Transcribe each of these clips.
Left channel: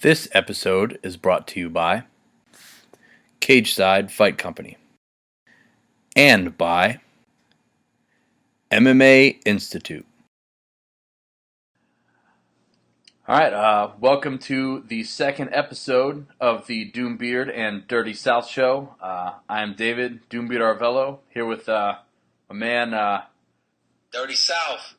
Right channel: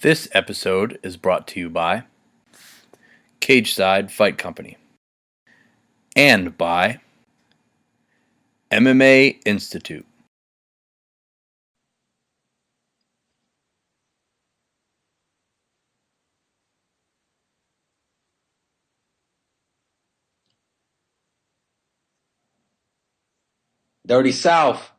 This episode is brought to you by Cageside Fight Company and by MMA Institute. All right, welcome to the second episode of the Doombeard and Dirty South show. I am David Doombeard Arvelo here with a man, Dirty South.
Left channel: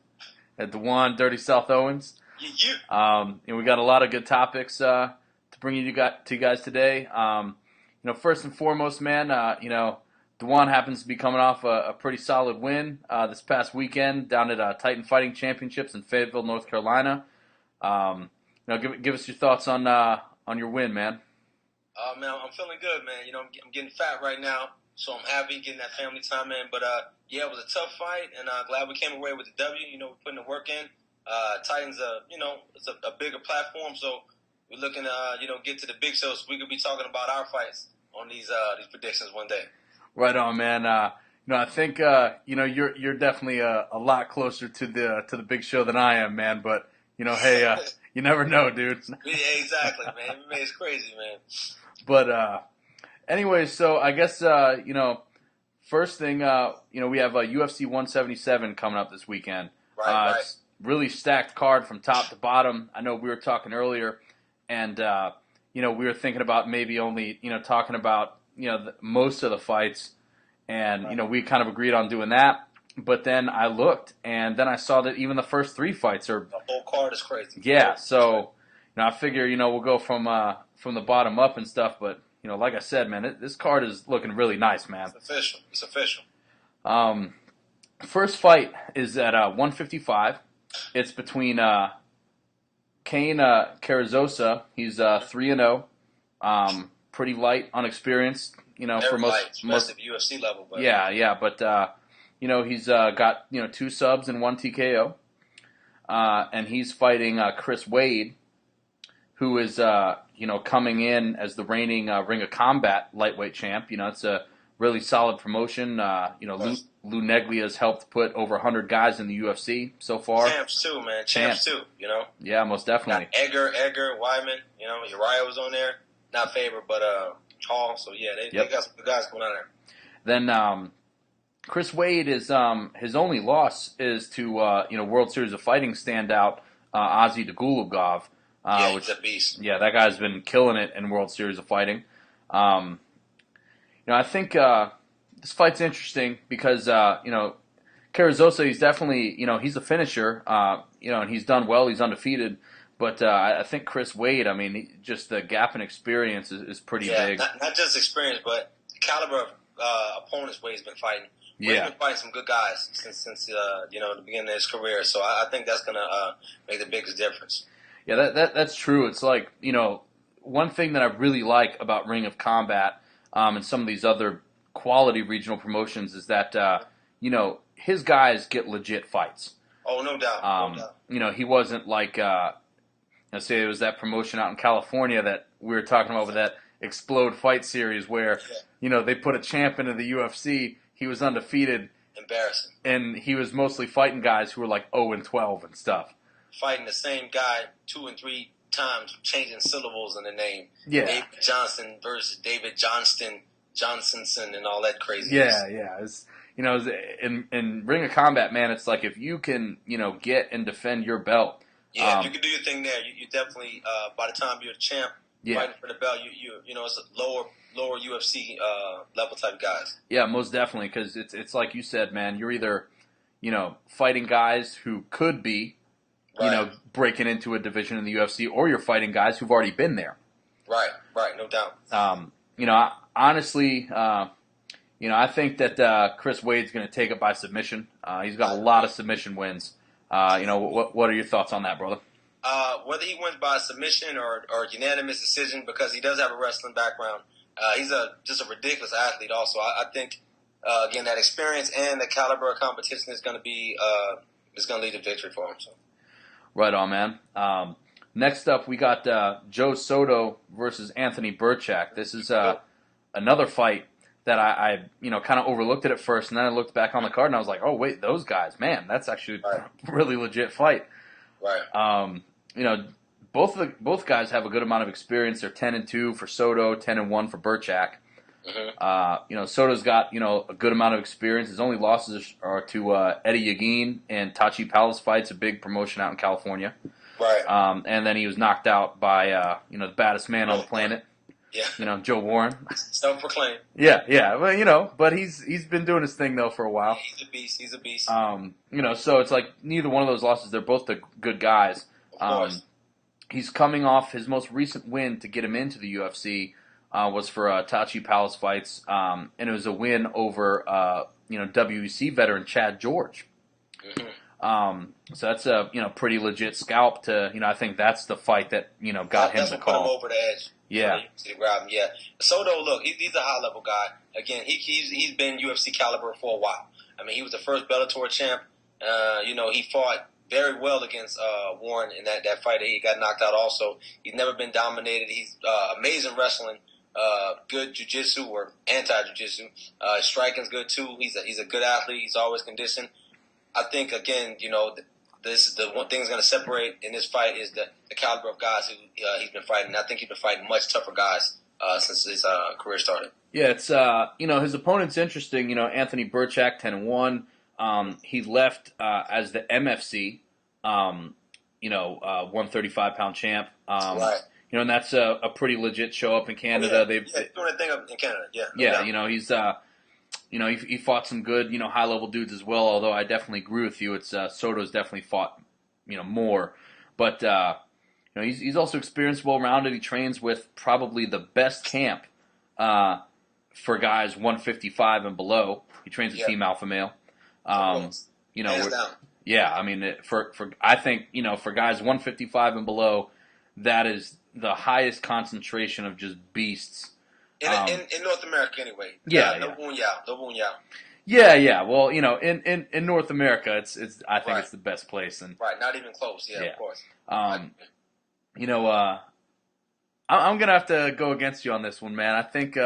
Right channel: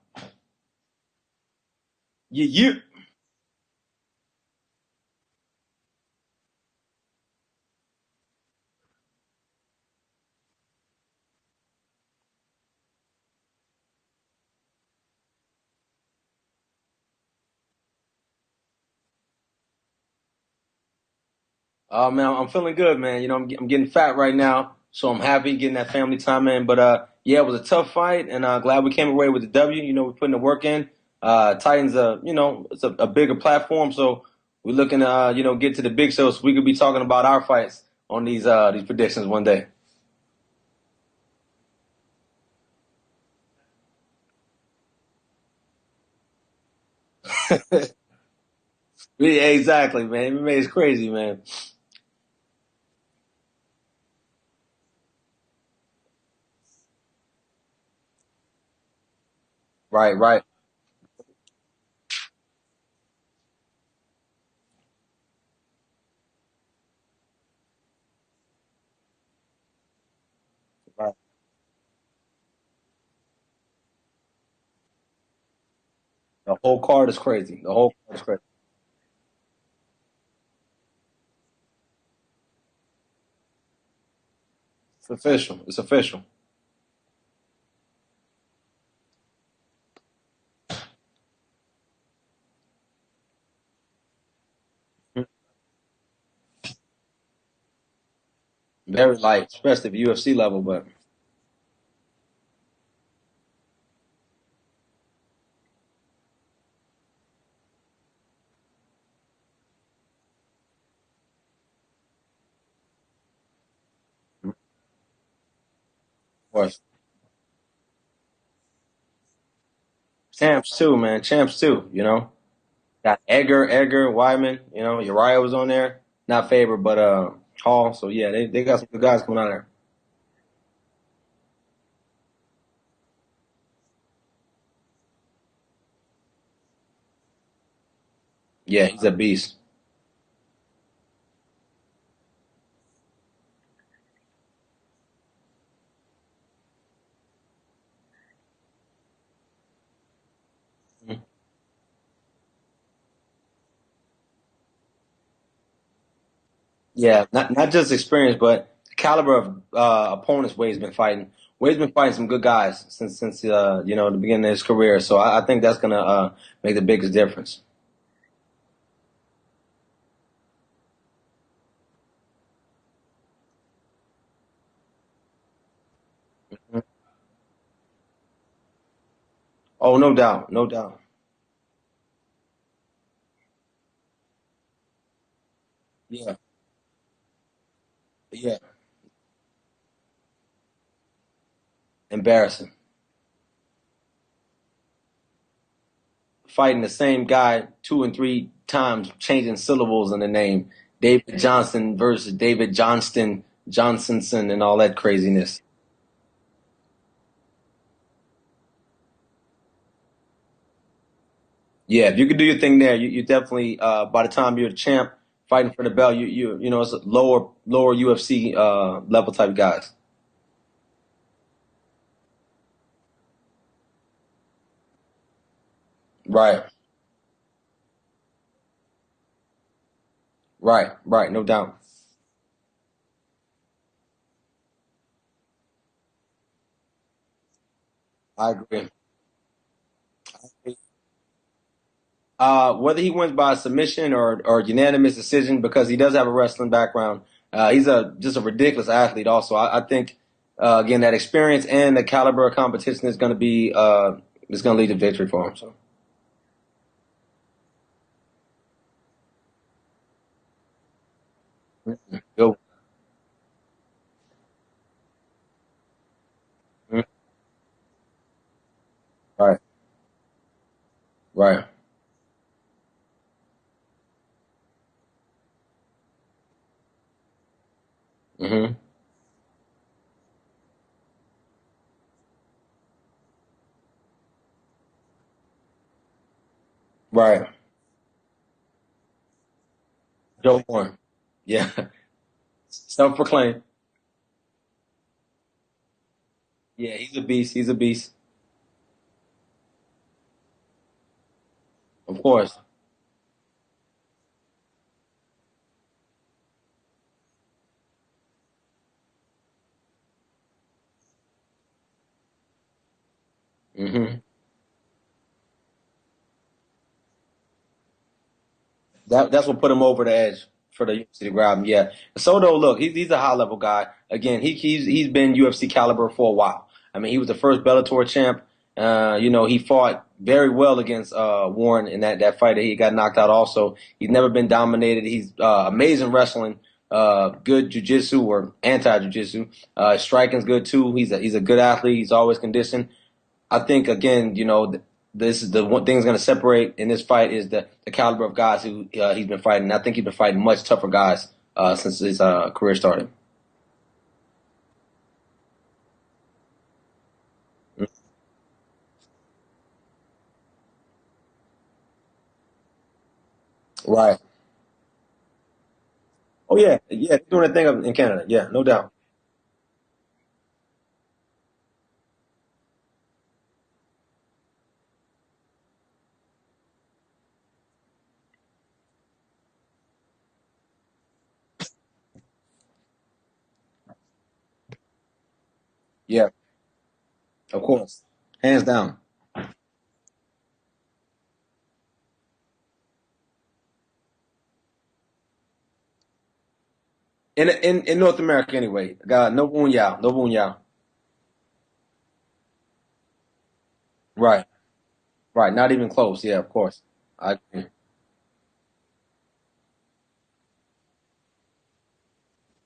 at D'Juan, Dirty South Owens. Yeah. And we got a lot of good topics to bring to you guys today. First and foremost, man, D'Juan happens to be coming off a pretty solid win this past weekend down at Titan Fighting Championships in Fayetteville, North Carolina. Give us your thoughts on your win, man. Man, I'm feeling good, man. I'm getting fat right now, so I'm happy getting that family time in. But yeah, it was a tough fight, and glad we came away with the W. We're putting the work in. Titans, it's a bigger platform, so we're looking to, get to the big show so we could be talking about our fights on these predictions one day. Right on, man. I think you're definitely a lot closer to the big show than I am, man. But hey, you never know, dude. Yeah, exactly, man. MMA is crazy, man. But anyway, so I guess first thing, we have UFC 177 coming up this weekend. Right. Really stacked card from top to bottom. I know we were talking earlier, and we were thinking about maybe only talking about most of the fights, and Right. we kind of agreed on doing that. But then I looked, and then I saw that even the first three fights are The whole card is crazy. So I figure we'll go from the bottom up and stuff. But like I said, man, this card is looking really nice, man. It's official. First fight is at 155. It's between Kane Carrizosa. He's 3-0. Pretty light, unexperienced. Never light, especially at the UFC level. But yeah. But he's got 2 subs and 1 TKO. And he's fighting Chris Wade, who is coming in as the reigning Ring of Combat lightweight champ. It's a really solid promotion. Lou Neglia's helped put over 100 guys in the UFC so far. Champs too, man. Champs too. Yeah, most definitely. Got Edgar, Wyman. Uriah was on there. Not Faber, but Hall. So yeah, they got some good guys coming out there. Then Chris Wade is his only loss is to World Series of Fighting standout Ozzy Dagulugov. He's a beast. Yeah, that guy's been killing it in World Series of Fighting. I think this fight's interesting because Carrizosa, he's definitely he's a finisher. And he's done well. He's undefeated. But I think Chris Wade, just the gap in experience is pretty big. Yeah, not just experience, but the caliber of opponents Wade's been fighting. Wade's been fighting some good guys since the beginning of his career. So I think that's gonna make the biggest difference. Yeah, that's true. It's like one thing that I really like about Ring of Combat and some of these other quality regional promotions is that his guys get legit fights. Oh, no doubt, no doubt. He wasn't like say it was that promotion out in California that we were talking about with that Explode Fight series where they put a champ into the UFC. He was undefeated. Embarrassing. And he was mostly fighting guys who were like 0-12 and stuff. Fighting the same guy 2 and 3 times, changing syllables in the name. Yeah. David Johnson versus David Johnston, Johnsonson, and all that craziness. Yeah. It's, in Ring of Combat, man, it's like if you can, get and defend your belt. Yeah, if you can do your thing there, you definitely, by the time you're a champ, fighting for the belt, it's a lower UFC level type guys. Yeah, most definitely, because it's like you said, man, you're either, fighting guys who could be, breaking into a division in the UFC, or you're fighting guys who've already been there. Right, no doubt. Honestly, I think that Chris Wade's going to take it by submission. He's got a lot of submission wins. What are your thoughts on that, brother? Whether he wins by submission or unanimous decision, because he does have a wrestling background. He's just a ridiculous athlete. Also, I think again that experience and the caliber of competition is going to be is going to lead to victory for him. So. Right on, man. Next up, we got Joe Soto versus Anthony Burchak. This is another fight that I kind of overlooked it at first, and then I looked back on the card and I was like, oh wait, those guys, man, that's actually a really legit fight. Right. both guys have a good amount of experience. They're 10-2 for Soto, 10-1 for Burchak. Soto's got a good amount of experience. His only losses are to Eddie Yagin and Tachi Palace fights, a big promotion out in California. Right. And then he was knocked out by the baddest man Joe on the planet. Yeah. Joe Warren. Self-proclaimed. Yeah. Well, but he's been doing his thing though for a while. Yeah, he's a beast. So it's like neither one of those losses. They're both the good guys. Of course. He's coming off his most recent win to get him into the UFC. Was for Tachi Palace fights, and it was a win over WEC veteran Chad George. So that's a pretty legit scalp to I think that's the fight that that's what put him over the edge. Yeah, to grab him. Yeah. Soto, look, he's a high level guy. Again, he's been UFC caliber for a while. I mean, he was the first Bellator champ. He fought very well against Warren in that fight. He got knocked out. Also, he's never been dominated. He's amazing wrestling. Good jiu-jitsu or anti-jiu-jitsu. Striking's good too. He's a good athlete. He's always conditioned. I think again, this is the one thing that's going to separate in this fight is the caliber of guys who he's been fighting. I think he's been fighting much tougher guys since his career started. Yeah, it's his opponent's interesting. Anthony Burchak, 10-1. He left as the MFC, 135-pound champ. Right. And that's a pretty legit show up in Canada. Doing a thing in Canada. Yeah, no doubt. He's he fought some good high level dudes as well. Although I definitely agree with you, it's Soto's definitely fought more, but he's also experienced, well rounded. He trains with probably the best camp for guys 155 and below. He trains with Team Alpha Male. Of course, hands down. Yeah, I mean I think for guys 155 and below, that is the highest concentration of just beasts in North America anyway. No boon yao. Yeah. Well, in North America, it's I think it's the best place. And right, not even close. Yeah. Of course. I'm gonna have to go against you on this one, man. I think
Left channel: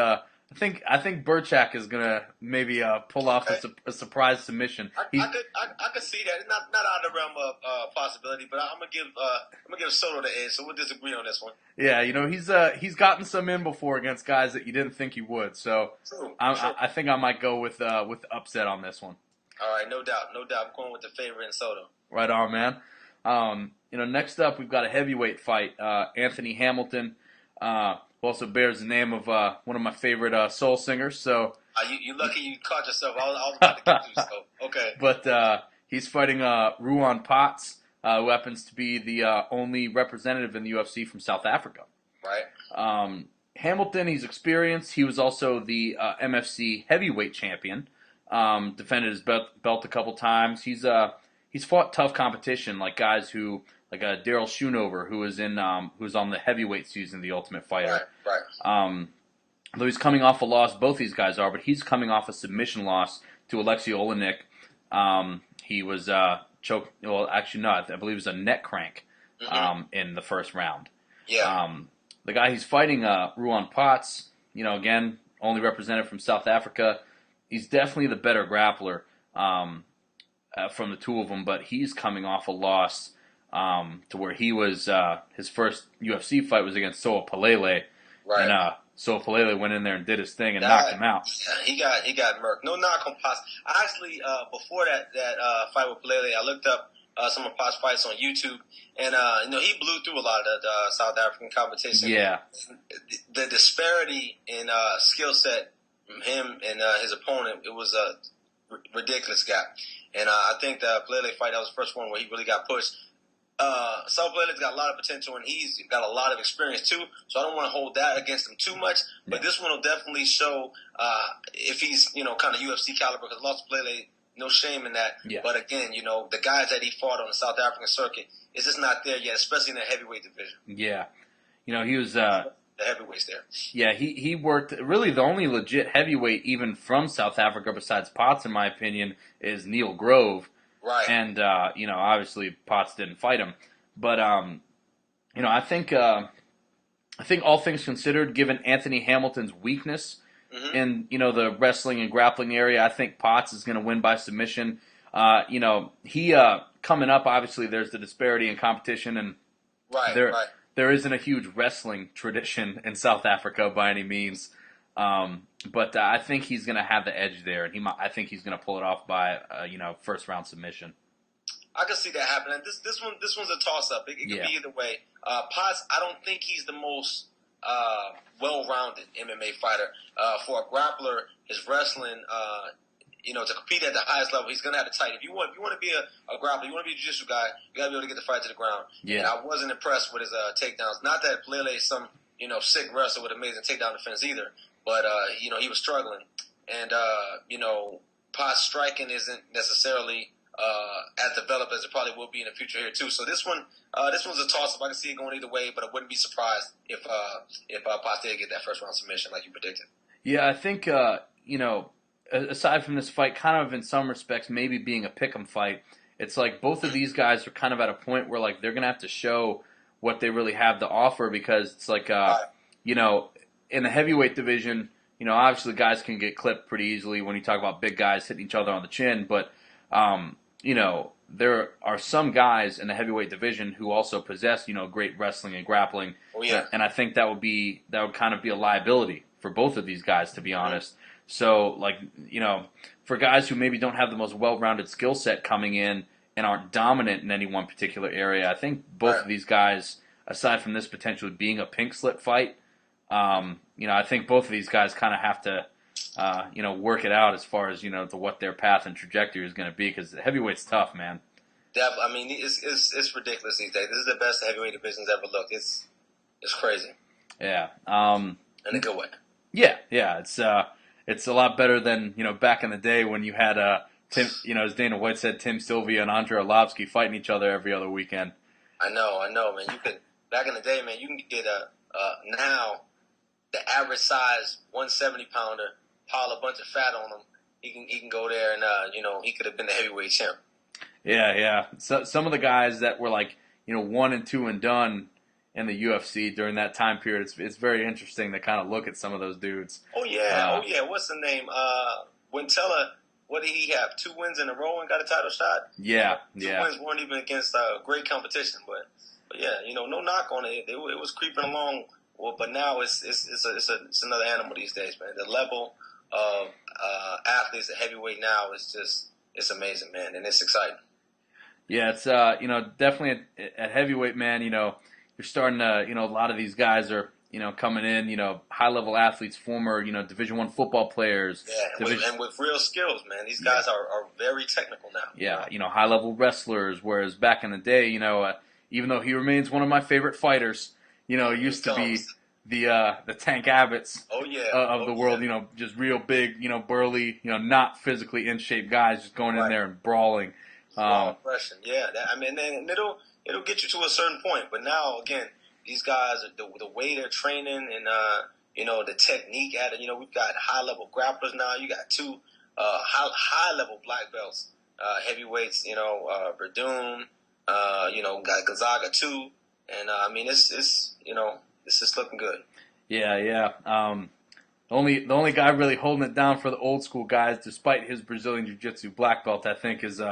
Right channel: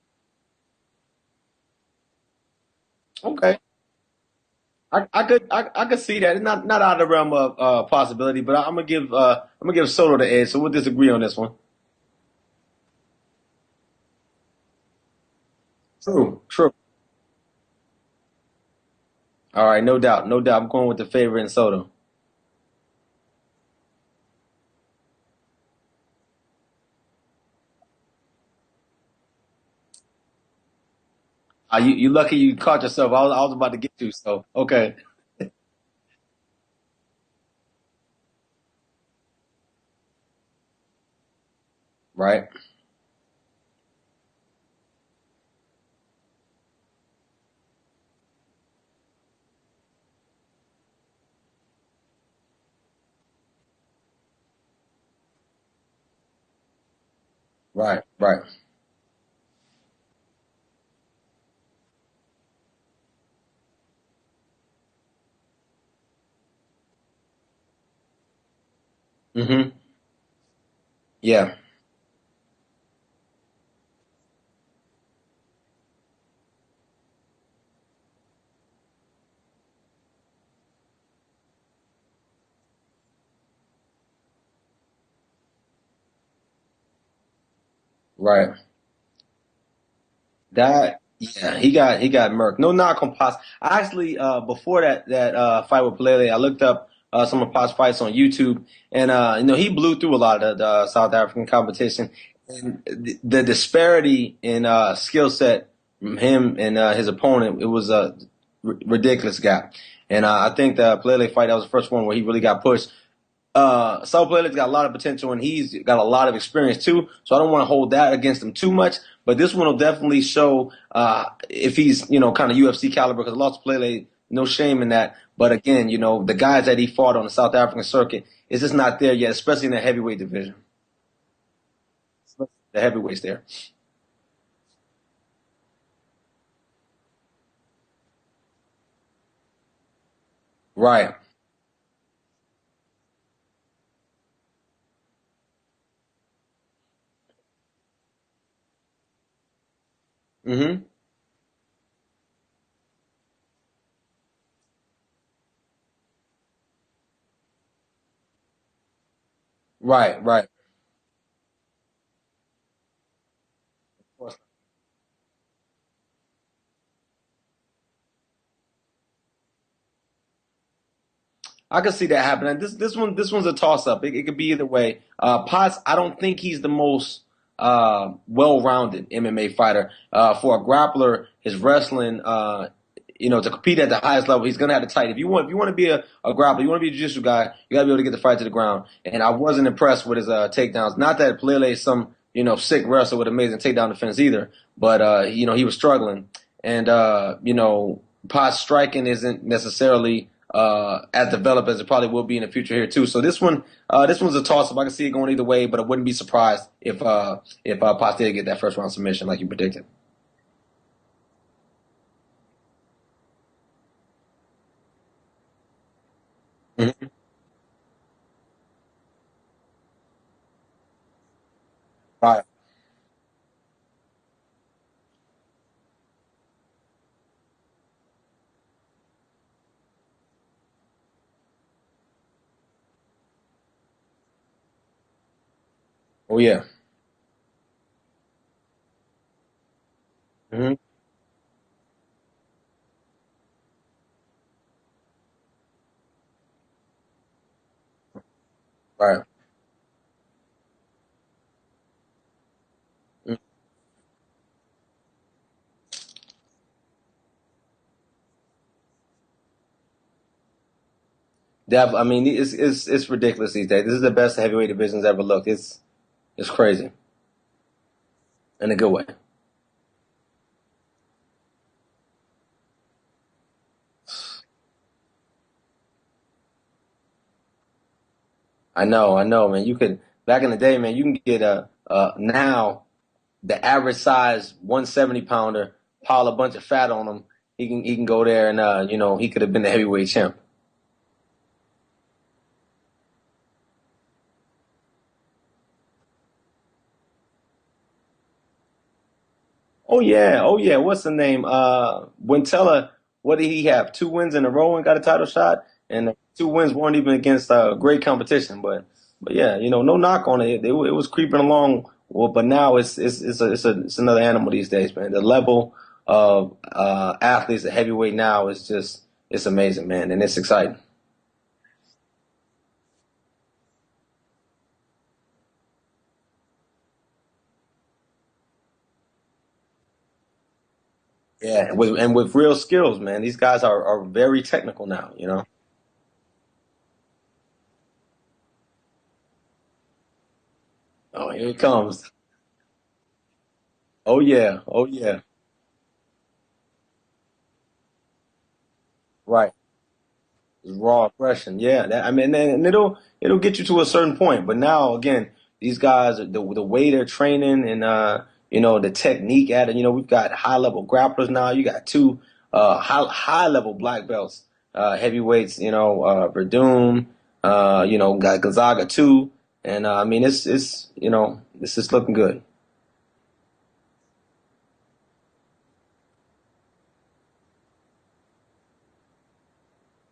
Burchak is gonna maybe pull off a surprise submission. I could see that. Not out of the realm of possibility, but I'm gonna give Soto the edge. So we'll disagree on this one. Yeah, he's gotten some in before against guys that you didn't think he would. So true. I think I might go with upset on this one. All right, no doubt. I'm going with the favorite in Soto. Right on, man. Next up we've got a heavyweight fight. Anthony Hamilton. Who also bears the name of one of my favorite soul singers. So you lucky you caught yourself. I was about to get you. So okay. But he's fighting Ruan Potts, who happens to be the only representative in the UFC from South Africa. Right. Hamilton, he's experienced. He was also the MFC heavyweight champion. Defended his belt a couple times. He's fought tough competition, like guys who. Like Daryl Schoonover, who was on the heavyweight season of The Ultimate Fighter. Right. Though he's coming off a loss, both these guys are, but he's coming off a submission loss to Alexei Olenek. He was choked. Well, actually, no, I believe it was a neck crank in the first round. Yeah. The guy he's fighting, Ruan Potts, again, only represented from South Africa. He's definitely the better grappler from the two of them, but he's coming off a loss. To where he was, his first UFC fight was against Soa Palele. Right. And Soa Palele went in there and did his thing and knocked him out. Yeah, he got murked. No knock on Potts. I actually, before that fight with Palele, I looked up some of Potts' fights on YouTube, and he blew through a lot of the South African competition. Yeah. And the disparity in skill set from him and his opponent, it was a ridiculous gap. And I think the Palele fight, that was the first one where he really got pushed. Saul Palele's got a lot of potential, and he's got a lot of experience too. So I don't want to hold that against him too much. But this one will definitely show if he's kind of UFC caliber. Because lost Palele, no shame in that. Yeah. But again, the guys that he fought on the South African circuit is just not there yet, especially in the heavyweight division. Yeah, he was the heavyweights there. Yeah, he worked. Really, the only legit heavyweight even from South Africa besides Potts, in my opinion, is Neil Grove. Right. And, obviously Potts didn't fight him. But, I think all things considered, given Anthony Hamilton's weakness in, the wrestling and grappling area, I think Potts is going to win by submission. He coming up, obviously, there's the disparity in competition. And right. there isn't a huge wrestling tradition in South Africa by any means. But I think he's going to have the edge there, and I think he's going to pull it off by first round submission. I can see that happening. This one's a toss up. It could be either way. Potts, I don't think he's the most well rounded MMA fighter. For a grappler, his wrestling, to compete at the highest level, he's gonna have to tight. If you want to be a grappler, you want to be a jiu-jitsu guy, you gotta be able to get the fight to the ground. And I wasn't impressed with his takedowns. Not that Pelele is some sick wrestler with amazing takedown defense either, but he was struggling. And Potts striking isn't necessarily as developed as it probably will be in the future here too. So this one's a toss-up. I can see it going either way, but I wouldn't be surprised if Potts did get that first round submission like you predicted. Yeah, I think aside from this fight, kind of in some respects maybe being a pick'em fight, it's like both of these guys are kind of at a point where like they're gonna have to show what they really have to offer, because it's like in the heavyweight division, obviously guys can get clipped pretty easily when you talk about big guys hitting each other on the chin, but there are some guys in the heavyweight division who also possess, great wrestling and grappling. Oh yeah. And I think that would kind of be a liability for both of these guys, to be honest. So, for guys who maybe don't have the most well-rounded skill set coming in and aren't dominant in any one particular area, I think both of these guys, aside from this potentially being a pink slip fight, I think both of these guys kind of have to work it out as far as, to what their path and trajectory is going to be, because heavyweight's tough, man. Yeah, I mean, it's ridiculous these days. This is the best heavyweight division's ever looked. It's crazy. Yeah. In a good way. Yeah. It's a lot better than, back in the day when you had, Tim, as Dana White said, Tim Sylvia and Andrei Arlovsky fighting each other every other weekend. I know, man. You could, back in the day, man, you can get now the average size 170-pounder, pile a bunch of fat on him. He can go there and, he could have been the heavyweight champ. Yeah. So, some of the guys that were like, 1 and 2 and done in the UFC during that time period, it's very interesting to kind of look at some of those dudes. Oh yeah. What's the name? Wintella. What did he have? 2 wins in a row and got a title shot. Yeah. And, 2 wins weren't even against great competition, but yeah, no knock on it. It was creeping along. Well, but now it's another animal these days, man. The level of athletes at heavyweight now it's amazing, man, and it's exciting. Yeah, it's definitely at heavyweight, man. You're starting to a lot of these guys are coming in, high level athletes, former Division I football players. Yeah, with real skills, man. These guys are very technical now. Yeah, high level wrestlers. Whereas back in the day, even though he remains one of my favorite fighters, it used to be the Tank Abbotts. Of the world. Just real big, burly, not physically in shape guys just going in there and brawling. Raw aggression, yeah. And it'll get you to a certain point. But now, again, these guys, the way they're training and the technique at it. We've got high level grapplers now. You got 2 high level black belts, heavyweights. Verdun. Got Gonzaga too. And it's just looking good. Yeah. The only guy really holding it down for the old school guys, despite his Brazilian Jiu-Jitsu black belt, I think is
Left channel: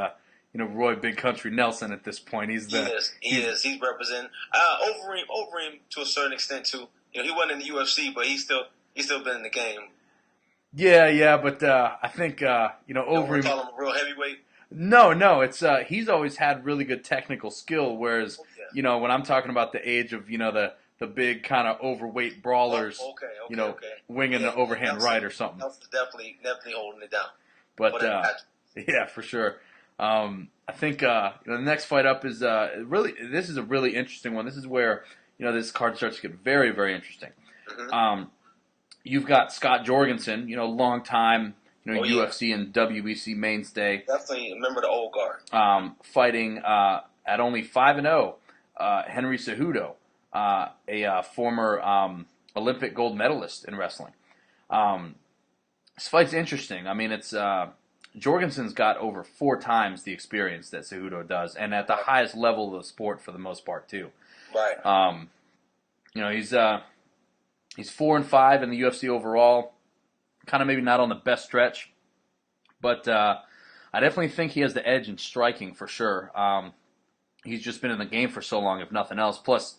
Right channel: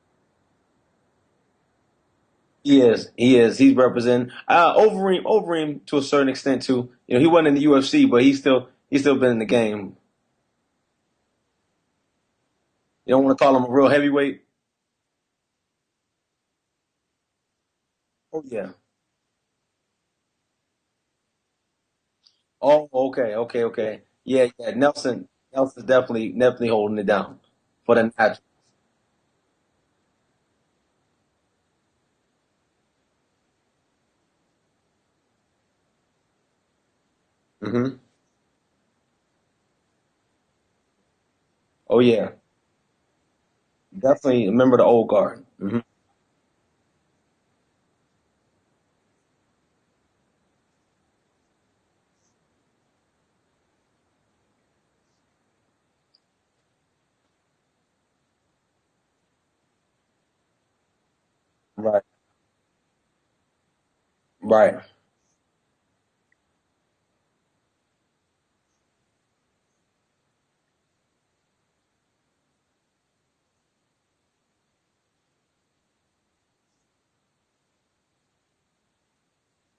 Roy Big Country Nelson at this point. He is. He's representing Overeem to a certain extent too. He wasn't in the UFC, but he's still been in the game. Yeah, but I think you don't want to call him a real heavyweight. No, it's he's always had really good technical skill. Whereas when I'm talking about the age of the big kind of overweight brawlers. Oh, okay. Winging the overhand Nelson, right or something. Nelson's definitely holding it down. But yeah, for sure. I think the next fight up is this is a really interesting one. This is where this card starts to get very, very interesting. Mm-hmm. You've got Scott Jorgensen, long time UFC and WBC mainstay. Definitely remember the old guard. Fighting at only 5-0, Henry Cejudo, a former Olympic gold medalist in wrestling. This fight's interesting. I mean, it's Jorgensen's got over 4 times the experience that Cejudo does, and at the highest level of the sport for the most part too. Right. He's 4-5 in the UFC overall. Kind of maybe not on the best stretch, but I definitely think he has the edge in striking for sure. He's just been in the game for so long, if nothing else. Plus,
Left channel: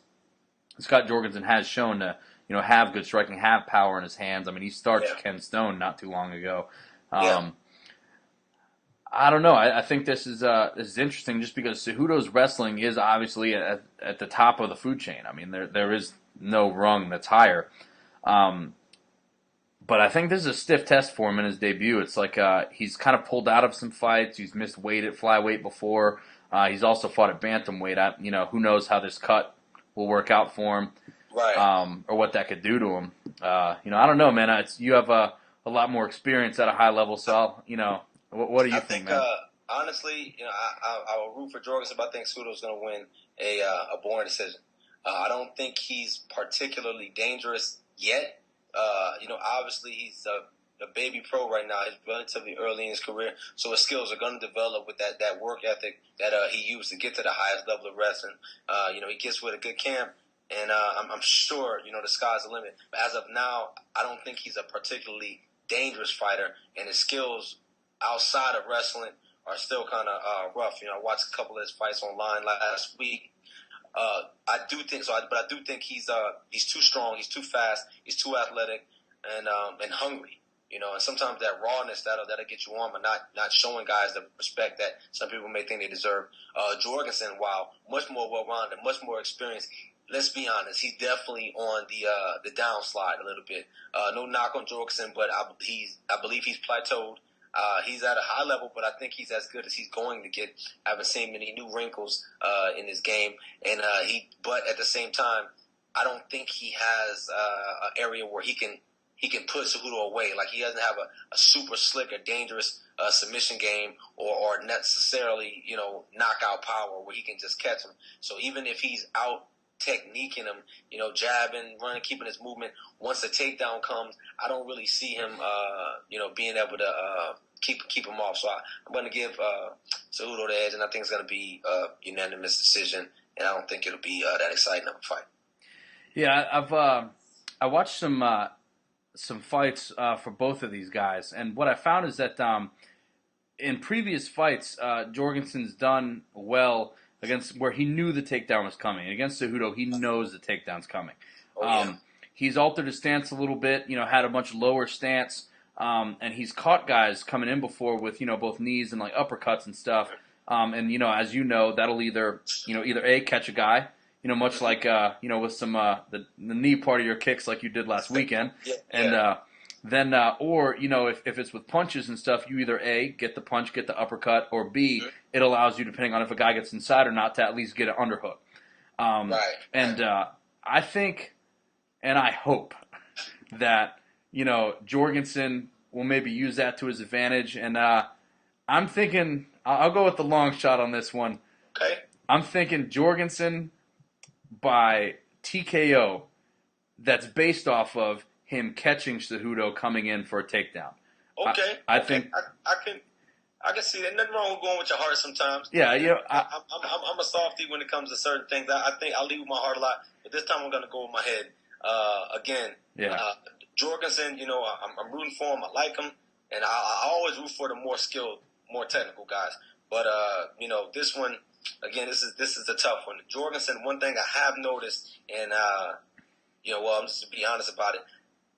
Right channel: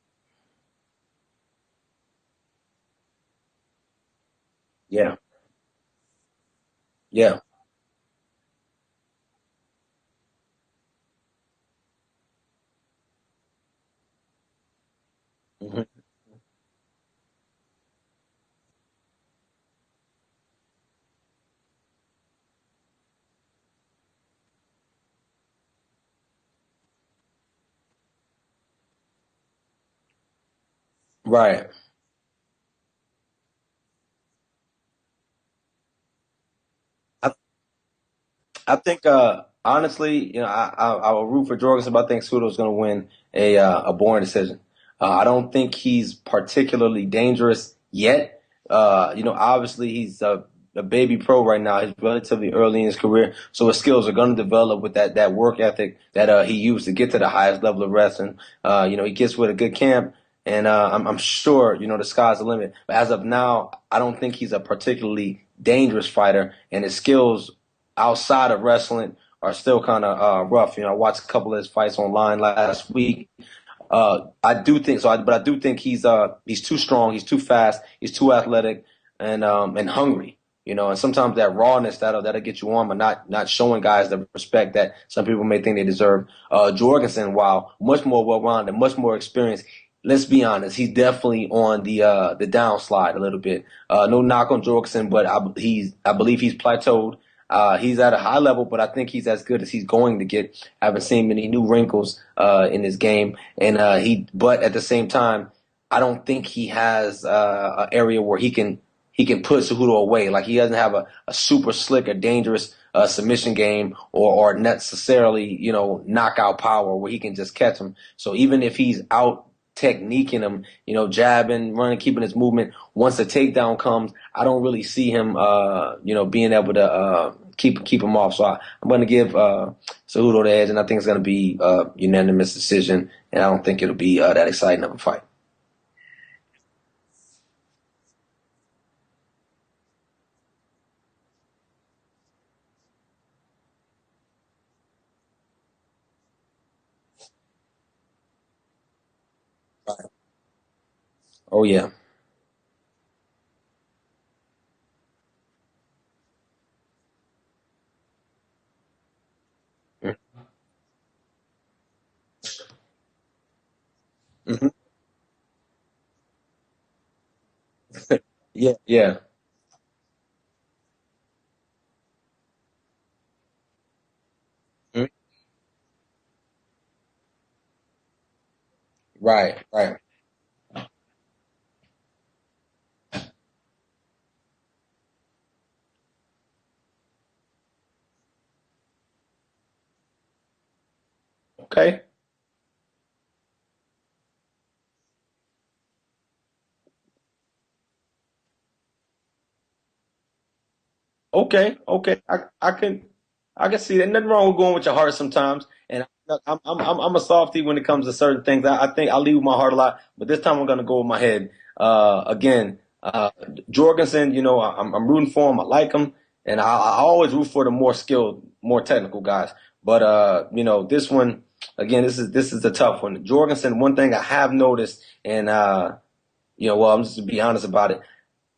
Scott Jorgensen has shown to, have good striking, have power in his hands. I mean, he started Ken Stone not too long ago. Yeah. I don't know. I think this is interesting just because Cejudo's wrestling is obviously at the top of the food chain. I mean, there is no rung that's higher. But I think this is a stiff test for him in his debut. It's like he's kind of pulled out of some fights. He's missed weight at flyweight before. He's also fought at bantamweight. Who knows how this cut will work out for him, Right? Or what that could do to him. I don't know, man. You have a lot more experience at a high level, so what do you think? Honestly, I will root for Jorgensen, but I think Cejudo's going to win a boring decision. I don't think he's particularly dangerous yet. Obviously he's a baby pro right now. He's relatively early in his career, so his skills are going to develop with that work ethic that he used to get to the highest level of wrestling. He gets with a good camp, and I'm sure the sky's the limit. But as of now, I don't think he's a particularly dangerous fighter, and his skills outside of wrestling are still kind of rough. I watched a couple of his fights online last week. I do think so, but I do think he's too strong, he's too fast, he's too athletic, and hungry. And sometimes that rawness that'll get you on, but not showing guys the respect that some people may think they deserve. Jorgensen, while much more well-rounded, much more experienced, let's be honest, he's definitely on the downslide a little bit. No knock on Jorgensen, but I believe he's plateaued. He's at a high level, but I think he's as good as he's going to get. I haven't seen many new wrinkles in his game, and but at the same time, I don't think he has an area where he can put Cejudo away. Like he doesn't have a super slick or dangerous submission game or necessarily knockout power where he can just catch him. So even if he's out techniquing him, jabbing, running, keeping his movement, once the takedown comes, I don't really see him, being able to keep him off. So I'm going to give Cejudo the edge, and I think it's going to be a unanimous decision, and I don't think it'll be that exciting of a fight. Yeah, I watched some fights for both of these guys, and what I found is that in previous fights, Jorgensen's done well against where he knew the takedown was coming. Against Cejudo, he knows the takedown's coming. Oh, yeah. He's altered his stance a little bit, had a much lower stance, and he's caught guys coming in before with, both knees and like uppercuts and stuff. And, as that'll either A, catch a guy, much like, with some, the knee part of your kicks like you did last weekend. Yeah. And, then, or, if it's with punches and stuff, you either A, get the punch, get the uppercut, or B, it allows you, depending on if a guy gets inside or not, to at least get an underhook. Right. And I think, and I hope that, Jorgensen will maybe use that to his advantage. And I'm thinking, I'll go with the long shot on this one. Okay. I'm thinking Jorgensen by TKO that's based off of him catching Cejudo coming in for a takedown. Okay. I can see that. Nothing wrong with going with your heart sometimes. Yeah, I'm a softie when it comes to certain things. I think I leave with my heart a lot, but this time I'm going to go with my head. Jorgensen, I'm rooting for him. I like him, and I always root for the more skilled, more technical guys. But this one, again, this is a tough one. Jorgensen, one thing I have noticed, and I'm just to be honest about it.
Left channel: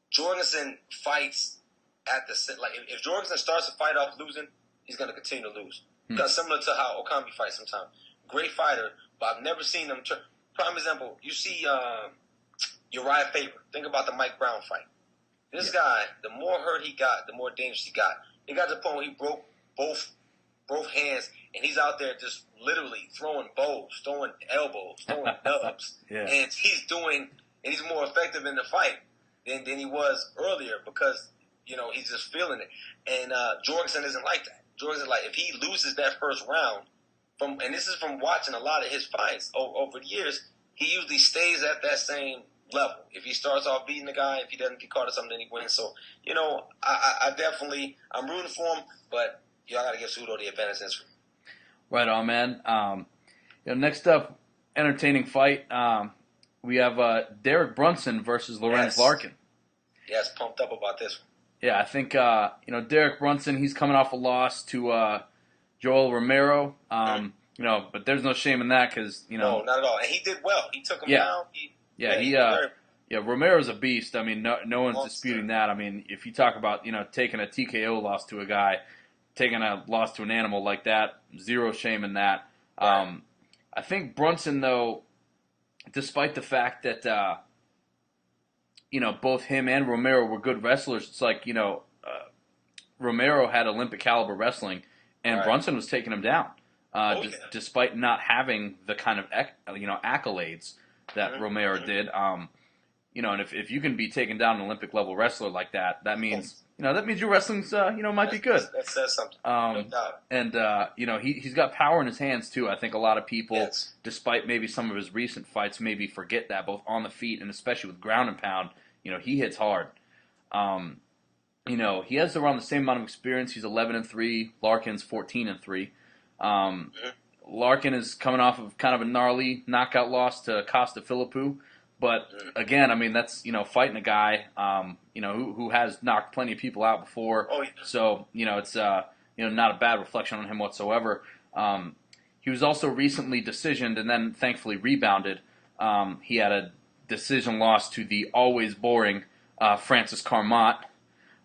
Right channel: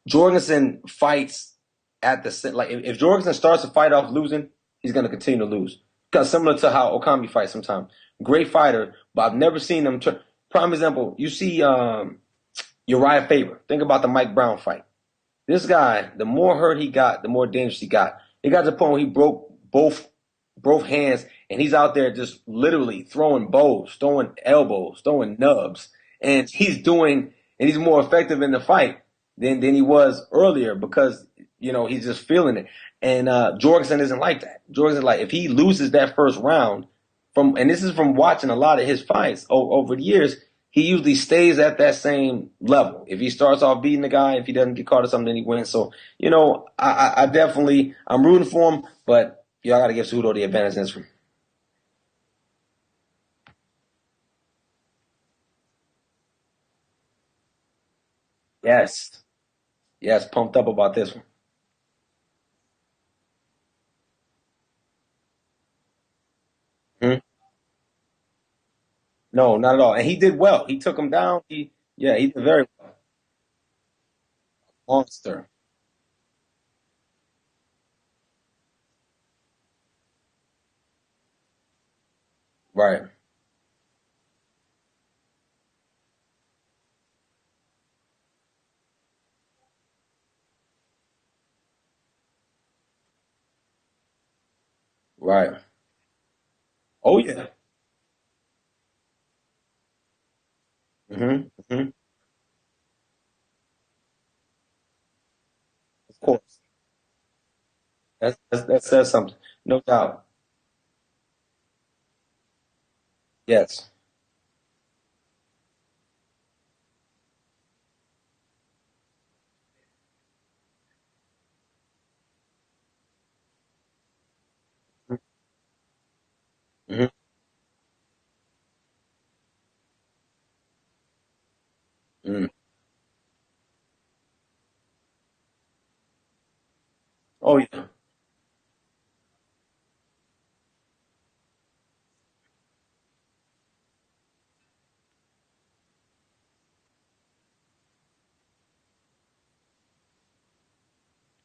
Jorgensen fights at the like if Jorgensen starts to fight off losing, he's going to continue to lose. Because similar to how Okami fights sometimes. Great fighter, but I've never seen him. Prime example, you see Uriah Faber. Think about the Mike Brown fight. This guy, the more hurt he got, the more dangerous he got. He got to the point where he broke both hands, and he's out there just literally throwing bows, throwing elbows, throwing nubs. And he's more effective in the fight than he was earlier because, he's just feeling it. And Jorgensen isn't like that. Jorgensen's like, if he loses that first round, and this is from watching a lot of his fights over the years, he usually stays at that same level. If he starts off beating the guy, if he doesn't get caught or something, then he wins. So, I'm rooting for him, but I got to give Cejudo the advantage in this one. Right on, man. Next up, entertaining fight. We have Derek Brunson versus Lorenz Larkin. Yes, pumped up about this one. Yeah, I think Derek Brunson. He's coming off a loss to Joel Romero. But there's no shame in that because no, not at all. And he did well. He took him down. Yeah, he's very yeah, Romero's a beast. I mean, no one's disputing awesome. that. I mean, if you talk about, taking a TKO loss to a guy, taking a loss to an animal like that, zero shame in that. Right, I think Brunson, though, despite the fact that both him and Romero were good wrestlers, it's like Romero had Olympic caliber wrestling, and right. Brunson was taking him down, Oh yeah. despite not having the kind of accolades that Romero Hmm. did. And if you can be taken down an Olympic level wrestler like that, that Of means course. your wrestling's might be good. That says something. No Um, doubt. and he's got power in his hands too. I think a lot of people, Yes. despite maybe some of his recent fights, maybe forget that both on the feet and especially with ground and pound, he hits hard. Um, he has around the same amount of experience. He's 11-3. Larkin's 14-3. Um, Hmm. Larkin is coming off of kind of a gnarly knockout loss to Costa Philippou. But Mm. again, I mean, that's fighting a guy who has knocked plenty of people out before. Oh yeah. So it's not a bad reflection on him whatsoever. Um, he was also recently decisioned and then thankfully rebounded. He had a decision loss to the always boring Francis Carmont,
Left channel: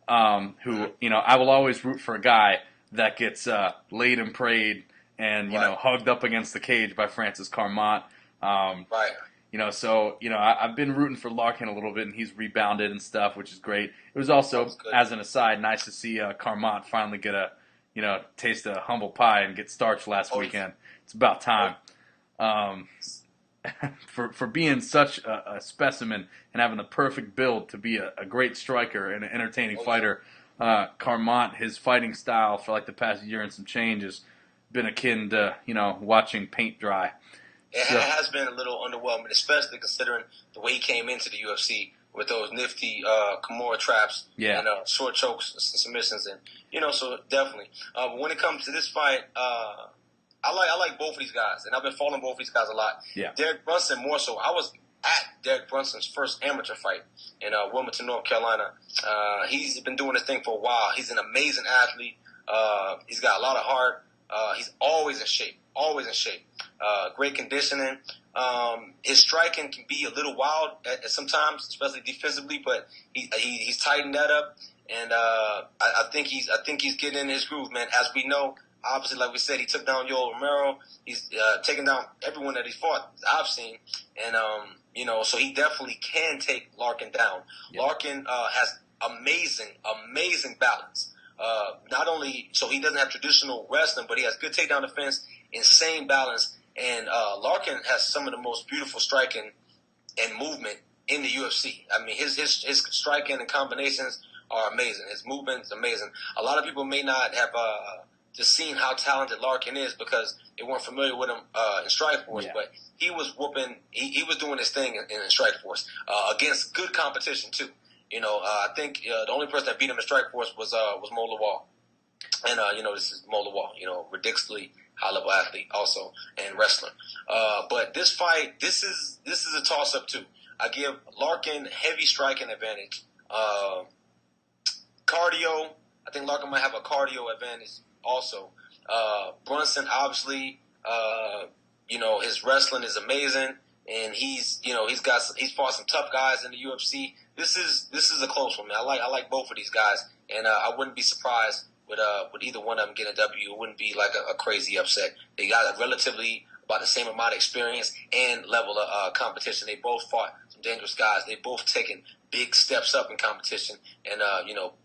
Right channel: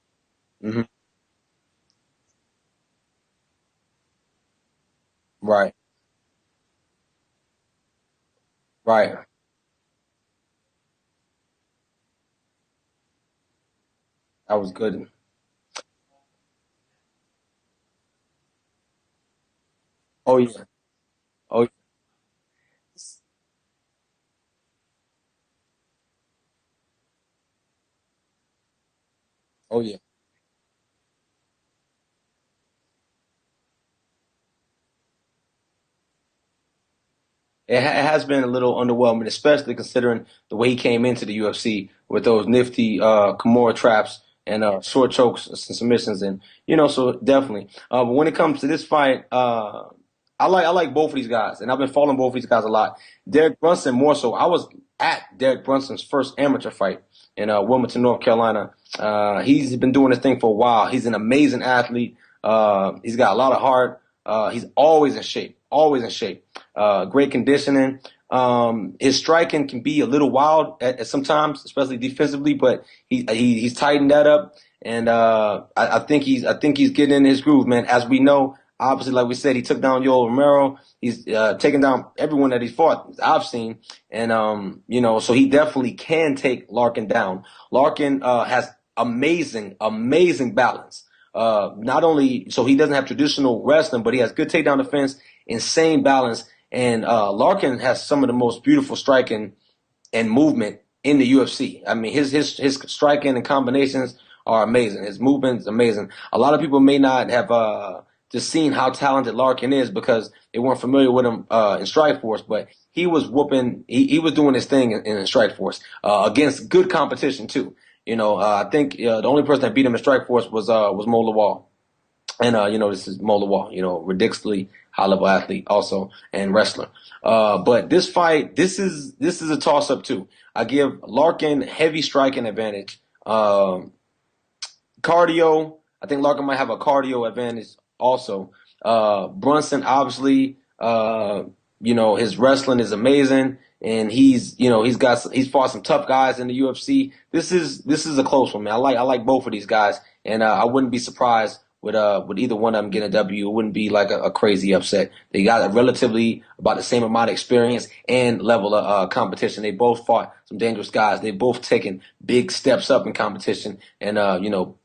who Hmm. I will always root for a guy that gets laid and prayed and Right. hugged up against the cage by Francis Carmont. Um, Right. I've been rooting for Larkin a little bit, and he's rebounded and stuff, which is great. It was That also, was good. as an aside, nice to see Carmont finally get a, taste of humble pie and get starched last Oh yeah. weekend. It's about Oh time. Um, for being such a specimen and having the perfect build to be a great striker and an entertaining oh yeah. fighter, Carmont, his fighting style for like the past year and some change has been akin to watching paint dry. It So has been a little underwhelming, especially considering the way he came into the UFC with those nifty Kimura traps and yeah, short chokes and submissions, and so definitely. But when it comes to this fight, I like both of these guys, and I've been following both of these guys a lot. yeah, Derek Brunson more so. I was at Derek Brunson's first amateur fight in Wilmington, North Carolina. He's been doing this thing for a while. He's an amazing athlete. He's got a lot of heart. He's always in shape. Always in shape. Great conditioning. His striking can be a little wild at sometimes, especially defensively, but he's tightened that up, and I think he's getting in his groove, man. As we know, obviously, like we said, he took down Yoel Romero. He's taken down everyone that he's fought. I've seen, and so he definitely can take Larkin down. Larkin has amazing balance. Not only so he doesn't have traditional wrestling, but he has good takedown defense, insane balance, and Larkin has some of the most beautiful striking and movement in the UFC. I mean, his striking and combinations are amazing. His movement is amazing. A lot of people may not have just seen how talented Larkin is because they weren't familiar with him in Strikeforce, yeah. but he was whooping. He was doing his thing in Strikeforce against good competition too. I think the only person that beat him in Strikeforce was Mo Lawal. And this is Mo Lawal, ridiculously high level athlete also and wrestler. But this fight, this is a toss up too. I give Larkin heavy striking advantage. Cardio, I think Larkin might have a cardio advantage also. Brunson, obviously, his wrestling is amazing, and he's fought some tough guys in the UFC. This is a close one, man. I like both of these guys, and I wouldn't be surprised with either one of them getting a W. It wouldn't be like a crazy upset. They got a relatively about the same amount of experience and level of competition. They both fought some dangerous guys. They both taken big steps up in competition and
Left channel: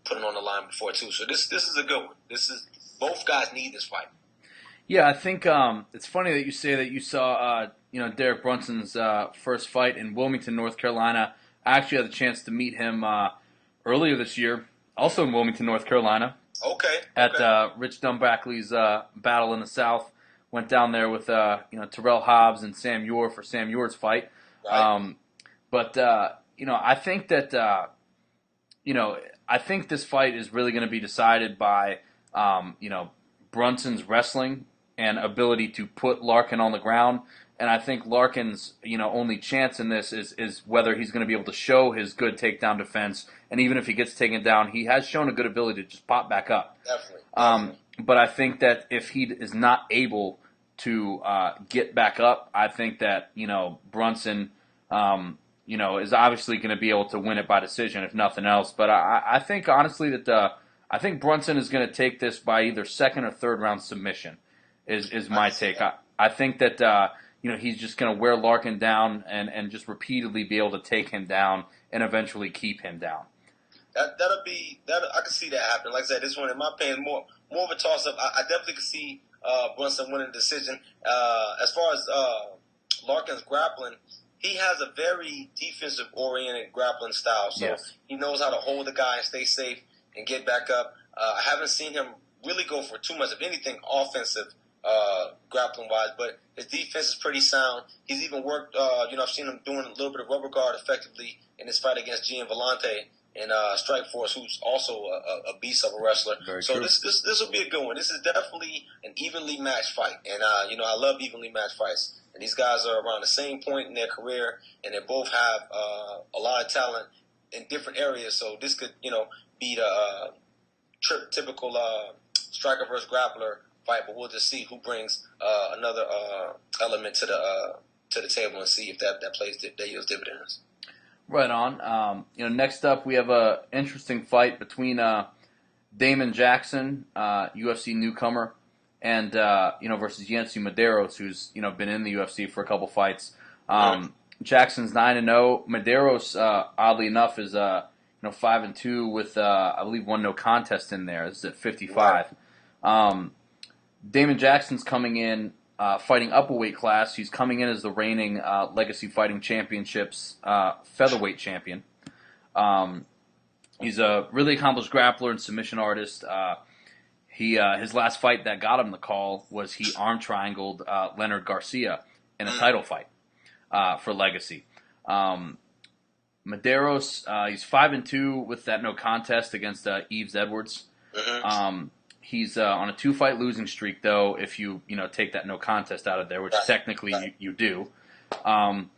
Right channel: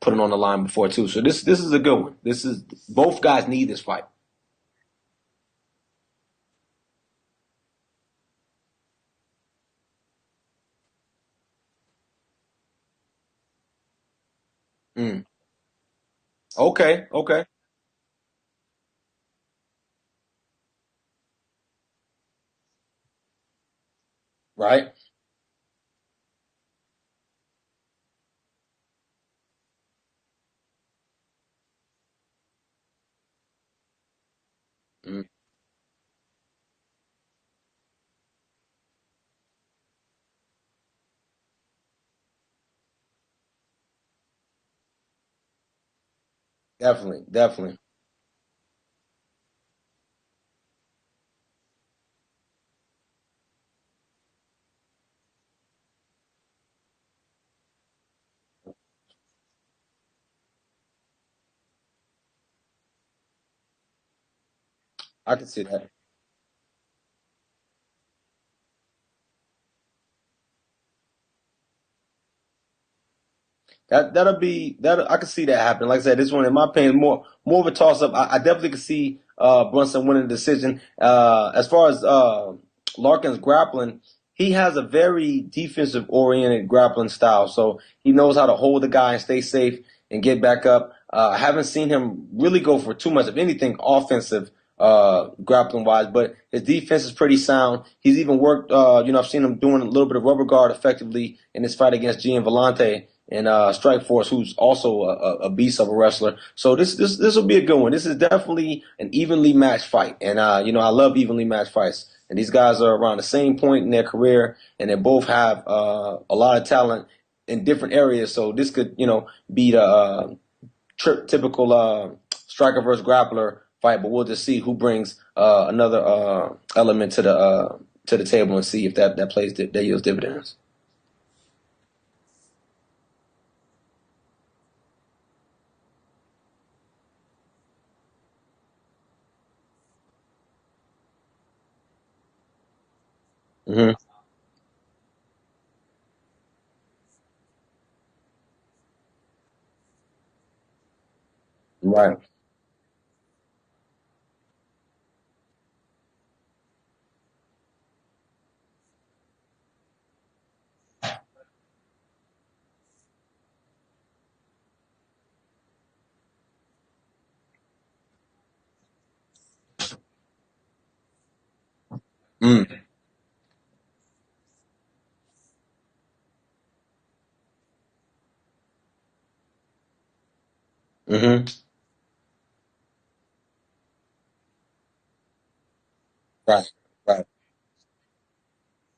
put it on the line before too. So this is a good one. This is both guys need this fight. Yeah, I think it's funny that you say that you saw Derek Brunson's first fight in Wilmington, North Carolina. I actually had the chance to meet him earlier this year, also in Wilmington, North Carolina. Okay. At Rich Dunbackley's Battle in the South. Went down there with Terrell Hobbs and Sam Ure for Sam Ure's fight. Right. But I think that I think this fight is really going to be decided by Brunson's wrestling and ability to put Larkin on the ground. And I think Larkin's only chance in this is whether he's going to be able to show his good takedown defense. And even if he gets taken down, he has shown a good ability to just pop back up. Definitely. But I think that if he is not able to get back up, I think that Brunson is obviously going to be able to win it by decision if nothing else. But I think honestly that I think Brunson is going to take this by either second or third round submission. Is I can my see take. that. I think that he's just going to wear Larkin down and just repeatedly be able to take him down and eventually keep him down. That I can see that happen. Like I said, this one, in my opinion, more of a toss up. I definitely can see Brunson winning the decision. As far as Larkin's grappling, he has a very defensive oriented grappling style. So Yes. he knows how to hold the guy and stay safe and get back up. I haven't seen him really go for too much of anything offensive grappling wise, but his defense is pretty sound. He's even worked. I've seen him doing a little bit of rubber guard effectively in his fight against Gian Vellante and Strikeforce, who's also a beast of a wrestler. So this will be a good one. This is definitely an evenly matched fight, and I love evenly matched fights. And these guys are around the same point in their career, and they both have a lot of talent in different areas. So this could be the typical striker versus grappler fight, but we'll just see who brings another element to the table and see if that plays that yields dividends. Right on. Next up we have a interesting fight between Damon Jackson, UFC newcomer, and versus Yancy Medeiros, who's been in the UFC for a couple fights. Mm-hmm. Jackson's 9-0. Medeiros, oddly enough, is 5-2 with I believe one no contest in there. This is at 55. Right. Damon Jackson's coming in. Fighting up a weight class. He's coming in as the reigning Legacy Fighting Championships featherweight champion. He's a really accomplished grappler and submission artist. His last fight that got him the call was he arm triangled Leonard Garcia in a title fight for Legacy. Medeiros, he's 5-2 with that no contest against Yves Edwards. Mm-hmm. He's on a 2-fight losing streak, though, if you take that no contest out of there, which technically you do. And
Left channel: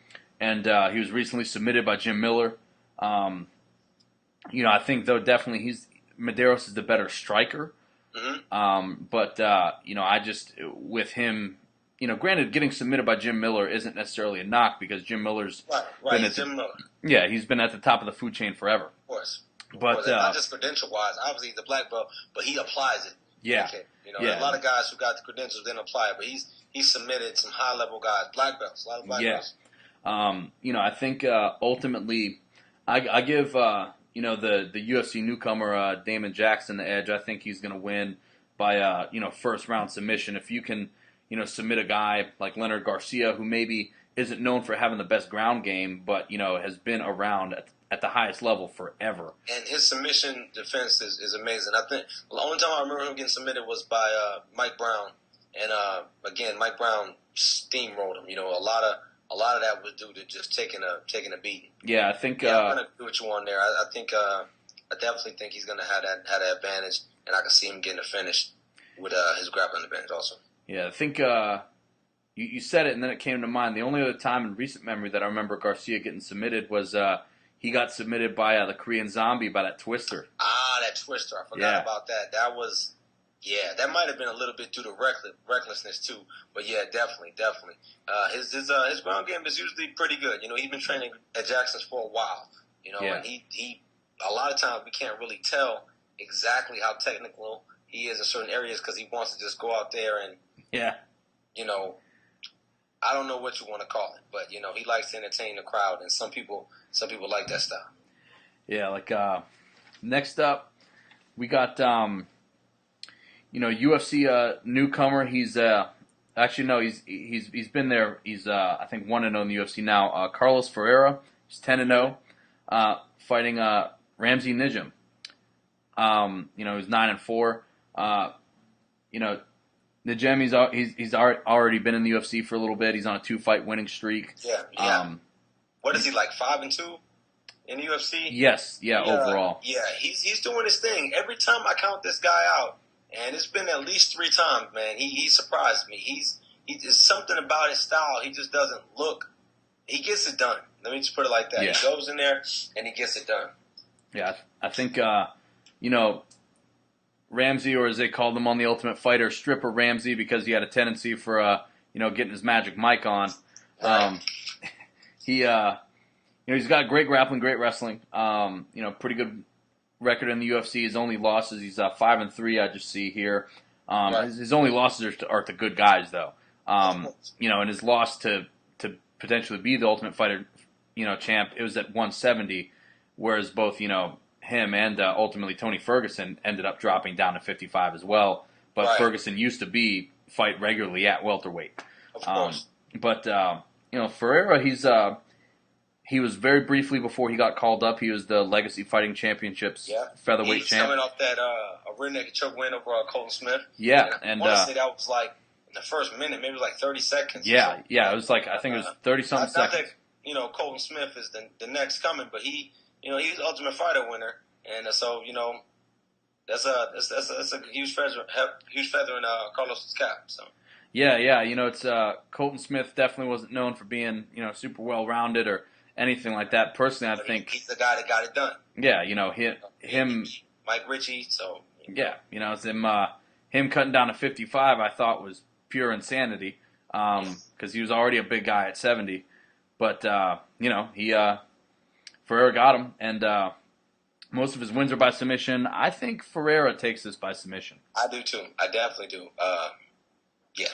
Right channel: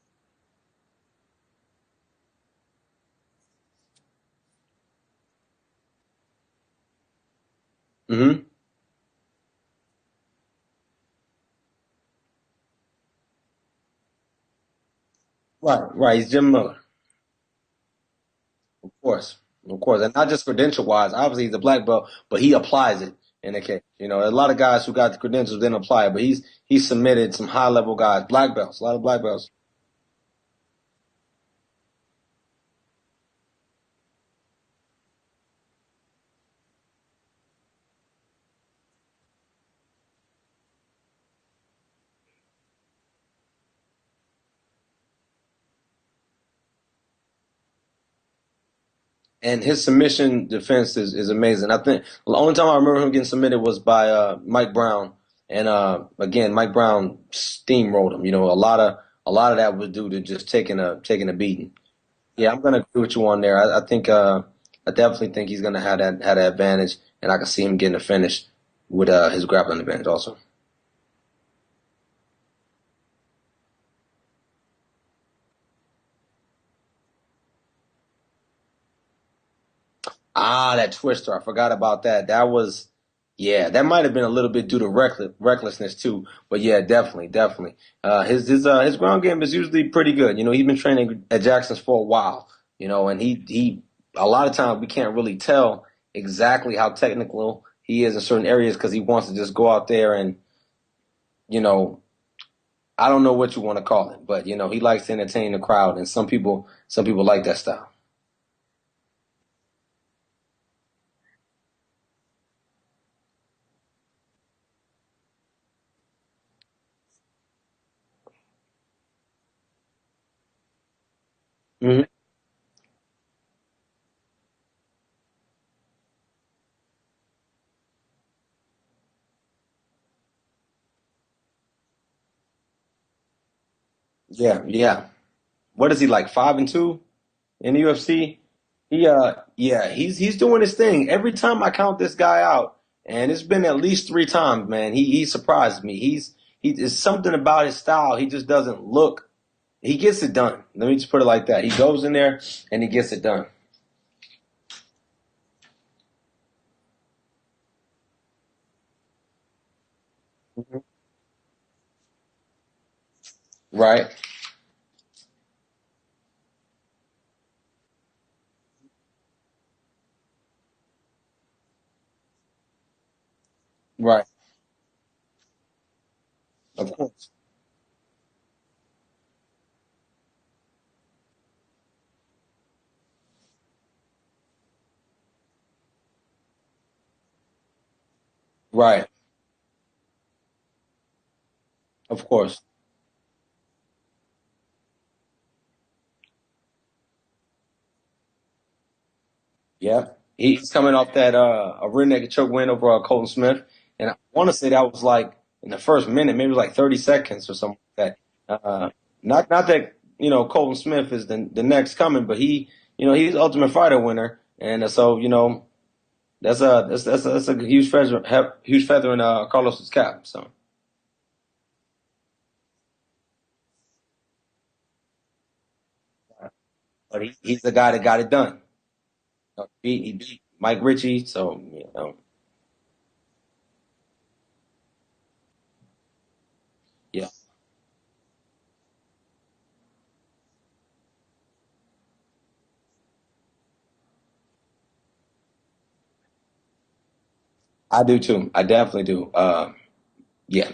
he was recently submitted by Jim Miller. I think, though, definitely Medeiros is the better striker. Mm-hmm. But I just, with him, granted, getting submitted by Jim Miller isn't necessarily a knock because Jim Miller's... Right, he's Jim Miller. Yeah, he's been at the top of the food chain forever. Of course. And not just credential-wise. Obviously, he's a black belt, but he applies it. A lot of guys who got the credentials didn't apply it, but he's submitted some high-level guys, black belts, a lot of black belts. I think ultimately, I give the UFC newcomer Damon Jackson the edge. I think he's going to win by first round submission. If you can submit a guy like Leonard Garcia, who maybe isn't known for having the best ground game, but has been around at the highest level forever. And his submission defense is amazing. I think the only time I remember him getting submitted was by Mike Brown, and again, Mike Brown steamrolled him. A lot of that was due to just taking a beating. Yeah, I think. I'm gonna agree with you on there. I think I definitely think he's gonna have that advantage, and I can see him getting a finish with his grappling advantage also. Yeah, I think you said it, and then it came to mind. The only other time in recent memory that I remember Garcia getting submitted was he got submitted by the Korean Zombie by that twister. That twister. I forgot about that. That was, that might have been a little bit due to recklessness too. But yeah, definitely. His ground game is usually pretty good. He's been training at Jackson's for a while. And he a lot of times we can't really tell exactly how technical he is in certain areas because he wants to just go out there and I don't know what you want to call it, but he likes to entertain the crowd, and some people like that style. Yeah, like next up, we got UFC newcomer. He's he's been there. He's I think 1-0 in the UFC now. Carlos Ferreira. He's 10-0, fighting Ramsey Nijem. He's 9-4. Nijem, he's already been in the UFC for a little bit. He's on a 2-fight winning streak. Yeah. What is he, like 5-2 in the UFC? Yes. Overall. Yeah, he's doing his thing. Every time I count this guy out, and it's been at least 3 times, man, he surprises me. There's something about his style. He just doesn't look. He gets it done. Let me just put it like that. Yeah. He goes in there and he gets it done. Yeah, I think Ramsey, or as they called him on The Ultimate Fighter, Stripper Ramsey, because he had a tendency for getting his magic mic on. Right. He he's got great grappling, great wrestling. Pretty good record in the UFC. His only losses, he's 5-3. I just see here. Right. His only losses are to good guys, though. Of course. And his loss to potentially be the Ultimate Fighter, champ, it was at 170, whereas both him and ultimately Tony Ferguson ended up dropping down to 55 as well. But Ferguson used to fight regularly at welterweight. Of course. But Ferreira, he was very briefly before he got called up. He was the Legacy Fighting Championships featherweight He's champion. coming off that a rear naked choke win over Colton Smith. Yeah, and I want to say that was like in the first minute, maybe like 30 seconds. Yeah, it was like I think it was 30 seconds. Not that Colton Smith is the next coming, but he's the Ultimate Fighter winner, and so that's a huge feather in Carlos's cap. So. Yeah, it's Colton Smith definitely wasn't known for being super well rounded or anything like that. Personally, I think he's the guy that got it done. Yeah, him, Mike Ritchie. So it's him cutting down to 55. I thought was pure insanity because he was already a big guy at 70. But Ferreira got him, and most of his wins are by submission. I think Ferreira takes this by submission. I do too. I definitely do.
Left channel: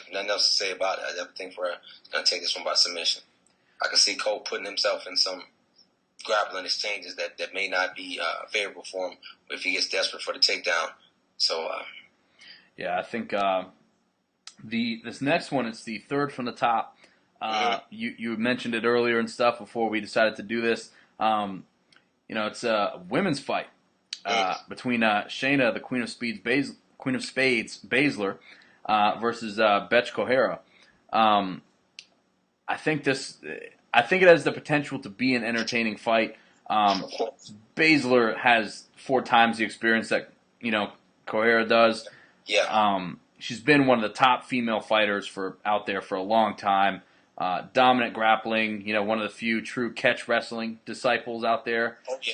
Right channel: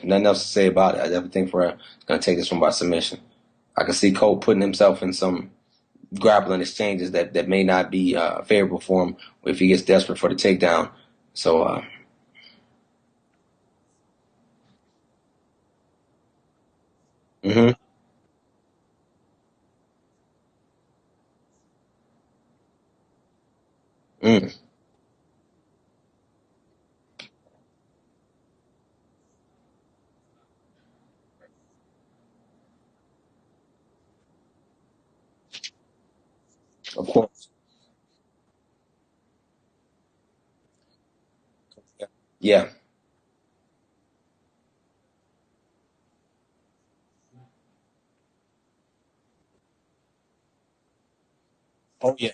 Nothing else to say about it. I definitely think Ferreira is going to take this one by submission. I can see Cole putting himself in some grappling exchanges that may not be favorable for him if he gets desperate for the takedown. So, I think this next one is the third from the top. You mentioned it earlier and stuff before we decided to do this. It's a women's fight between Shayna, the Queen of Spades, Baszler, versus Betch Correia. I think it has the potential to be an entertaining fight. Baszler has 4 times the experience that Correia does. Yeah. She's been one of the top female fighters out there for a long time. Dominant grappling, one of the few true catch wrestling disciples out there. Oh yeah.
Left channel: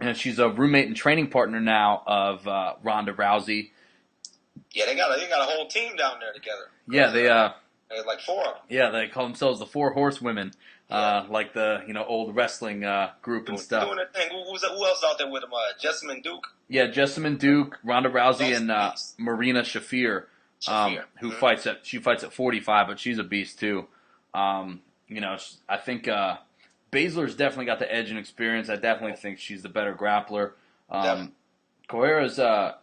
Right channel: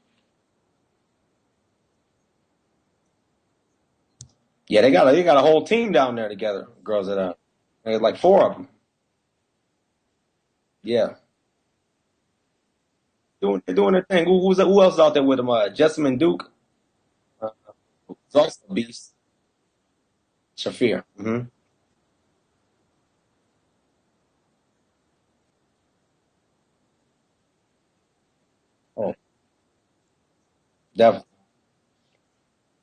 And she's a roommate and training partner now of Ronda Rousey. Yeah, they got a whole team down there together. Girls, there's like 4 of them. Yeah, they call themselves the 4 Horsewomen. Yeah. Like the old wrestling group doing, and stuff. Doing their thing. Who else out there with them? Jessamine Duke. Yeah, Jessamine Duke, Ronda Rousey, and Marina Shafir. Who fights at 45, but she's a beast too. I think Baszler's definitely got the edge in experience. I definitely think she's the better grappler. Correira's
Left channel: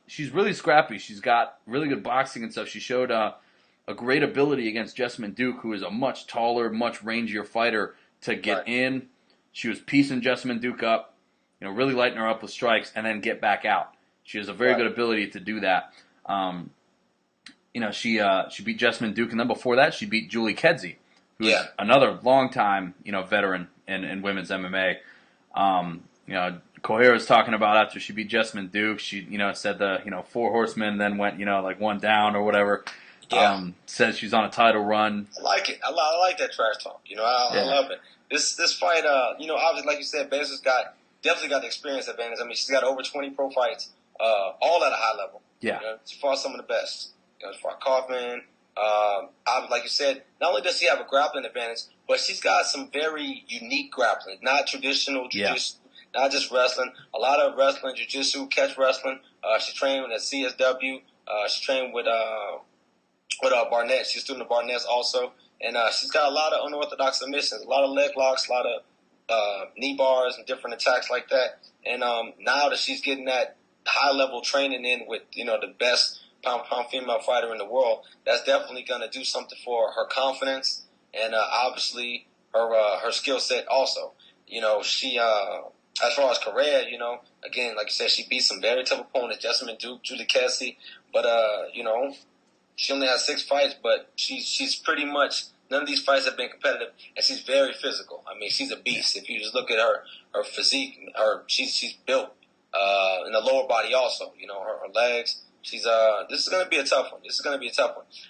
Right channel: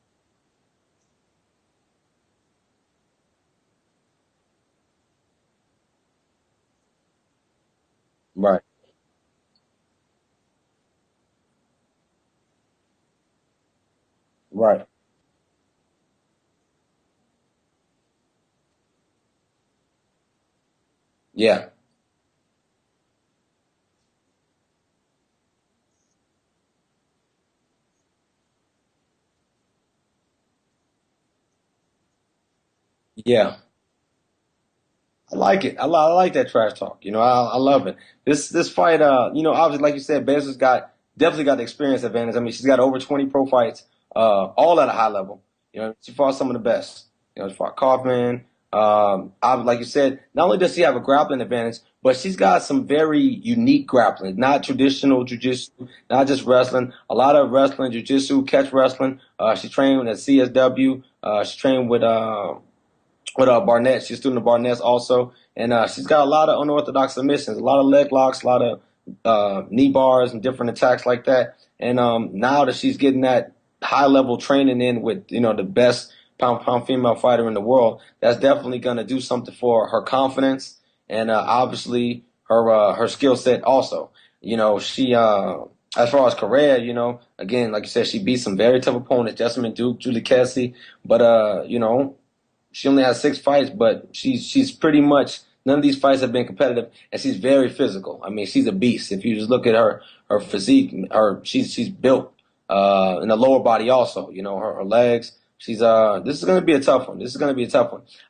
she's really scrappy. She's got really good boxing and stuff. She showed a great ability against Jessamine Duke, who is a much taller, much rangier fighter, to get in. She was piecing Jessamine Duke up, really lighting her up with strikes, and then get back out. She has a very good ability to do that. She beat Jessamine Duke, and then before that, she beat Julie Kedzie. Yeah. Another long-time, veteran in women's MMA. Correia was talking about after she beat Jessamine Duke, she, said the, 4 horsemen, then went, like 1 down or whatever. Yeah. Says she's on a title run. I like it. I like that trash talk. I love it. This fight, obviously, like you said, Baszler's definitely got the experience advantage. I mean, she's got over 20 pro fights, all at a high level. Yeah. She fought some of the best. She fought Kaufman. Like you said, not only does she have a grappling advantage, but she's got some very unique grappling, not traditional jiu-jitsu, not just wrestling. A lot of wrestling, jiu-jitsu, catch wrestling. She trained with CSW. She trained with Barnett. She's student of Barnett also. And she's got a lot of unorthodox submissions, a lot of leg locks, a lot of knee bars and different attacks like that. And now that she's getting that high-level training in with, the best pound female fighter in the world, that's definitely going to do something for her confidence and obviously her skill set also. She as far as Correia, again, like you said, she beat some very tough opponents, Jessamine Duke, Julie Kedzie, but she only has 6 fights, but she's pretty much, none of these fights have been competitive, and she's very physical. I mean, she's a beast. If you just look at her physique, she's built in the lower body also. Her legs. This is going to be a tough one.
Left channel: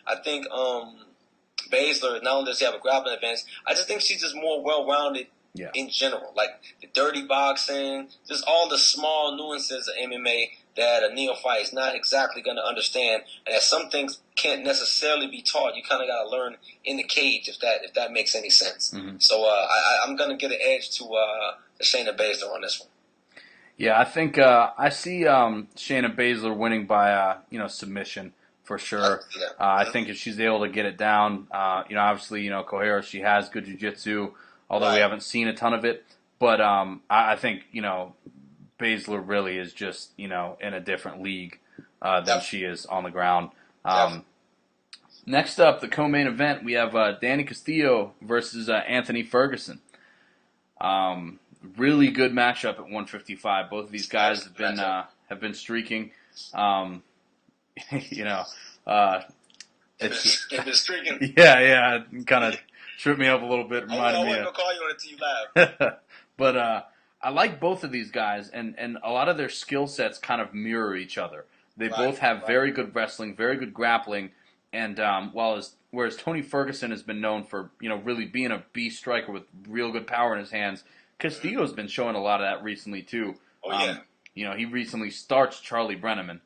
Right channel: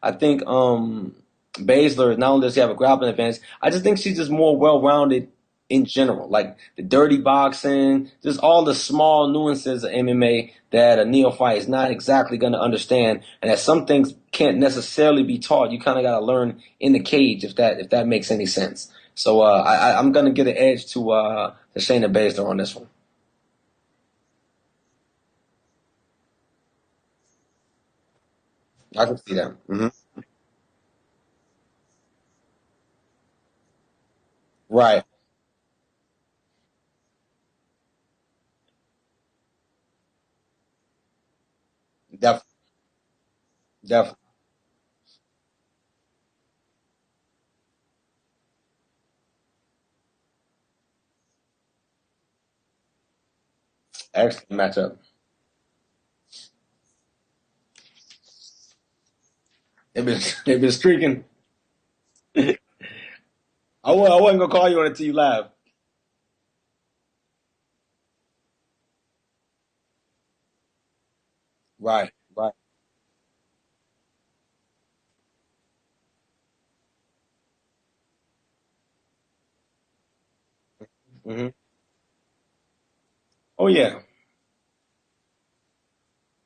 I think Baszler, not only does she have a grappling advantage, I just think she's just more well-rounded Yeah. in general, like the dirty boxing, just all the small nuances of MMA that a neophyte is not exactly going to understand, and that some things can't necessarily be taught. You kind of got to learn in the cage, if that makes any sense. Mm-hmm. So I'm going to get an edge to Shayna Baszler on this one. Yeah, I think I see Shayna Baszler winning by submission for I can sure. see that. I think if she's able to get it down, obviously Kohara, she has good jiu-jitsu, although we Right. haven't seen a ton of it. But I think Baszler really is just in a different league than she is on the ground. Next up, the co-main event, we have Danny Castillo versus Anthony Ferguson. Really good matchup at 155. Both of these guys have been streaking. They've been streaking. Yeah, kind of tripped me up a little bit. I wasn't gonna call you on it until you laughed. But I like both of these guys, and a lot of their skill sets kind of mirror each other. They both have very good wrestling, very good grappling, and whereas Tony Ferguson has been known for really being a beast striker with real good power in his hands, Castillo's been showing a lot of that recently too. Oh yeah. He recently starched Charlie Brenneman.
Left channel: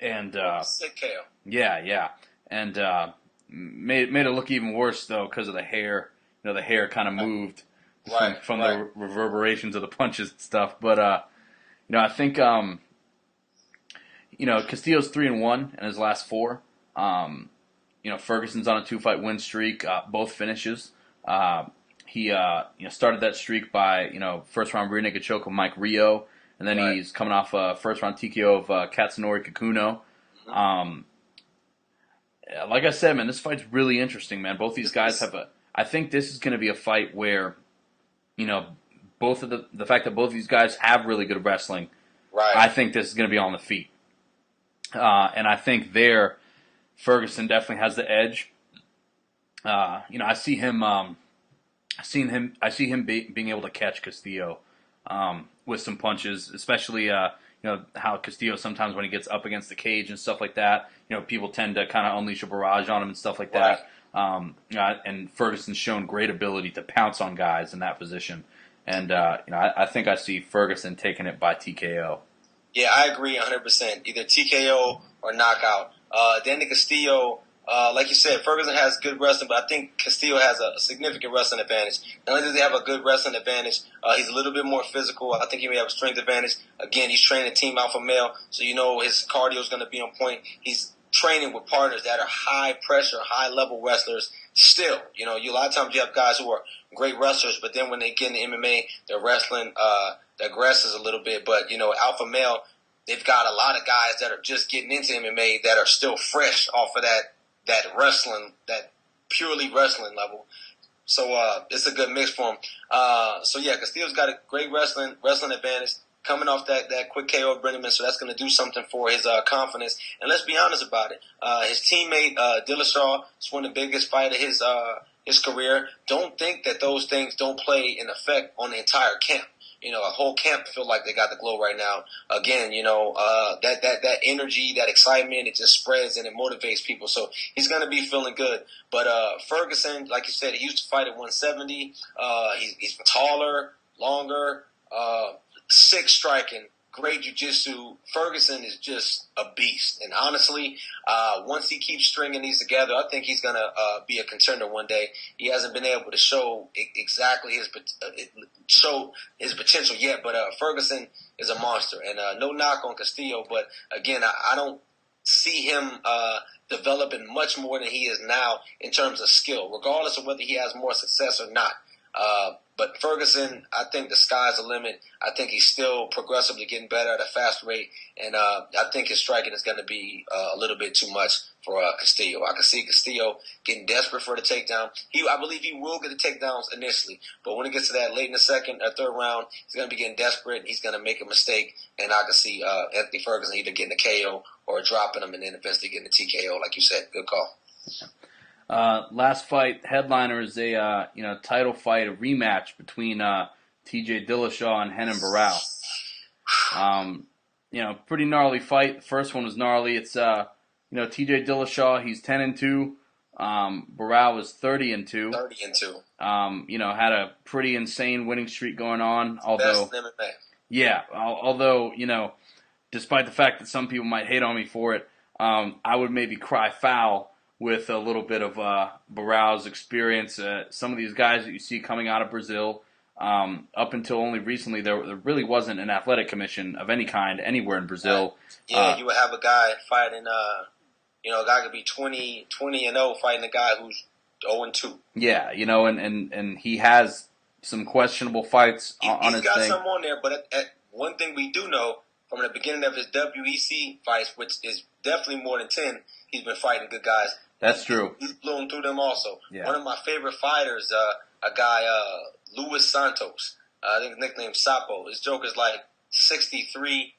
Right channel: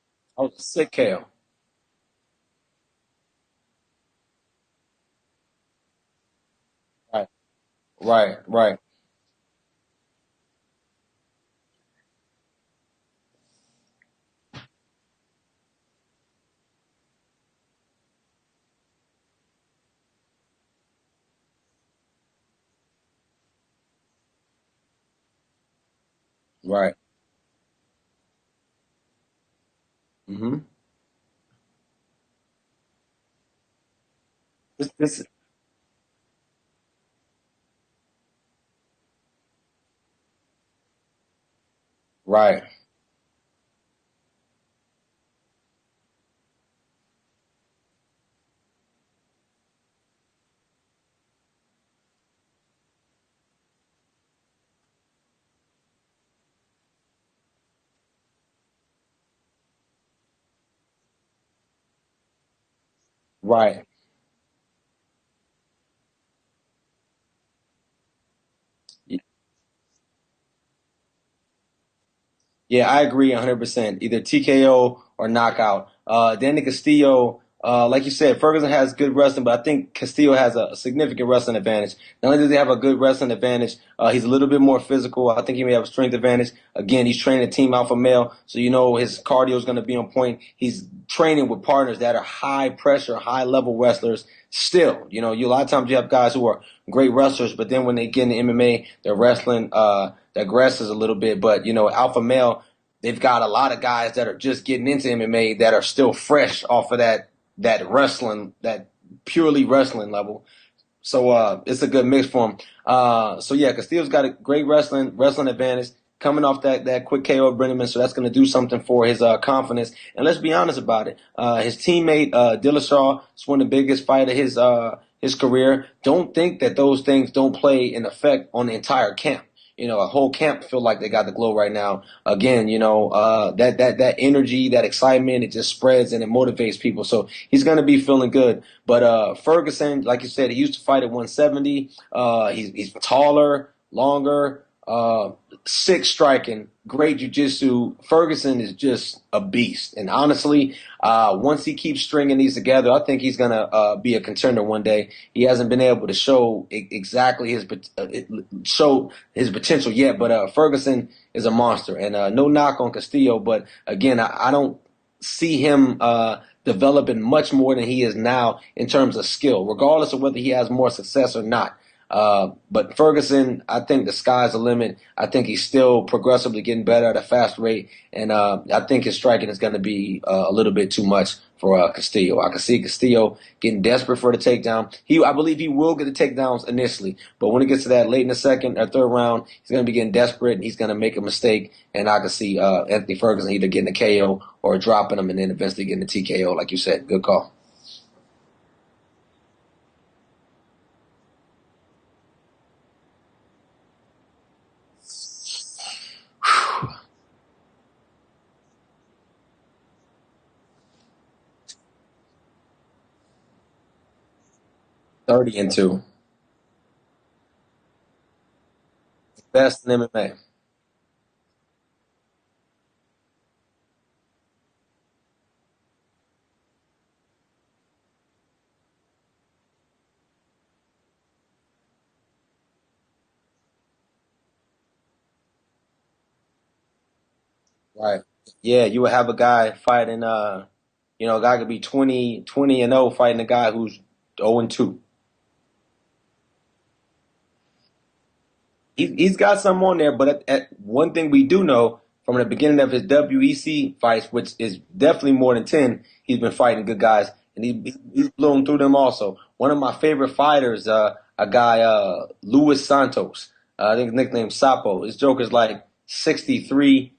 And sick KO. Yeah, and made it look even worse though because of the hair. The hair kind of moved from the reverberations of the punches and stuff. But I think Castillo's 3-1 in his last 4. Ferguson's on a 2-fight win streak, both finishes. He started that streak by first round rear naked choke of Mike Rio, and then he's coming off a first round TKO of Katsunori Kikuno. Mm-hmm. Like I said, man, this fight's really interesting, man. Both these guys have I think this is going to be a fight where, both of the fact that both of these guys have really good wrestling. Right. I think this is going to be on the feet, and I think Ferguson definitely has the edge. I see him. I see him being able to catch Castillo with some punches, especially how Castillo sometimes when he gets up against the cage and stuff like that, people tend to kind of unleash a barrage on him and stuff like that. And Ferguson's shown great ability to pounce on guys in that position, and I think I see Ferguson taking it by TKO. Yeah, I agree 100%. Either TKO or knockout. Danny Castillo. Like you said, Ferguson has good wrestling, but I think Castillo has a significant wrestling advantage. Not only does he have a good wrestling advantage, he's a little bit more physical. I think he may have a strength advantage. Again, he's training Team Alpha Male, so his cardio is going to be on point. He's training with partners that are high pressure, high level wrestlers. Still, a lot of times you have guys who are great wrestlers, but then when they get in MMA, their wrestling agresses a little bit. But Alpha Male, they've got a lot of guys that are just getting into MMA that are still fresh off of that wrestling, that purely wrestling level. So it's a good mix for him. Castillo's got a great wrestling advantage coming off that quick KO of Brenneman, so that's going to do something for his confidence. And let's be honest about it. His teammate Dillashaw is one of the biggest fight of his career. Don't think that those things don't play an effect on the entire camp. A whole camp feel like they got the glow right now. Again, that energy, that excitement, it just spreads and it motivates people. So he's going to be feeling good. But Ferguson, like you said, he used to fight at 170. He's taller, longer, sick striking, great jiu-jitsu. Ferguson is just a beast. And honestly, once he keeps stringing these together, I think he's going to be a contender one day. He hasn't been able to show exactly his potential yet, but Ferguson is a monster. And no knock on Castillo, but again, I don't see him developing much more than he is now in terms of skill, regardless of whether he has more success or not. But Ferguson, I think the sky's the limit. I think he's still progressively getting better at a fast rate, and I think his striking is going to be a little bit too much for Castillo. I can see Castillo getting desperate for the takedown. I believe he will get the takedowns initially, but when he gets to that late in the second or third round, he's going to be getting desperate, and he's going to make a mistake, and I can see Anthony Ferguson either getting a KO or dropping him and then eventually getting a TKO, like you said. Good call. Last fight, headliner is a title fight, a rematch between T.J. Dillashaw and Renan Barão. Pretty gnarly fight. The first one was gnarly. It's T.J. Dillashaw. He's 10-2. Barao was 30-2. 30-2. Had a pretty insane winning streak going on. Best Although, in MMA. yeah, although despite the fact that some people might hate on me for it, I would maybe cry foul with a little bit of Barao's experience. Some of these guys that you see coming out of Brazil, up until only recently, there really wasn't an athletic commission of any kind anywhere in Brazil. Right. Yeah, you would have a guy fighting, a guy could be 20-0 fighting a guy who's 0-2. Yeah, and he has some questionable fights on He's his got thing. some on there, but one thing we do know from the beginning of his WEC fights, which is definitely more than 10, he's been fighting good guys. And That's true. He's blown through them also. Yeah. One of my favorite fighters, a guy, Luis Santos, I think nicknamed Sapo. His joker's like 63-10.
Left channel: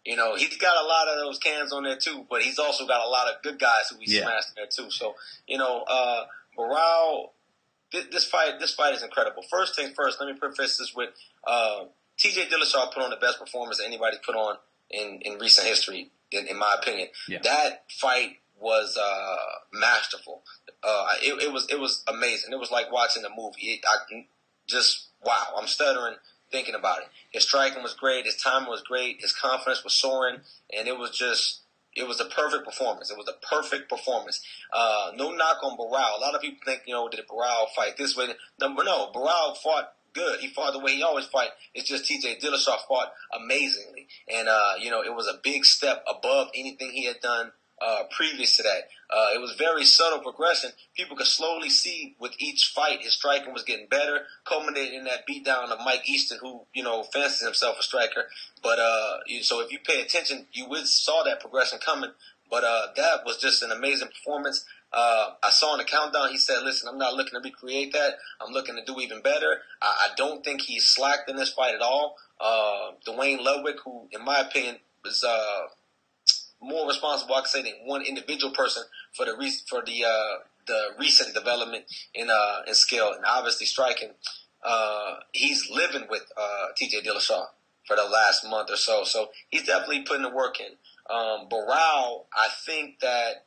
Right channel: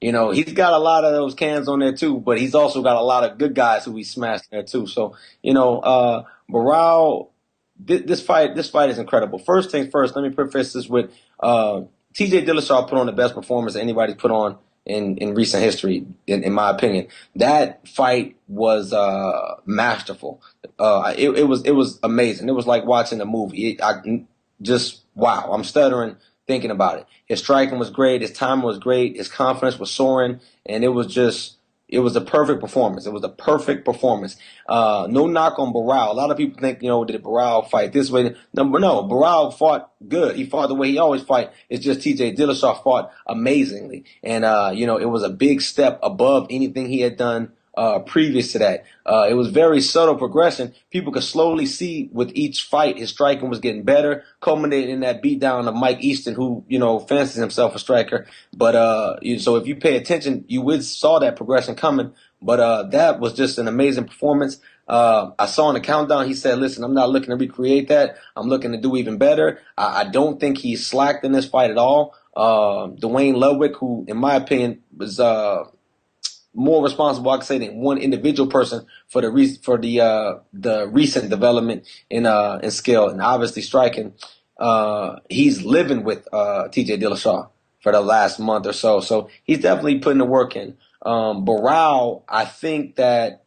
He's got a lot of those cans on there too, but he's also got a lot of good guys who he smashed there too. So, Barao, this fight is incredible. First thing first, let me preface this with TJ Dillashaw put on the best performance anybody's put on in recent history, in my opinion. Yeah. That fight was masterful. It was amazing. It was like watching a movie. Wow. I'm stuttering thinking about it. His striking was great. His timing was great. His confidence was soaring, and it was a perfect performance. It was a perfect performance. No knock on Barao. A lot of people think, did Barao fight this way? No, Barao fought good. He fought the way he always fight. It's just TJ Dillashaw fought amazingly. And, it was a big step above anything he had done previous to that. It was very subtle progression. People could slowly see with each fight his striking was getting better, culminating in that beatdown of Mike Easton, who, fancies himself a striker. But so if you pay attention, you saw that progression coming. But that was just an amazing performance. I saw in the countdown, he said, listen, I'm not looking to recreate that. I'm looking to do even better. I don't think he slacked in this fight at all. Dwayne Ludwig, who, in my opinion, was more responsible, I could say, than one individual person for the recent development in skill and obviously striking. He's living with TJ Dillashaw for the last month or so. So he's definitely putting the work in. Barao, I think that,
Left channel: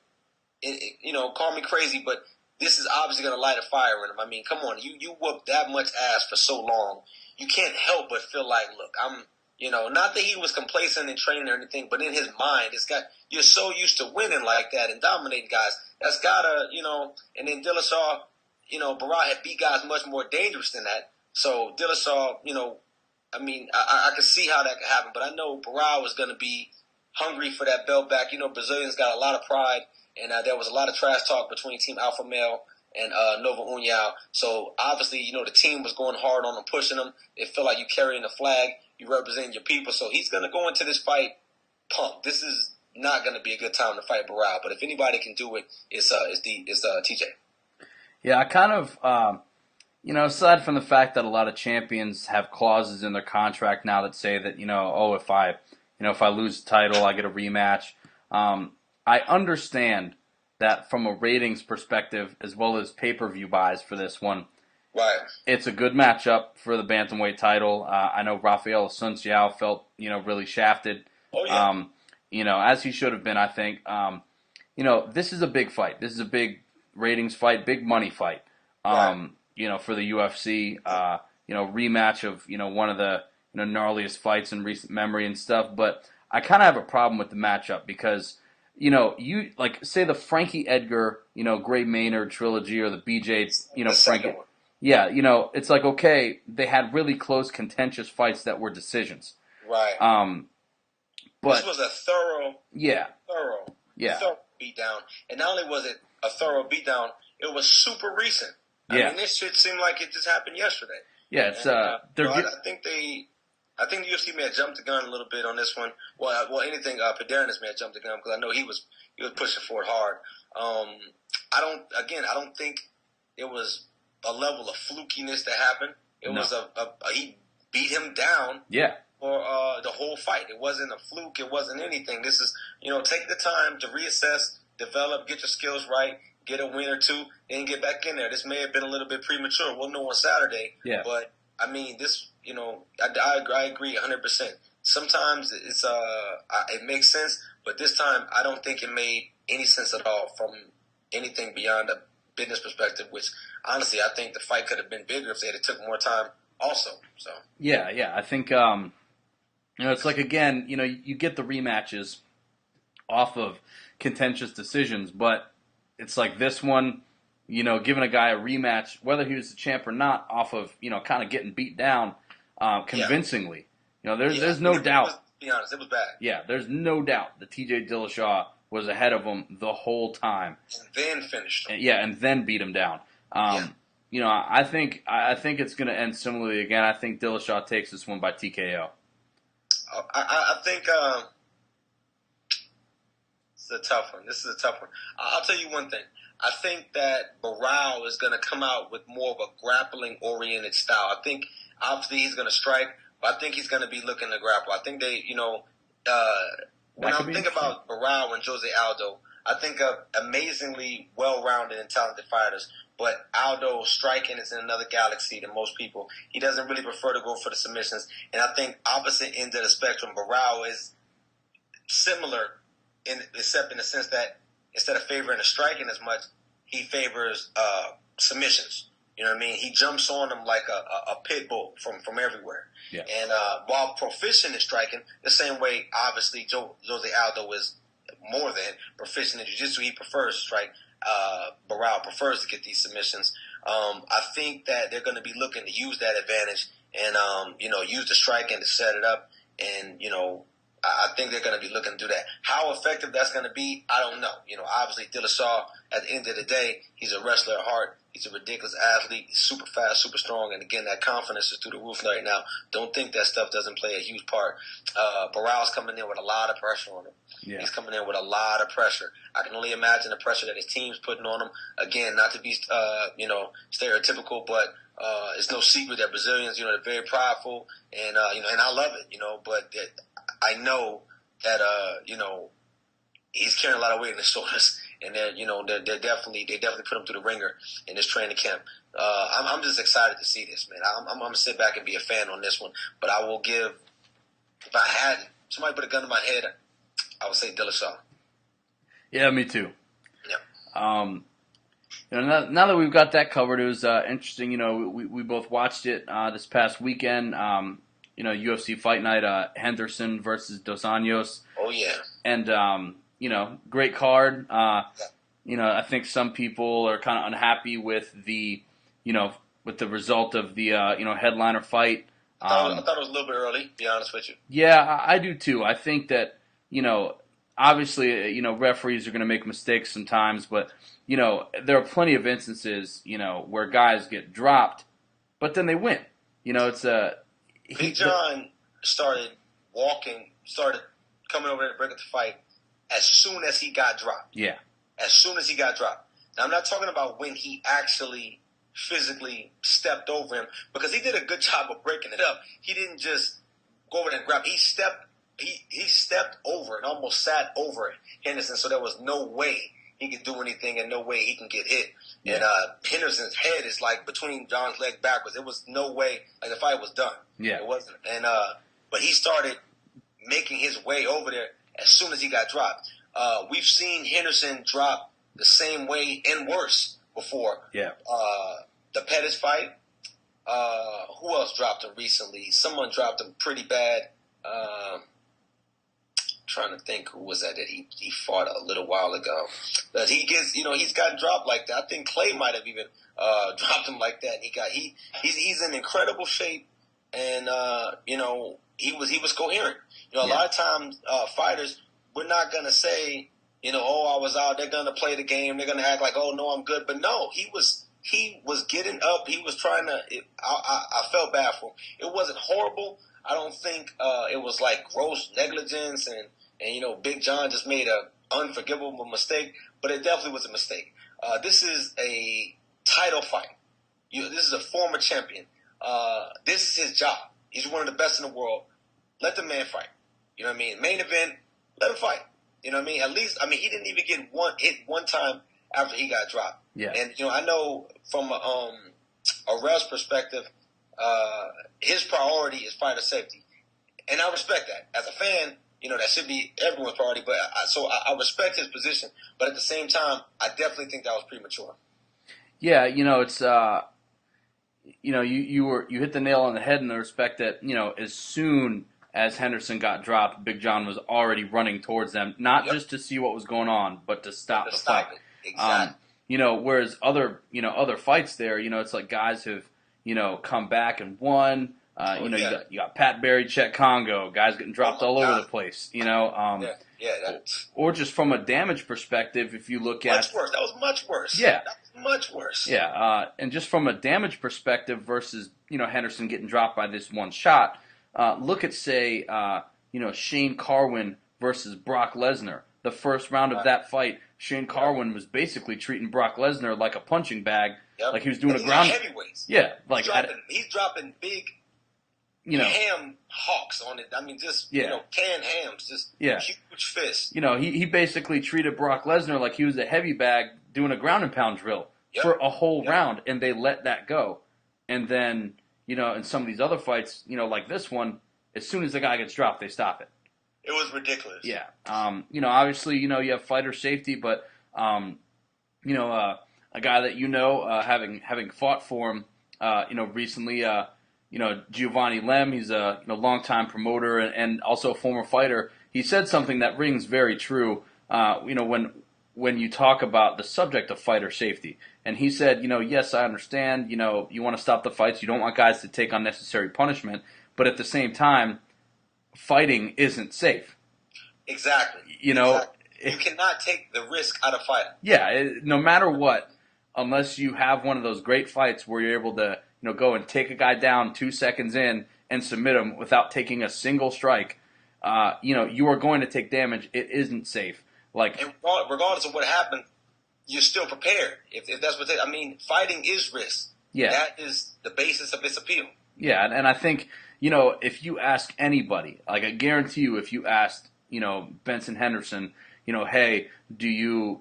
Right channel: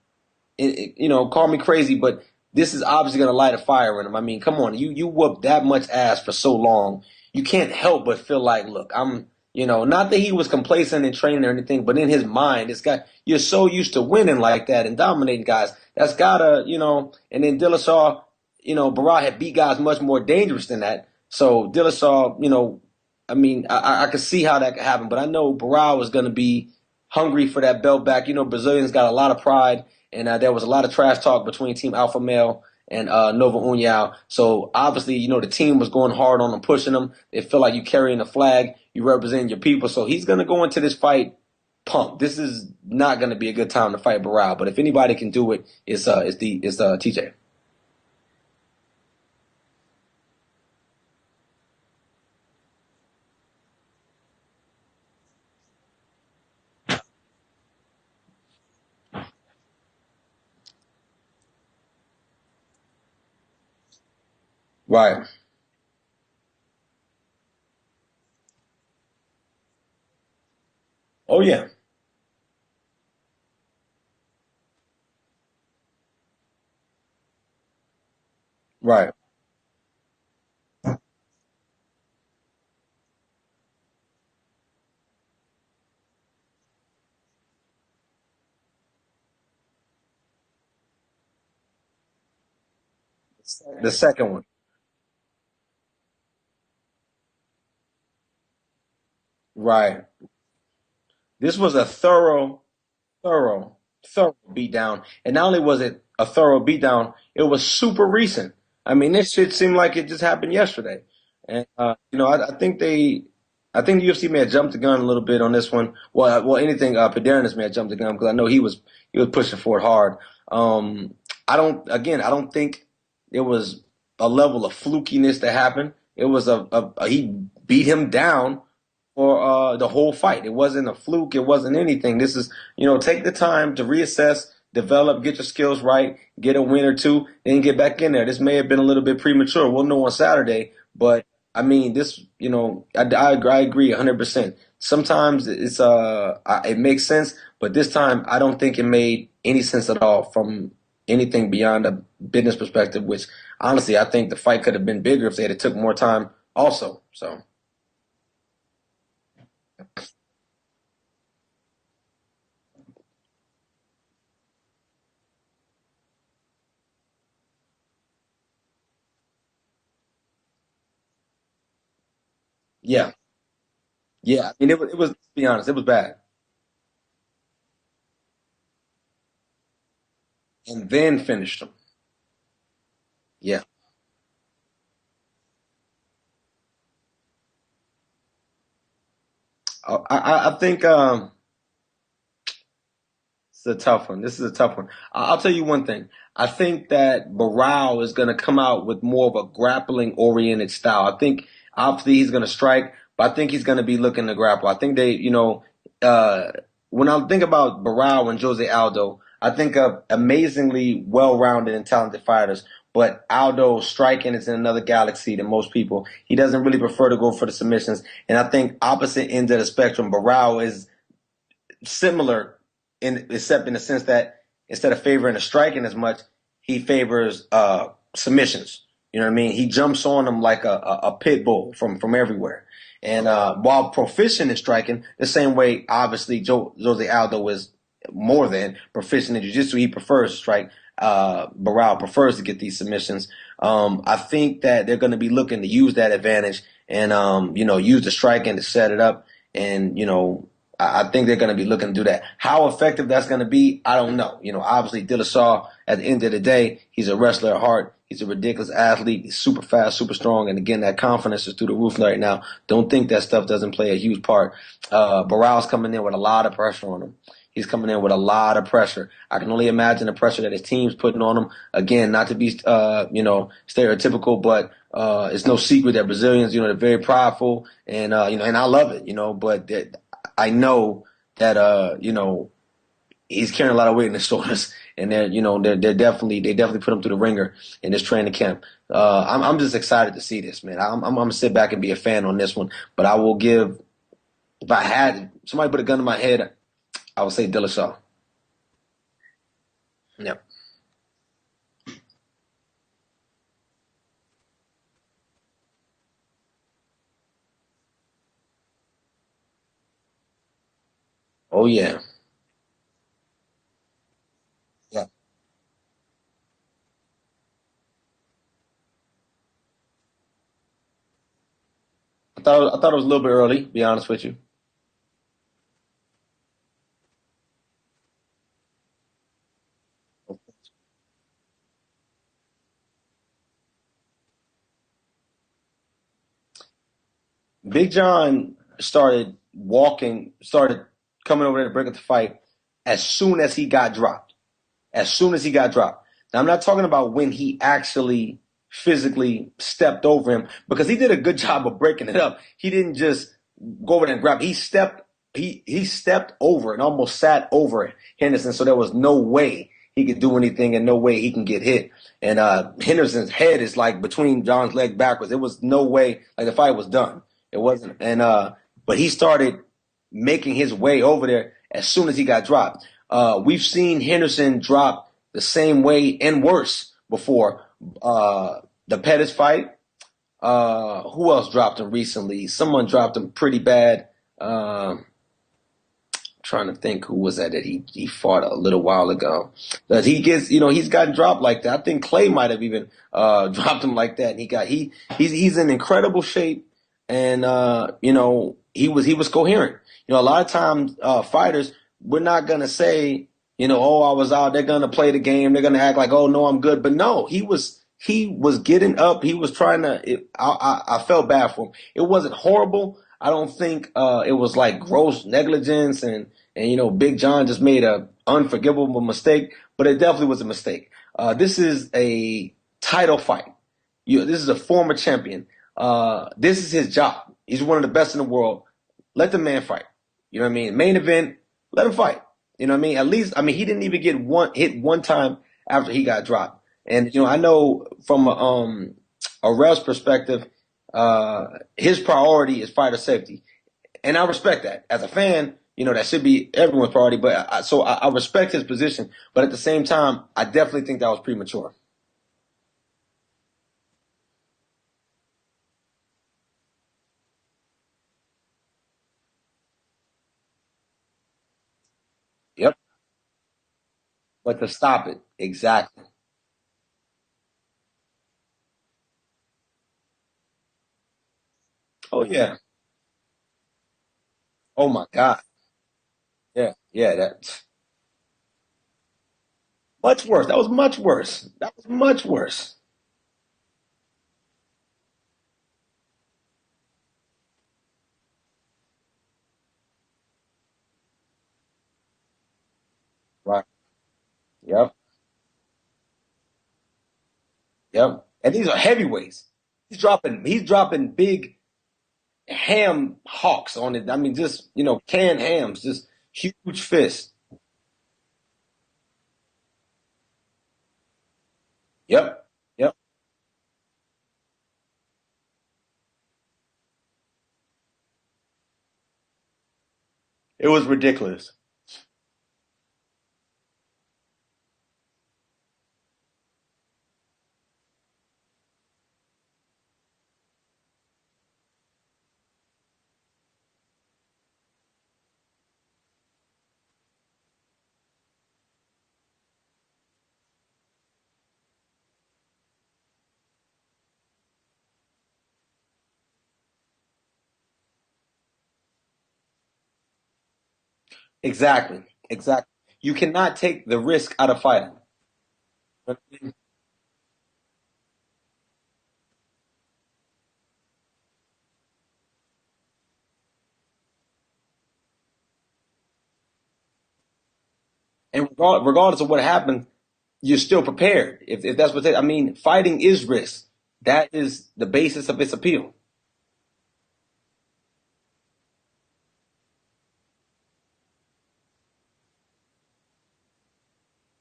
call me crazy, but this is obviously going to light a fire in him. I mean, come on, you whooped that much ass for so long. You can't help but feel like, look, I'm, not that he was complacent in training or anything, but in his mind, you're so used to winning like that and dominating guys. That's gotta, and then Dillashaw, Barao had beat guys much more dangerous than that. So Dillashaw, I could see how that could happen, but I know Barao was going to be hungry for that belt back. Brazilians got a lot of pride, and there was a lot of trash talk between Team Alpha Male and Nova União. So obviously, the team was going hard on him, pushing him. It felt like you carrying the flag, you representing your people. So he's going to go into this fight pumped. This is not going to be a good time to fight Barao, but if anybody can do it, it's TJ. Yeah, I kind of, aside from the fact that a lot of champions have clauses in their contract now that say that, if I lose the title, I get a rematch. I understand that from a ratings perspective, as well as pay-per-view buys for this one. Right. It's a good matchup for the bantamweight title. I know Rafael Asunciao felt, really shafted. Oh, yeah. As he should have been, I think. This is a big fight. This is a big ratings fight, big money fight. Right. For the UFC, rematch of, one of the gnarliest fights in recent memory and stuff. But I kind of have a problem with the matchup because, you like say the Frankie Edgar, Gray Maynard trilogy or the BJ, the second one. Yeah, it's like, okay, they had really close, contentious fights that were decisions. Right. This was a thorough beatdown. And not only was it a thorough beatdown, it was super recent. I mean, this shit seemed like it just happened yesterday. Yeah, it's I think UFC may have jumped the gun a little bit on this one. Well, anything Padernis may have jumped the gun because I know he was pushing for it hard. I don't think it was a level of flukiness that happened. It was he beat him down. Yeah. For the whole fight. It wasn't a fluke. It wasn't anything. This is, take the time to reassess, develop, get your skills right, get a win or two, then get back in there. This may have been a little bit premature. We'll know on Saturday. Yeah. But, this, I agree 100%. Sometimes it makes sense, but this time I don't think it made any sense at all from anything beyond a business perspective, which honestly I think the fight could have been bigger if they had took more time also. So Yeah. I think it's like, again, you get the rematches off of contentious decisions, but it's like this one, giving a guy a rematch, whether he was the champ or not, off of kind of getting beat down yeah, convincingly. yeah. There's no It was, doubt. to be honest, it was bad. Yeah, there's no doubt that T.J. Dillashaw was ahead of him the whole time. And then finished him. Yeah, and then beat him down. Yeah. I think it's going to end similarly again. I think Dillashaw takes this one by TKO. I think it's a tough one. This is a tough one. I'll tell you one thing. I think that Barao is going to come out with more of a grappling-oriented style. I think obviously he's going to strike, but I think he's going to be looking to grapple. I think when I'm thinking about Barao and Jose Aldo, I think of amazingly well-rounded and talented fighters. But Aldo striking is in another galaxy than most people. He doesn't really prefer to go for the submissions. And I think opposite end of the spectrum, Barao is similar except in the sense that instead of favoring the striking as much, he favors submissions. You know what I mean? He jumps on them like a pit bull from everywhere. Yeah. And while proficient in striking, the same way, obviously, Jose Aldo is more than proficient in jiu-jitsu. He prefers to strike. Barao prefers to get these submissions. I think that they're going to be looking to use that advantage and, use the striking to set it up. And, I think they're going to be looking to do that. How effective that's going to be, I don't know. Obviously, Dillashaw, at the end of the day, he's a wrestler at heart. He's a ridiculous athlete. He's super fast, super strong. And again, that confidence is through the roof right now. Don't think that stuff doesn't play a huge part. Barao's coming in with a lot of pressure on him. Yeah. He's coming in with a lot of pressure. I can only imagine the pressure that his team's putting on him. Again, not to be, stereotypical, but it's no secret that Brazilians, they're very prideful. And, and I love it, but I know that, he's carrying a lot of weight in his shoulders. And they definitely put him through the ringer in this training camp. I'm just excited to see this, man. I'm gonna sit back and be a fan on this one. But I will give, if I had somebody put a gun in my head, I would say Dillashaw. Yeah, me too. Yeah. Now that we've got that covered, it was interesting. We both watched it this past weekend. UFC Fight Night, Henderson versus Dos Anjos. Oh yeah. And great card. Yeah. I think some people are kind of unhappy with the result of the headliner fight. I thought it was a little bit early, to be honest with you. Yeah, I do too. I think that obviously referees are going to make mistakes sometimes, but there are plenty of instances where guys get dropped, but then they win. It's a Big John started coming over there to break up the fight as soon as he got dropped. Yeah. As soon as he got dropped. Now, I'm not talking about when he actually physically stepped over him, because he did a good job of breaking it up. He didn't just go over there and grab. He stepped over and almost sat over Henderson, so there was no way he could do anything and no way he can get hit. And Henderson's head is like between John's legs backwards. It was no way. Like, the fight was done. Yeah. It wasn't. And but he started making his way over there as soon as he got dropped. We've seen Henderson drop the same way and worse before. Yeah. The PEDs fight. Who else dropped him recently? Someone dropped him pretty bad. Trying to think who was that he fought a little while ago. But he gets, he's gotten dropped like that. I think Clay might have even dropped him like that. He's in incredible shape, and he was coherent. A lot of times fighters, we're not gonna say, oh, I was out. They're gonna play the game. They're gonna act like, oh no, I'm good. But no, he was getting up. He was trying to. I felt bad for him. It wasn't horrible. I don't think it was like gross negligence and Big John just made a unforgivable mistake, but it definitely was a mistake. This is a title fight. This is a former champion. This is his job. He's one of the best in the world. Let the man fight. You know what I mean? Main event, let him fight. You know what I mean? At least, he didn't even get hit one time after he got dropped. Yeah. And, I know from a ref's perspective, his priority is fighter safety. And I respect that. As a fan, that should be everyone's priority. But I respect his position, but at the same time, I definitely think that was premature. Yeah, it's you hit the nail on the head in the respect that as soon as Henderson got dropped, Big John was already running towards them, not Yep. just to see what was going on, but to But stop to the stop fight. it, exactly. Whereas other fights there, it's like guys have come back and won. Oh yeah. You got Pat Barry, Chet Congo, guys getting Oh dropped my all over God. the place. Yeah. That Or just from a damage perspective, if you look much at worse. That was much worse. yeah, That was much worse. yeah, and just from a damage perspective versus Henderson getting dropped by this one shot. Look at say Shane Carwin versus Brock Lesnar. The first round of Right. that fight, Shane Yep. Carwin was basically treating Brock Lesnar like a punching bag, Yep. like he was doing. And these are heavyweights. Yeah, He's dropping big ham hawks on it. I mean, just canned hams, just huge fists. He basically treated Brock Lesnar like he was a heavy bag doing a ground and pound drill for a whole round, and they let that go. And then in some of these other fights, like this one, as soon as the guy gets dropped, they stop it. It was ridiculous. Yeah. Obviously, you have fighter safety, but a guy that having fought for him, recently, Giovanni Lem, he's a longtime promoter and also a former fighter. He said something that rings very true. When you talk about the subject of fighter safety, and he said, yes, I understand. You want to stop the fights. You don't want guys to take unnecessary punishment, but at the same time, fighting isn't safe. Exactly. You cannot take the risk out of fighting. Yeah, no matter what, unless you have one of those great fights where you're able to go and take a guy down 2 seconds in and submit him without taking a single strike, you are going to take damage. It isn't safe. And regardless of what happened, you're still prepared. If that's what fighting is risk. Yeah. That is the basis of its appeal. Yeah, and I think, if you ask anybody, like I guarantee you, if you asked, Benson Henderson, hey, do you,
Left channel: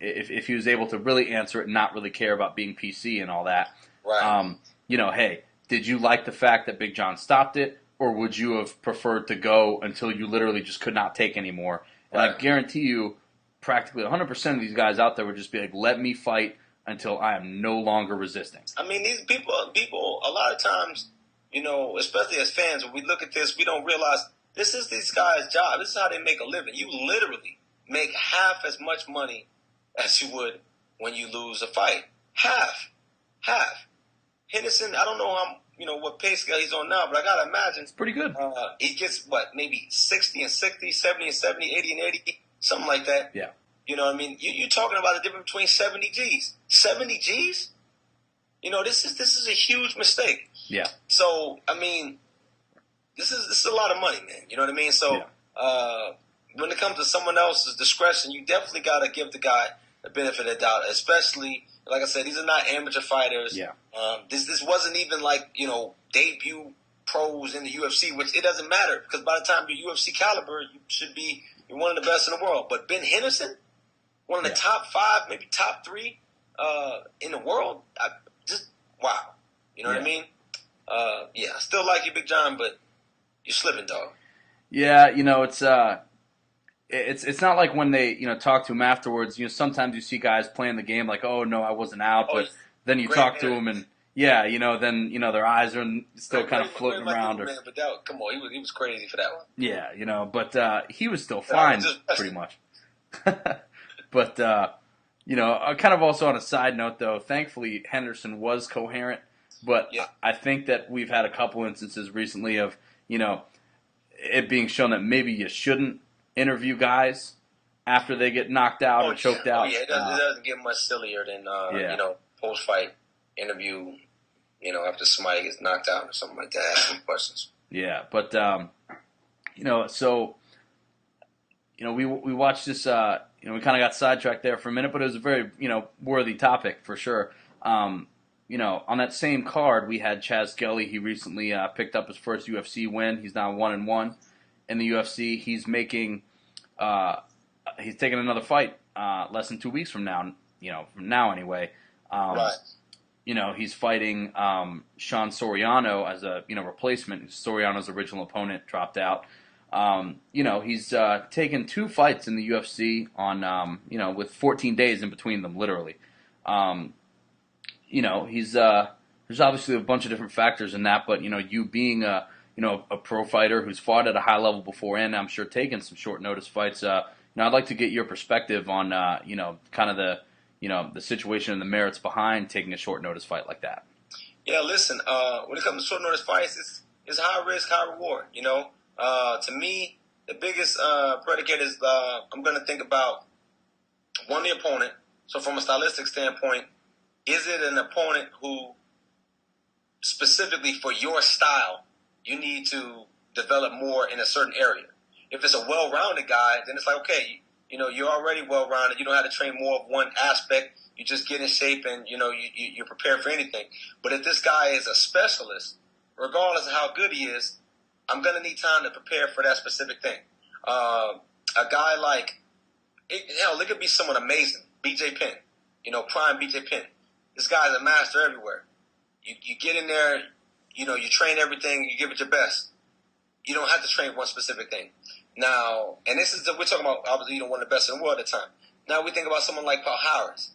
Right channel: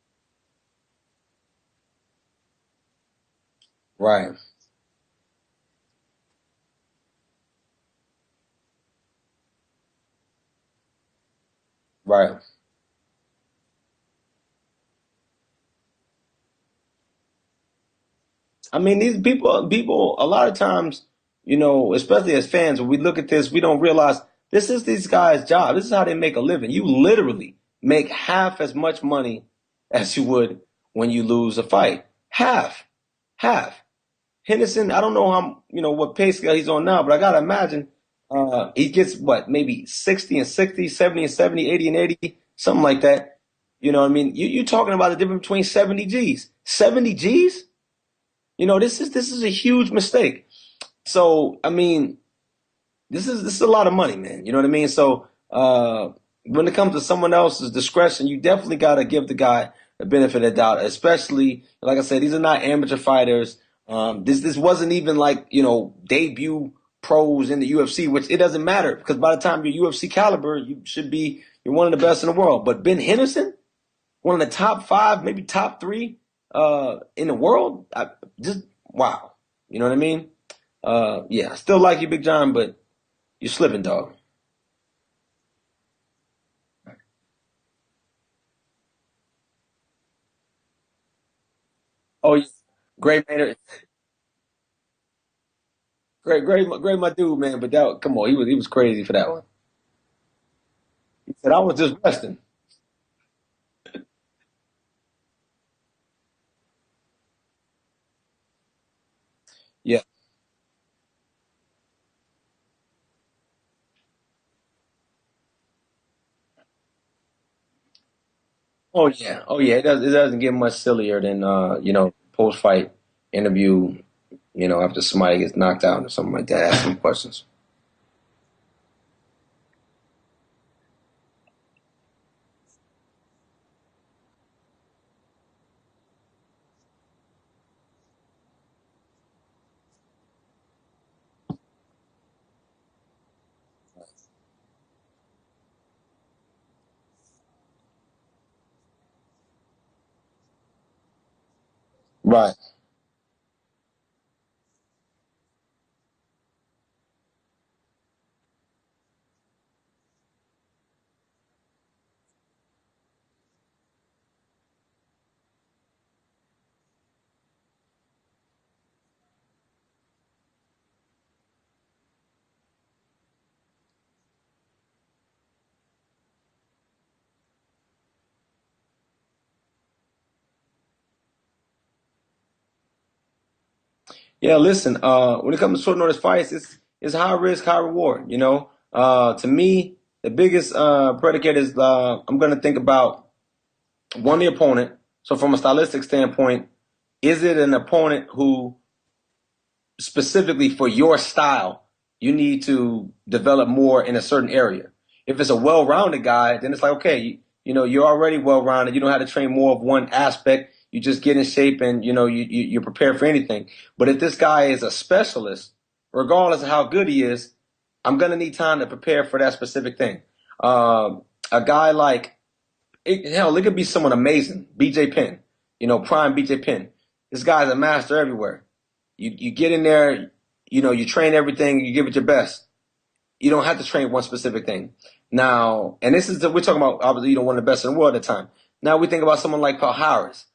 if he was able to really answer it and not really care about being PC and all that, right? Hey, did you like the fact that Big John stopped it, or would you have preferred to go until you literally just could not take anymore? Right. And I guarantee you, practically 100% of these guys out there would just be like, let me fight until I am no longer resisting. I mean, these people, a lot of times, especially as fans, when we look at this, we don't realize this is these guys' job. This is how they make a living. You literally make half as much money as you would when you lose a fight. Half. Henderson, I don't know how what pay scale he's on now, but I gotta imagine it's pretty good. He gets maybe 60 and 60, 70 and 70, 80 and 80, something like that. Yeah. You know what I mean? You're talking about the difference between 70 G's. 70 G's? This is a huge mistake. Yeah. So I mean, this is a lot of money, man. You know what I mean? So when it comes to someone else's discretion, you definitely gotta give the guy the benefit of the doubt, especially like I said, these are not amateur fighters. Yeah. This wasn't even like debut pros in the UFC, which it doesn't matter because by the time you're UFC caliber, you're one of the best in the world. But Ben Henderson, one of the top 5, maybe top 3 in the world, wow. You know what I mean? Yeah, still like you, Big John, but you're slipping, dog. Yeah, it's not like when they talk to him afterwards. Sometimes you see guys playing the game like, oh no, I wasn't out. Oh, but then you talk to him and then their eyes are still great my dude, man. But come on, he was crazy for that one. Yeah, but he was still fine, pretty much. But kind of also on a side note though, thankfully Henderson was coherent. But I think that we've had a couple instances recently of it being shown that maybe you shouldn't interview guys after they get knocked out or choked out. Oh yeah, it doesn't get much sillier than post fight interview. After somebody gets knocked out or something like that, ask some questions. Yeah, but so we watched this. We kind of got sidetracked there for a minute, but it was a very worthy topic for sure. On that same card, we had Chaz Skelly. He recently picked up his first UFC win. He's now 1-1 in the UFC. He's making, he's taking another fight less than 2 weeks from now. From now anyway. Right. He's fighting Sean Soriano as a replacement. Soriano's original opponent dropped out. He's taken 2 fights in the UFC on, with 14 days in between them, literally. Um, he's there's obviously a bunch of different factors in that, but you being a pro fighter who's fought at a high level before, and I'm sure taken some short notice fights. I'd like to get your perspective on kind of the situation and the merits behind taking a short notice fight like that. Yeah, listen. When it comes to short notice fights, it's high risk, high reward. To me, the biggest predicate is I'm going to think about one, the opponent. So from a stylistic standpoint, is it an opponent who specifically for your style you need to develop more in a certain area? If it's a well-rounded guy, then it's like, okay, you're already well-rounded. You don't have to train more of one aspect. You just get in shape and, you prepare for anything. But if this guy is a specialist, regardless of how good he is, I'm going to need time to prepare for that specific thing. A guy like, it could be someone amazing, BJ Penn, prime BJ Penn. This guy's a master everywhere. You get in there, you train everything, you give it your best. You don't have to train one specific thing. Now, and we're talking about, obviously, one of the best in the world at the time. Now we think about someone like Paul Harris,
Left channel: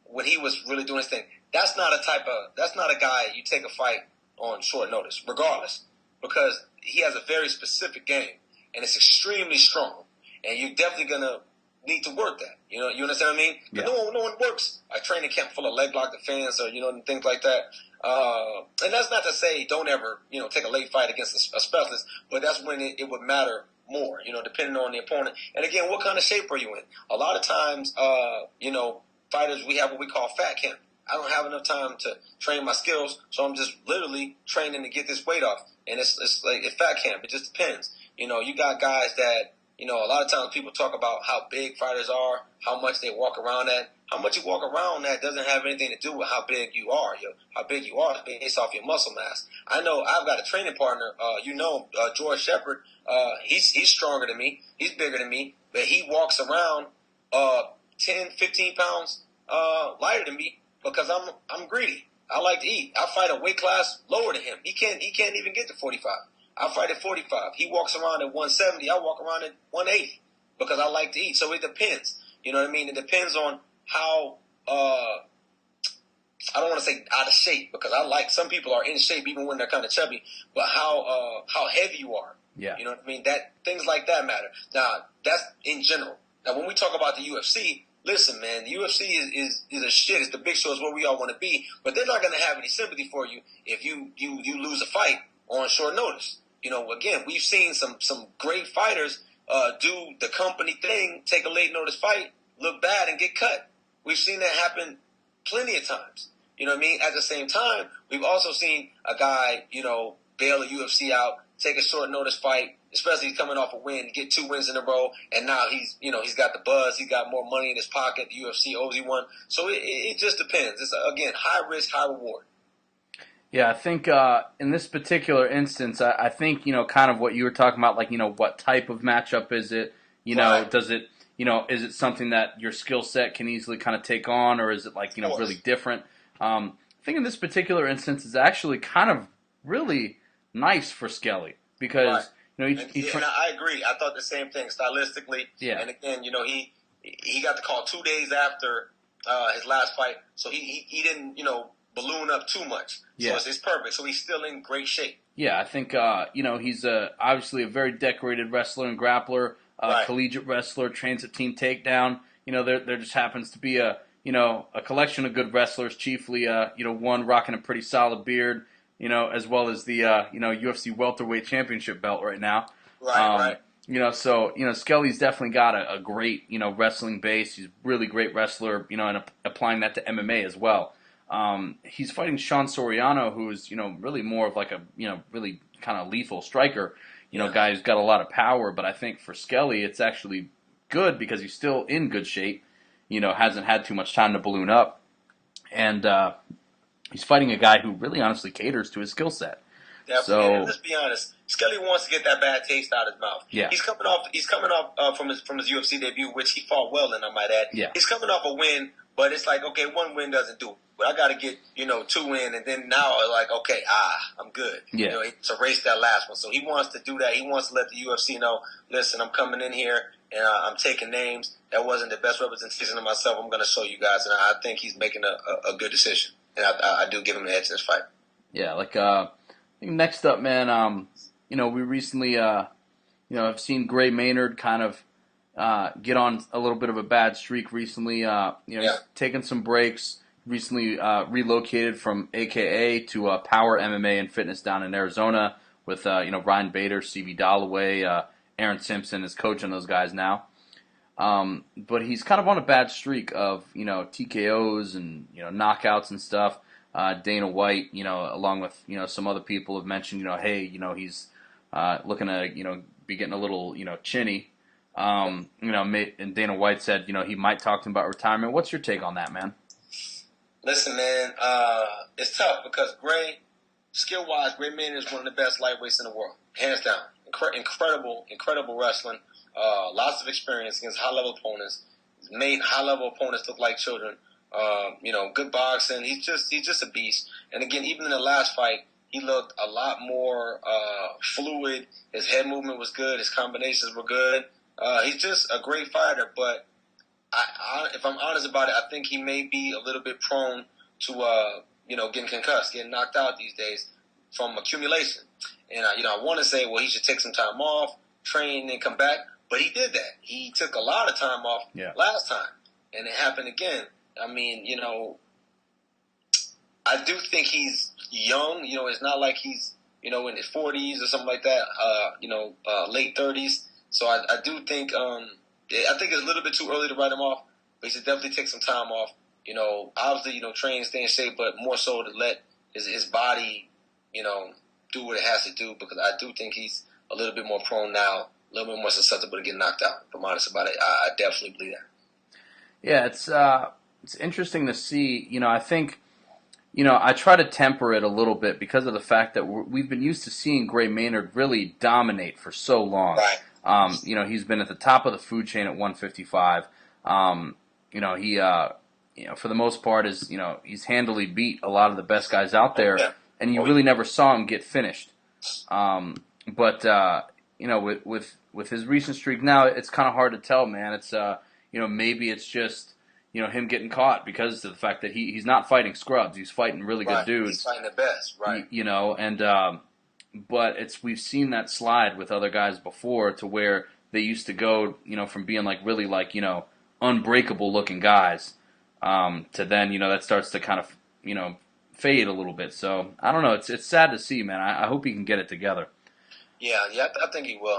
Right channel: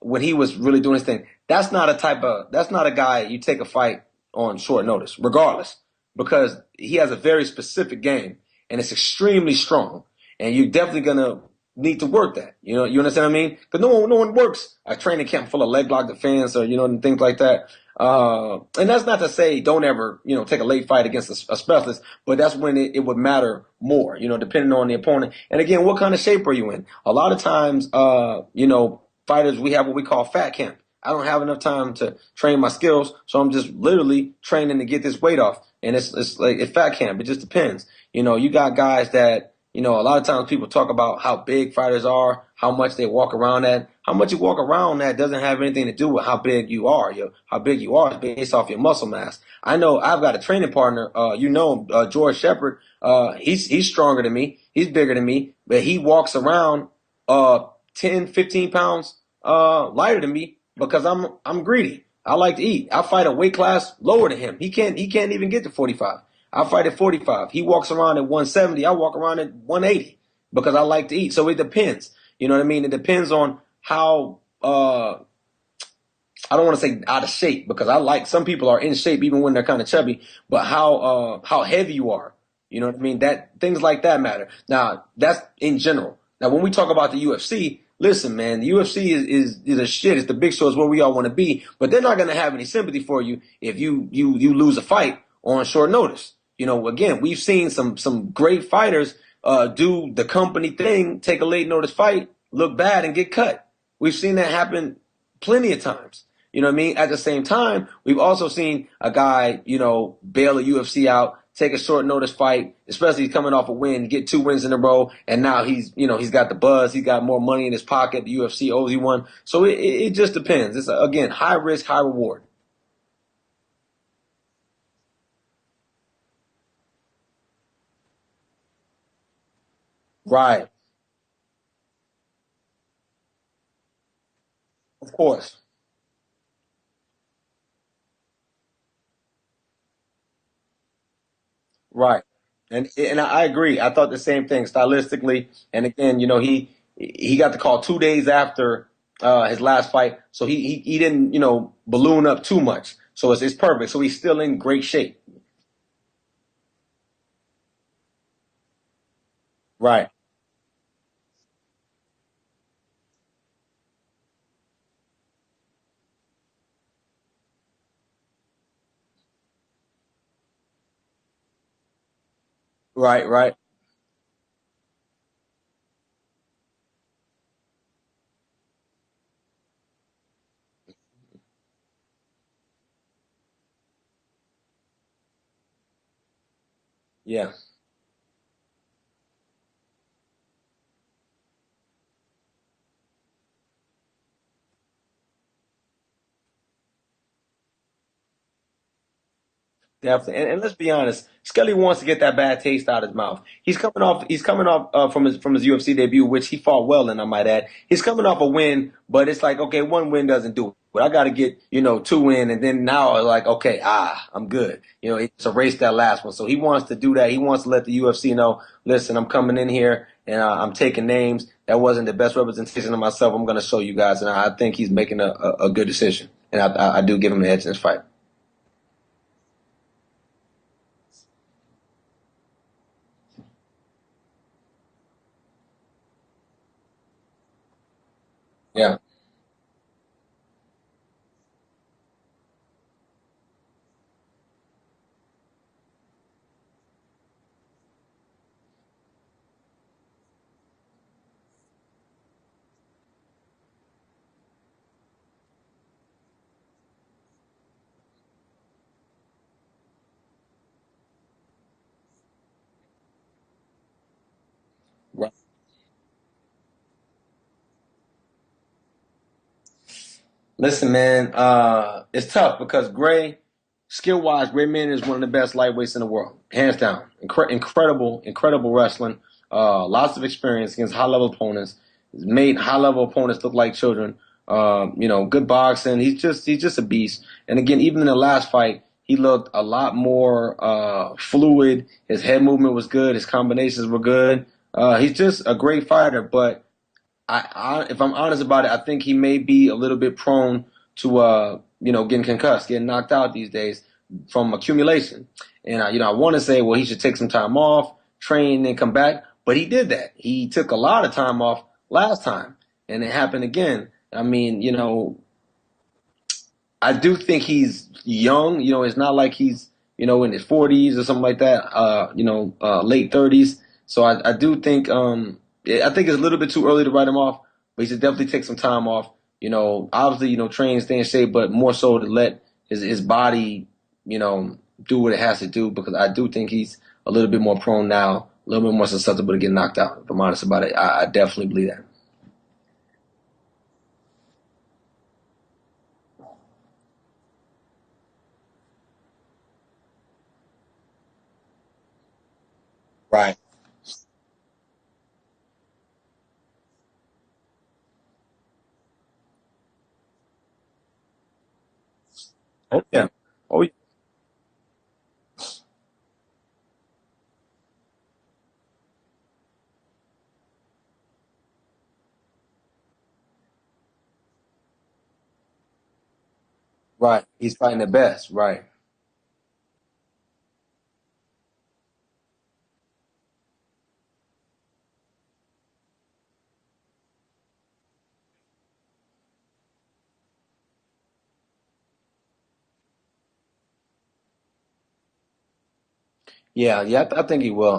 when he was really doing his thing. That's not a guy you take a fight on short notice, regardless, because he has a very specific game, and it's extremely strong, and you're definitely going to need to work that. You understand what I mean? Because no one works a training camp full of leg lock defense or, and things like that. And that's not to say don't ever, take a late fight against a specialist, but that's when it would matter more, depending on the opponent. And again, what kind of shape are you in? A lot of times, fighters, we have what we call fat camp. I don't have enough time to train my skills, so I'm just literally training to get this weight off. And it's fat camp. It just depends. You got guys that, a lot of times people talk about how big fighters are, how much they walk around at. How much you walk around that doesn't have anything to do with how big you are. How big you are is based off your muscle mass. I know I've got a training partner, George Shepard. He's stronger than me. He's bigger than me, but he walks around 10, 15 pounds lighter than me because I'm greedy. I like to eat. I fight a weight class lower than him. He can't even get to 45. I fight at 45. He walks around at 170. I walk around at 180 because I like to eat. So it depends. You know what I mean? It depends on how I don't want to say out of shape because some people are in shape even when they're kind of chubby, but how heavy you are. Yeah. You know what I mean? That things like that matter. Now that's in general. Now when we talk about the UFC, listen, man, the UFC is a shit. It's the big show. It's where we all want to be, but they're not going to have any sympathy for you if you lose a fight on short notice. Again, we've seen some great fighters do the company thing, take a late notice fight, look bad, and get cut. We've seen that happen plenty of times. You know what I mean? At the same time, we've also seen a guy, bail the UFC out, take a short notice fight, especially coming off a win, get 2 wins in a row, and now he's got the buzz, he got more money in his pocket, the UFC owes he one. So it just depends. It's, again, high risk, high reward. Yeah, I think in this particular instance, I think, kind of what you were talking about, like, what type of matchup is it? Right. Does it, is it something that your skill set can easily kind of take on, or is it like, really different? I think in this particular instance, it's actually kind of really nice for Skelly because, right. And I agree. I thought the same thing stylistically. Yeah. And again, he got the call 2 days after his last fight, so he didn't balloon up too much. So it's perfect. So he's still in great shape. Yeah, I think he's obviously a very decorated wrestler and grappler, right. Collegiate wrestler, trains at Team Takedown. There just happens to be a collection of good wrestlers, chiefly one rocking a pretty solid beard, as well as the UFC welterweight championship belt right now. Right. So Skelly's definitely got a great wrestling base. He's a really great wrestler, and applying that to MMA as well. He's fighting Sean Soriano, who's really more of like a really kind of lethal striker. Guy who's got a lot of power. But I think for Skelly, it's actually good because he's still in good shape. Hasn't had too much time to balloon up, and he's fighting a guy who really honestly caters to his skill set. Definitely. And So let's be honest, Scully wants to get that bad taste out of his mouth. yeah, He's coming off from his UFC debut, which he fought well in, I might add. yeah, He's coming off a win, but it's like, okay, one win doesn't do it. But I got to get, 2 in, and then now like, okay, I'm good. yeah. To erase that last one. So he wants to do that. He wants to let the UFC know, listen, I'm coming in here and I'm taking names. That wasn't the best representation of myself. I'm going to show you guys, and I think he's making a good decision, and I do give him an edge in this fight. Yeah, like I think next up, man. We recently, have seen Gray Maynard kind of get on a little bit of a bad streak recently. Taking some breaks. Recently relocated from AKA to Power MMA and Fitness down in Arizona with Ryan Bader, CB Dalloway, Aaron Simpson is coaching those guys now. But he's kind of on a bad streak of TKOs and knockouts and stuff. Dana White, along with some other people have mentioned, hey, he's looking to be getting a little chinny. And Dana White said he might talk to him about retirement. What's your take on that, man? Listen, man, it's tough because skill-wise, Gray Maynard is one of the best lightweights in the world, hands down. Incredible wrestling. Lots of experience against high-level opponents. He's made high-level opponents look like children. Good boxing. He's just a beast. And again, even in the last fight, he looked a lot more fluid. His head movement was good. His combinations were good. He's just a great fighter, but if I'm honest about it, I think he may be a little bit prone to, getting concussed, getting knocked out these days from accumulation. And, I want to say, well, he should take some time off, train, and come back. But he did that. He took a lot of time off last time, and it happened again. I mean, I do think he's young. It's not like he's, in his 40s or something like that, late 30s. So I do think I think it's a little bit too early to write him off, but he should definitely take some time off. Obviously, train, stay in shape, but more so to let his body, do what it has to do, because I do think he's a little bit more prone now, a little bit more susceptible to get knocked out. If I'm honest about it, I definitely believe that. Yeah, it's interesting to see. I think, I try to temper it a little bit because of the fact that we've been used to seeing Gray Maynard really dominate for so long. Right. He's been at the top of the food chain at 155. He, for the most part he's handily beat a lot of the best guys out there, and you really never saw him get finished. But with his recent streak now, it's kind of hard to tell, man. It's maybe it's just him getting caught because of the fact that he's not fighting scrubs. He's fighting really good dudes. He's fighting the best, right? But we've seen that slide with other guys before, to where they used to go, from being like really like unbreakable looking guys, to then that starts to kind of fade a little bit. So I don't know. It's sad to see, man. I hope he can get it together. Yeah, I think he will.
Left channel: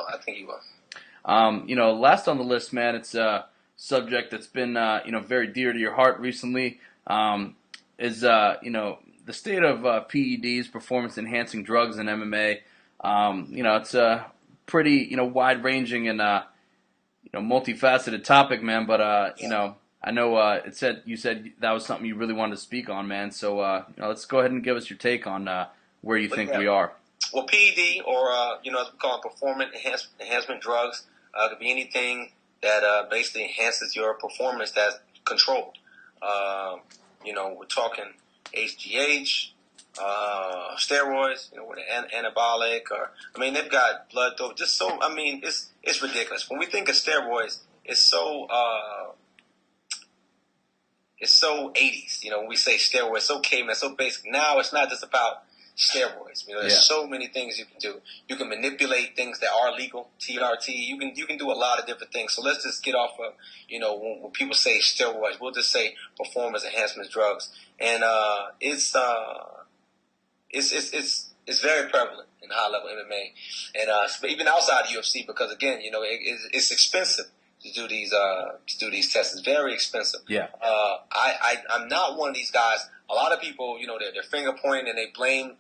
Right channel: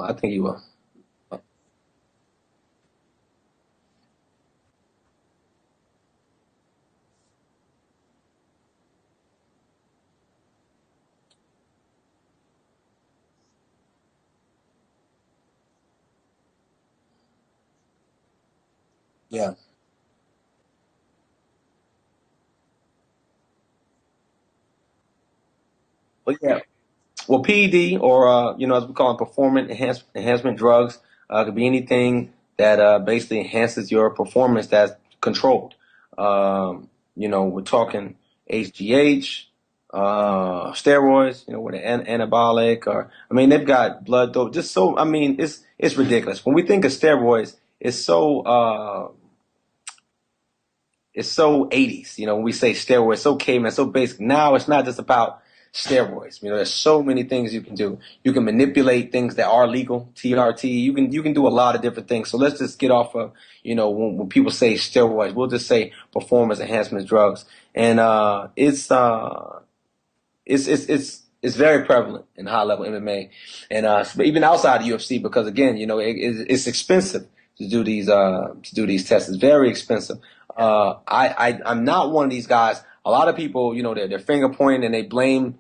Last on the list, man. It's a subject that's been very dear to your heart recently. Is the state of PEDs, performance enhancing drugs in MMA. It's a pretty wide-ranging and multifaceted topic, man. But I know you said that was something you really wanted to speak on, man. So let's go ahead and give us your take on where you think we are. Well, PED, or as we call them, performance enhancement drugs, could be anything that basically enhances your performance that's controlled. We're talking HGH, steroids, with an anabolic, they've got blood dose. It's ridiculous. When we think of steroids, it's so 80s. When we say steroids, so caveman, so basic. Now it's not just about steroids. There's so many things you can do. You can manipulate things that are legal, TRT. You can do a lot of different things. So let's just get off of, when people say steroids, we'll just say performance enhancement drugs. And it's very prevalent in high level MMA, and even outside of UFC, because again, it's expensive to do these tests. It's very expensive. Yeah. I'm not one of these guys. A lot of people, they're finger pointing and they blame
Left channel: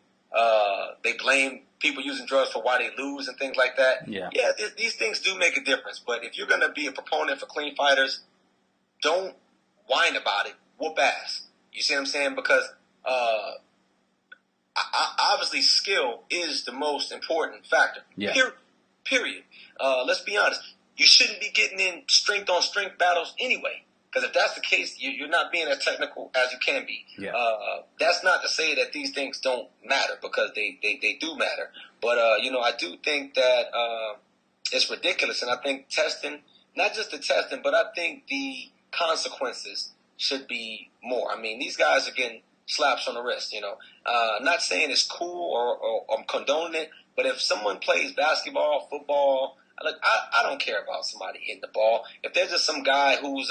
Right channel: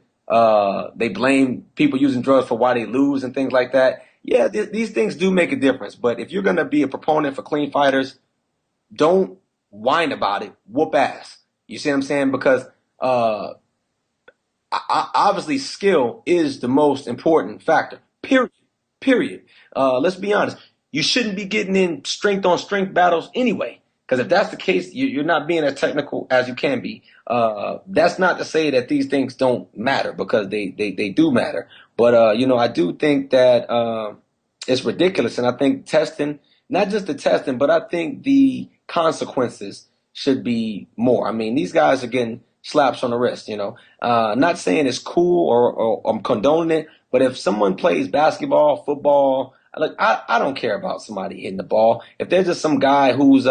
people using drugs for why they lose and things like that. Yeah. These things do make a difference. But if you're going to be a proponent for clean fighters, don't whine about it. Whoop ass. You see what I'm saying? Because obviously skill is the most important factor. Yeah. Period. Let's be honest. You shouldn't be getting in strength on strength battles anyway. Because if that's the case, you're not being as technical as you can be. Yeah. That's not to say that these things don't matter, because they do matter. But I do think that it's ridiculous, and I think testing, not just the testing, but I think the consequences should be more. I mean, these guys are getting slaps on the wrist. Not saying it's cool or I'm condoning it, but if someone plays basketball, football, like I don't care about somebody hitting the ball. If there's just some guy who's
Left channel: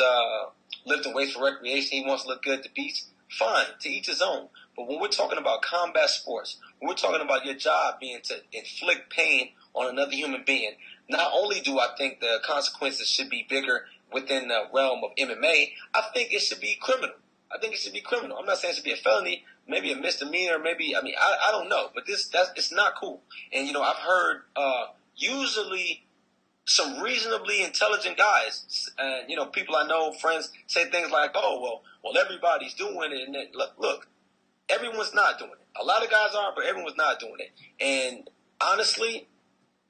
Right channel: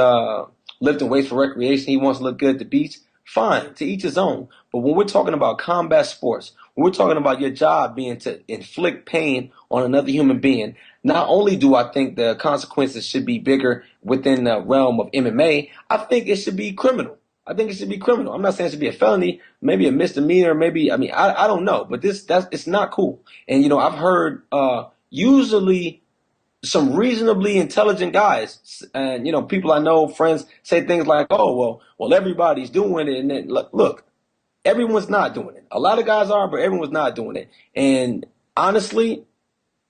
lifting weights for recreation, he wants to look good at the beach, fine, to each his own. But when we're talking about combat sports, when we're talking about your job being to inflict pain on another human being, not only do I think the consequences should be bigger within the realm of MMA, I think it should be criminal. I think it should be criminal. I'm not saying it should be a felony, maybe a misdemeanor, maybe, I don't know, but it's not cool. And I've heard usually some reasonably intelligent guys, and people I know, friends, say things like, "Oh, well, everybody's doing it," and then look, everyone's not doing it. A lot of guys are, but everyone's not doing it. And honestly,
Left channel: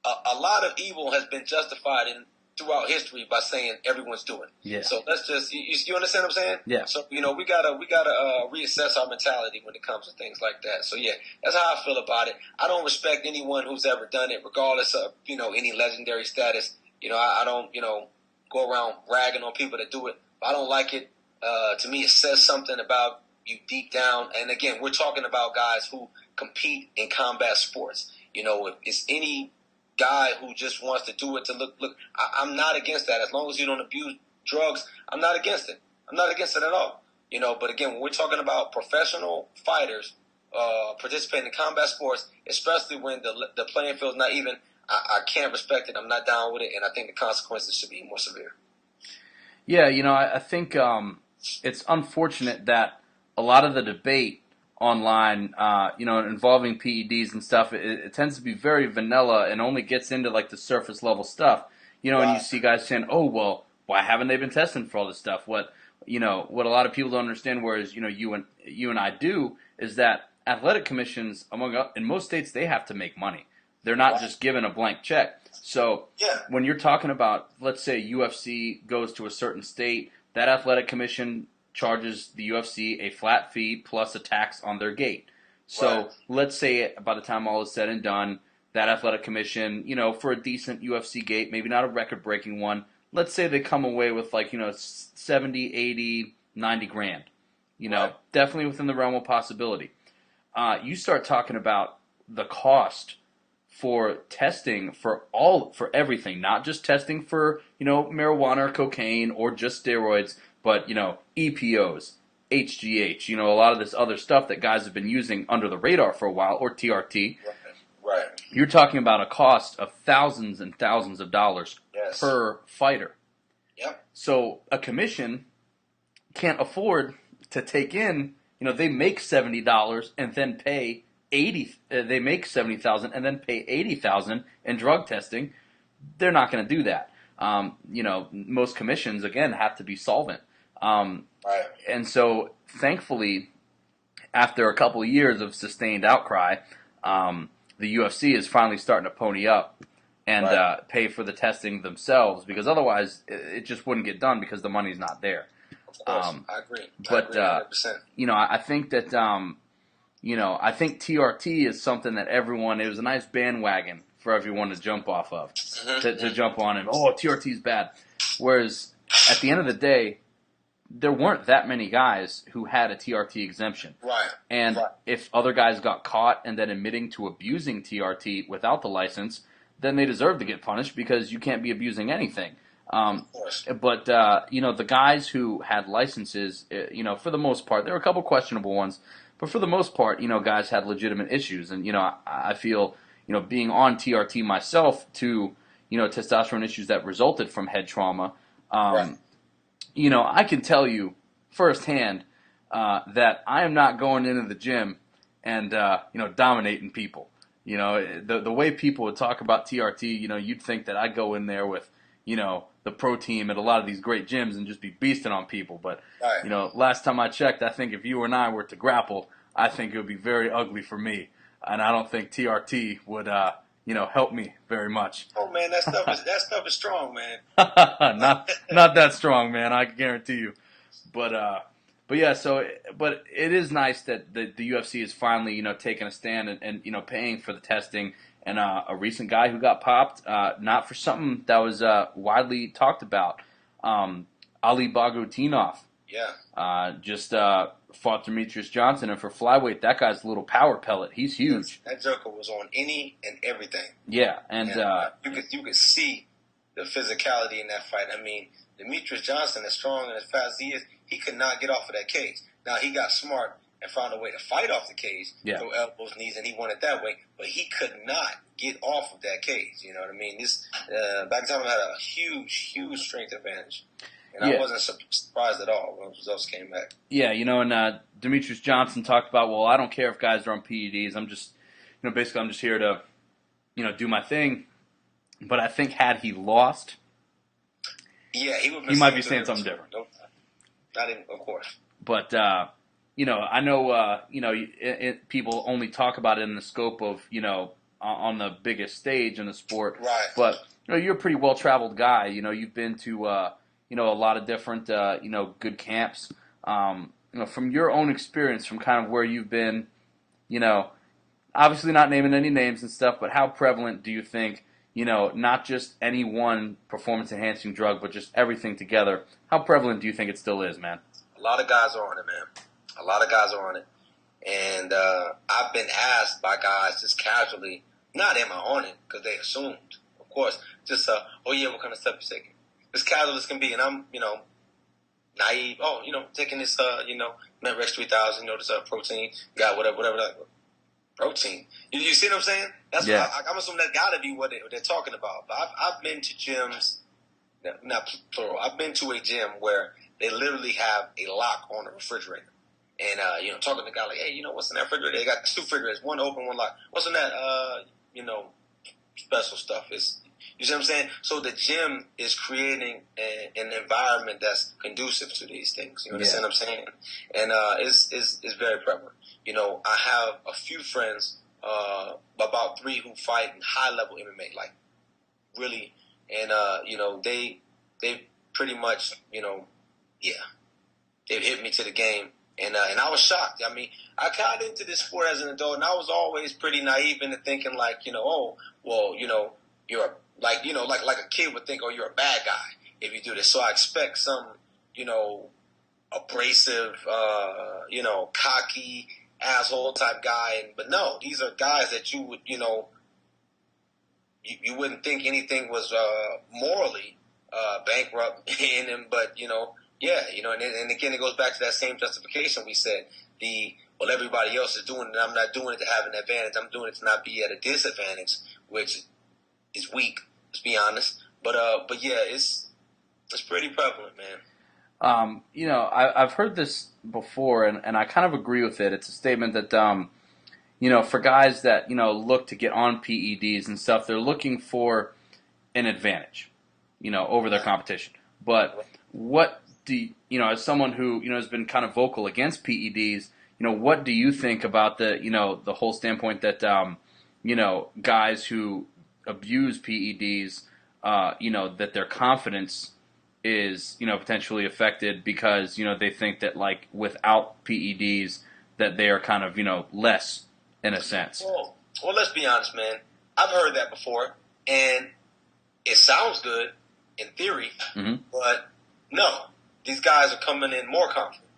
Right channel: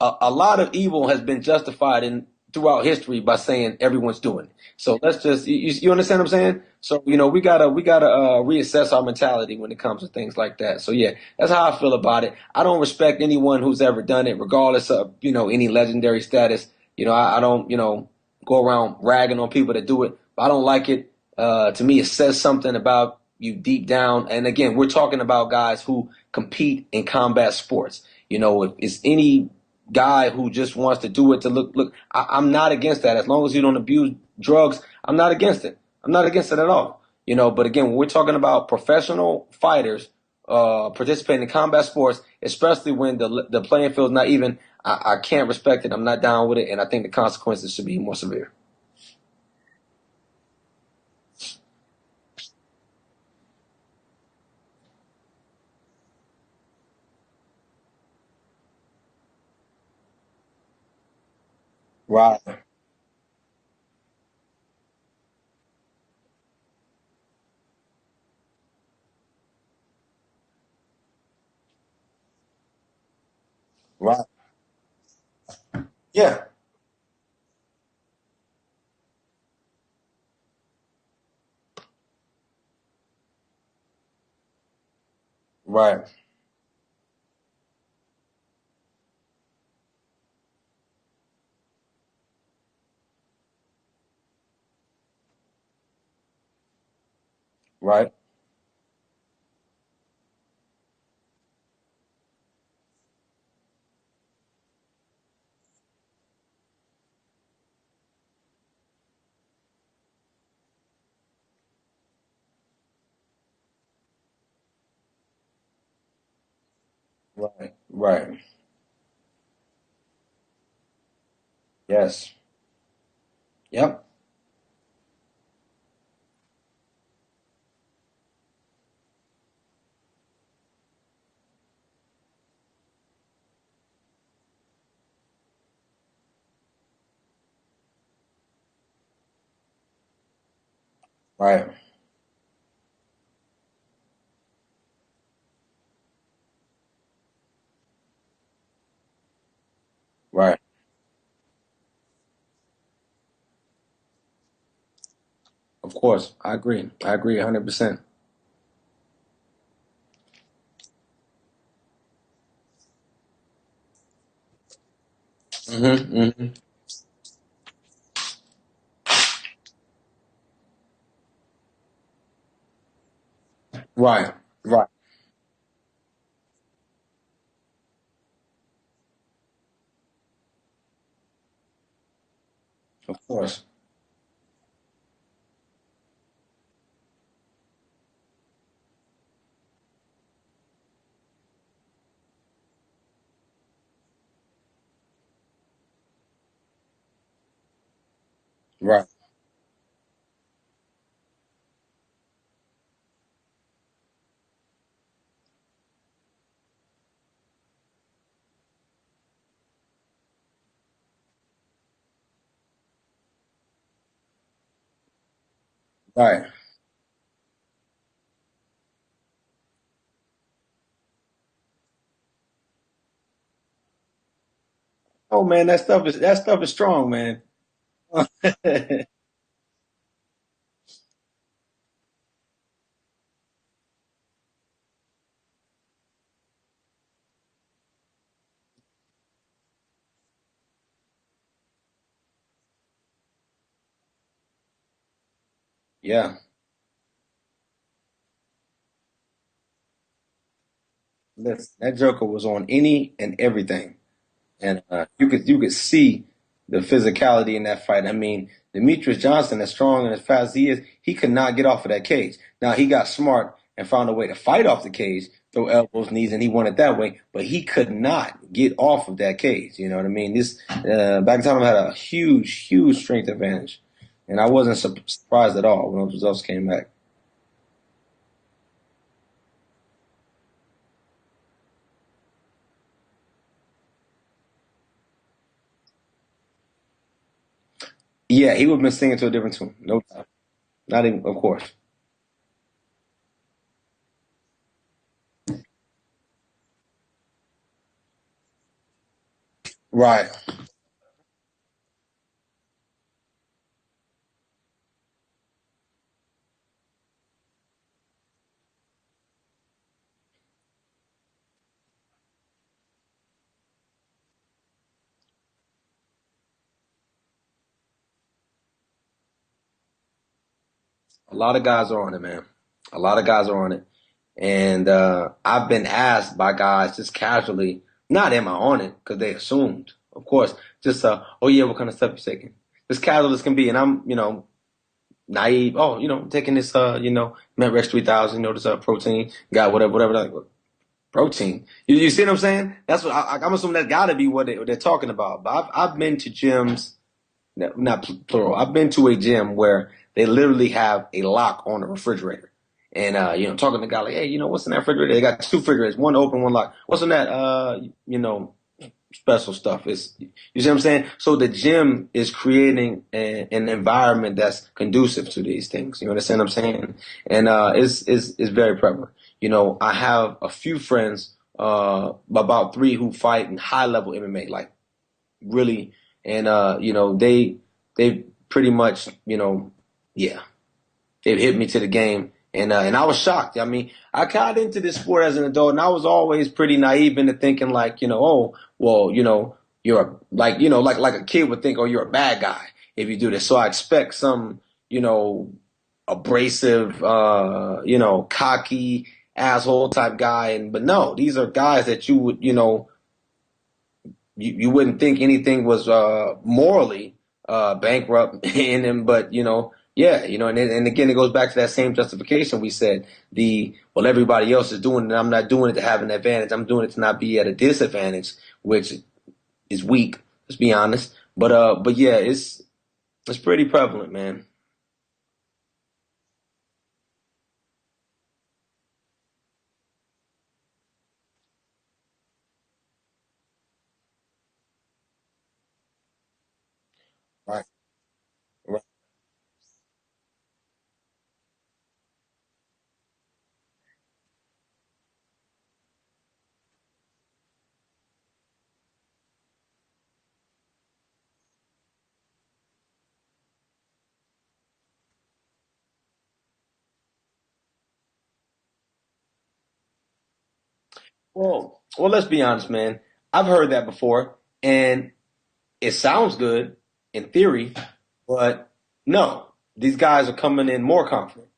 a lot of evil has been justified throughout history by saying everyone's doing it. Yeah. So let's just you understand what I'm saying? Yeah. So we gotta reassess our mentality when it comes to things like that. So yeah, that's how I feel about it. I don't respect anyone who's ever done it, regardless of any legendary status. I don't go around ragging on people that do it. I don't like it. To me, it says something about you deep down. And again, we're talking about guys who compete in combat sports. If it's any guy who just wants to do it to look, I'm not against that. As long as you don't abuse drugs, I'm not against it. I'm not against it at all. But again, when we're talking about professional fighters participating in combat sports, especially when the playing field's not even, I can't respect it. I'm not down with it, and I think the consequences should be more severe. Yeah, I think it's unfortunate that a lot of the debate online, involving PEDs and stuff, it tends to be very vanilla and only gets into like the surface level stuff. And you see guys saying, "Oh, well, why haven't they been testing for all this stuff?" What a lot of people don't understand, whereas you and I do, is that athletic commissions, in most states, they have to make money. They're not just given a blank check. So when you're talking about, let's say UFC goes to a certain state, that athletic commission charges the UFC a flat fee plus a tax on their gate. So let's say by the time all is said and done, that athletic commission, for a decent UFC gate, maybe not a record-breaking one, let's say they come away with 70, 80, 90 grand. Definitely within the realm of possibility. You start talking about the cost for testing for everything, not just testing for, marijuana or cocaine or just steroids, but, EPOs, HGH, a lot of this other stuff that guys have been using under the radar for a while, or TRT. Right. You're talking about a cost of thousands and thousands of dollars per fighter. Yep. So a commission can't afford to take in, they make $70 and then pay 80. They make 70,000 and then pay 80,000 in drug testing. They're not going to do that. Most commissions again have to be solvent. And so, thankfully, after a couple of years of sustained outcry, the UFC is finally starting to pony up and pay for the testing themselves, because otherwise it just wouldn't get done because the money's not there. Of course, I agree. I agree 100%. I think that. I think TRT is something that it was a nice bandwagon for everyone to jump off of, to jump on and, oh, TRT's bad. Whereas, at the end of the day, there weren't that many guys who had a TRT exemption. And if other guys got caught and then admitting to abusing TRT without the license, then they deserve to get punished, because you can't be abusing anything. Of course. But, the guys who had licenses, for the most part, there were a couple questionable ones, but for the most part, guys had legitimate issues. And, I feel, being on TRT myself to, testosterone issues that resulted from head trauma, I can tell you firsthand that I am not going into the gym and, dominating people. The way people would talk about TRT, you'd think that I'd go in there with, the pro team at a lot of these great gyms and just be beasting on people. But, last time I checked, I think if you and I were to grapple, I think it would be very ugly for me, and I don't think TRT would help me very much. Oh man, that stuff is strong, man. Not that strong, man. I guarantee you. But but yeah. But it is nice that the UFC is finally taking a stand and paying for the testing. And a recent guy who got popped, not for something that was widely talked about, Ali Bagutinov. Yeah. Just fought Demetrius Johnson, and for flyweight, that guy's a little power pellet. He's huge. Yes, that Joker was on any and everything. Yeah, and you could see the physicality in that fight. I mean, Demetrius Johnson, as strong and as fast as he is, he could not get off of that cage. Now he got smart and found a way to fight off the cage, throw elbows, knees, and he won it that way. But he could not get off of that cage. You know what I mean? This Bakhtiarov had a huge strength advantage, and I wasn't surprised at all when those results came back. Yeah, and Demetrius Johnson talked about, well, I don't care if guys are on PEDs. I'm just, basically I'm just here to, do my thing. But I think had he lost, he would have been saying something different. No, not even, of course. But I know, people only talk about it in the scope of, on the biggest stage in the sport. Right. But, you're a pretty well-traveled guy. You've been to, a lot of different, good camps. From your own experience, from kind of where you've been, obviously not naming any names and stuff, but how prevalent do you think, not just any one performance-enhancing drug, but just everything together, how prevalent do you think it still is, man? A lot of guys are on it, man. A lot of guys are on it. And I've been asked by guys just casually, not am I on it, because they assumed, of course, just, oh yeah, what kind of stuff you taking? As casual as can be, and I'm, naive. Oh, taking this, MetRex 3000, this protein, got whatever. Like, protein. You see what I'm saying? That's what I'm assuming that's got to be what they're talking about. But I've been to gyms, not plural. I've been to a gym where they literally have a lock on the refrigerator. And, talking to the guy like, hey, what's in that refrigerator? They got 2 refrigerators, one open, one locked. What's in that, special stuff? You see what I'm saying? So the gym is creating an environment that's conducive to these things. You understand what I'm saying? And it's very prevalent. I have a few friends, about 3 who fight in high-level MMA, like really. And, they pretty much, they've hit me to the game. And I was shocked. I mean, I got into this sport as an adult, and I was always pretty naive into thinking like, you're like a kid would think, oh, you're a bad guy if you do this. So I expect some, abrasive, cocky asshole type guy. But no, these are guys that you would, you wouldn't think anything was morally bankrupt in him, but and again, it goes back to that same justification we said. Everybody else is doing it, and I'm not doing it to have an advantage. I'm doing it to not be at a disadvantage, which is weak. Let's be honest. But yeah, it's pretty prevalent, man. I've heard this before, and I kind of agree with it. It's a statement that for guys that look to get on PEDs and stuff, they're looking for an advantage, over their competition. But what do as someone who has been kind of vocal against PEDs, what do you think about the the whole standpoint that guys who abuse PEDs, that their confidence is potentially affected because they think that like without PEDs that they are kind of less in a sense. Well, let's be honest, man. I've heard that before, and it sounds good in theory, but no. These guys are coming in more confident.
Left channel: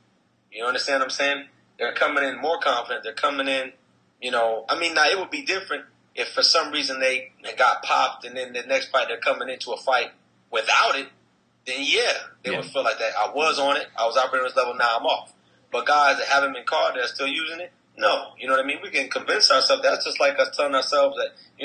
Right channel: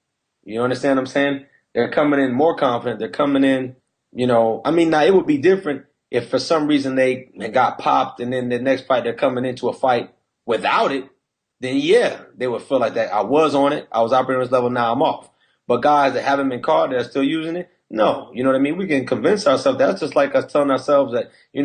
You understand what I'm saying? They're coming in more confident. They're coming in, now it would be different if for some reason they got popped and then the next fight they're coming into a fight without it, then they would feel like that. I was on it. I was operating on this level. Now I'm off. But guys that haven't been caught, that are still using it, no. You know what I mean? We can convince ourselves. That's just like us telling ourselves that, a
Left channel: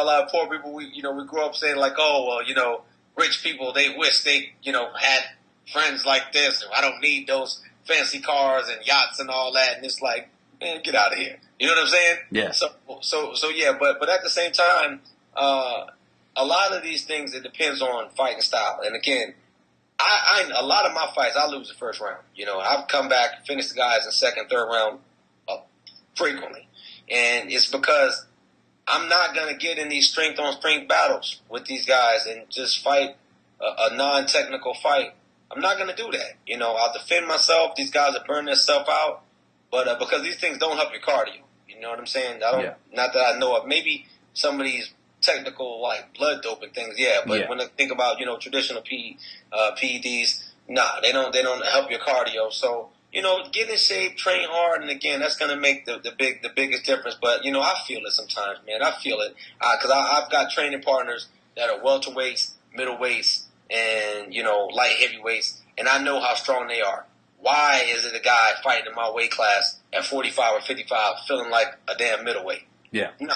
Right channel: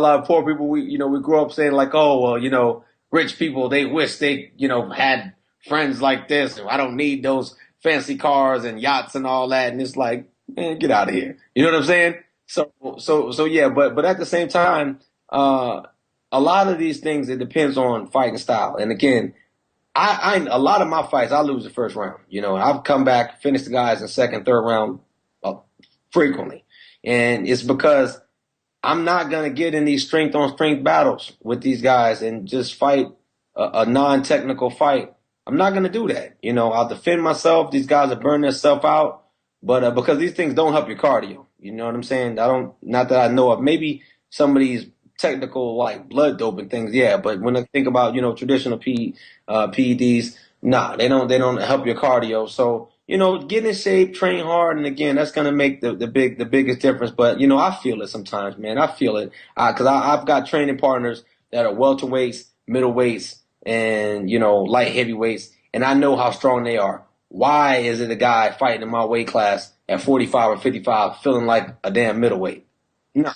lot of poor people, we grow up saying like, oh, well, rich people, they wish they, had friends like this. I don't need those fancy cars and yachts and all that. And it's like, man, get out of here. You know what I'm saying? Yeah. So yeah, but at the same time, a lot of these things, it depends on fighting style. And again, A lot of my fights, I lose the first round. You know, I've come back, finished the guys in the second, third round frequently. And it's because I'm not going to get in these strength-on-strength battles with these guys and just fight a non-technical fight. I'm not going to do that. You know, I'll defend myself. These guys are burning themselves out. But because these things don't help your cardio. You know what I'm saying? Not that I know of. Maybe some of these technical, like, blood doping things, yeah. But when I think about, you know, traditional PEDs, nah, they don't help your cardio. So, you know, get in shape, train hard, and again, that's going to make the biggest difference. But, you know, I feel it sometimes, man. I feel it. Because I've got training partners that are welterweights, middleweights, and, you know, light heavyweights, and I know how strong they are. Why is it a guy fighting in my weight class at 45 or 55 feeling like a damn middleweight? Yeah. No.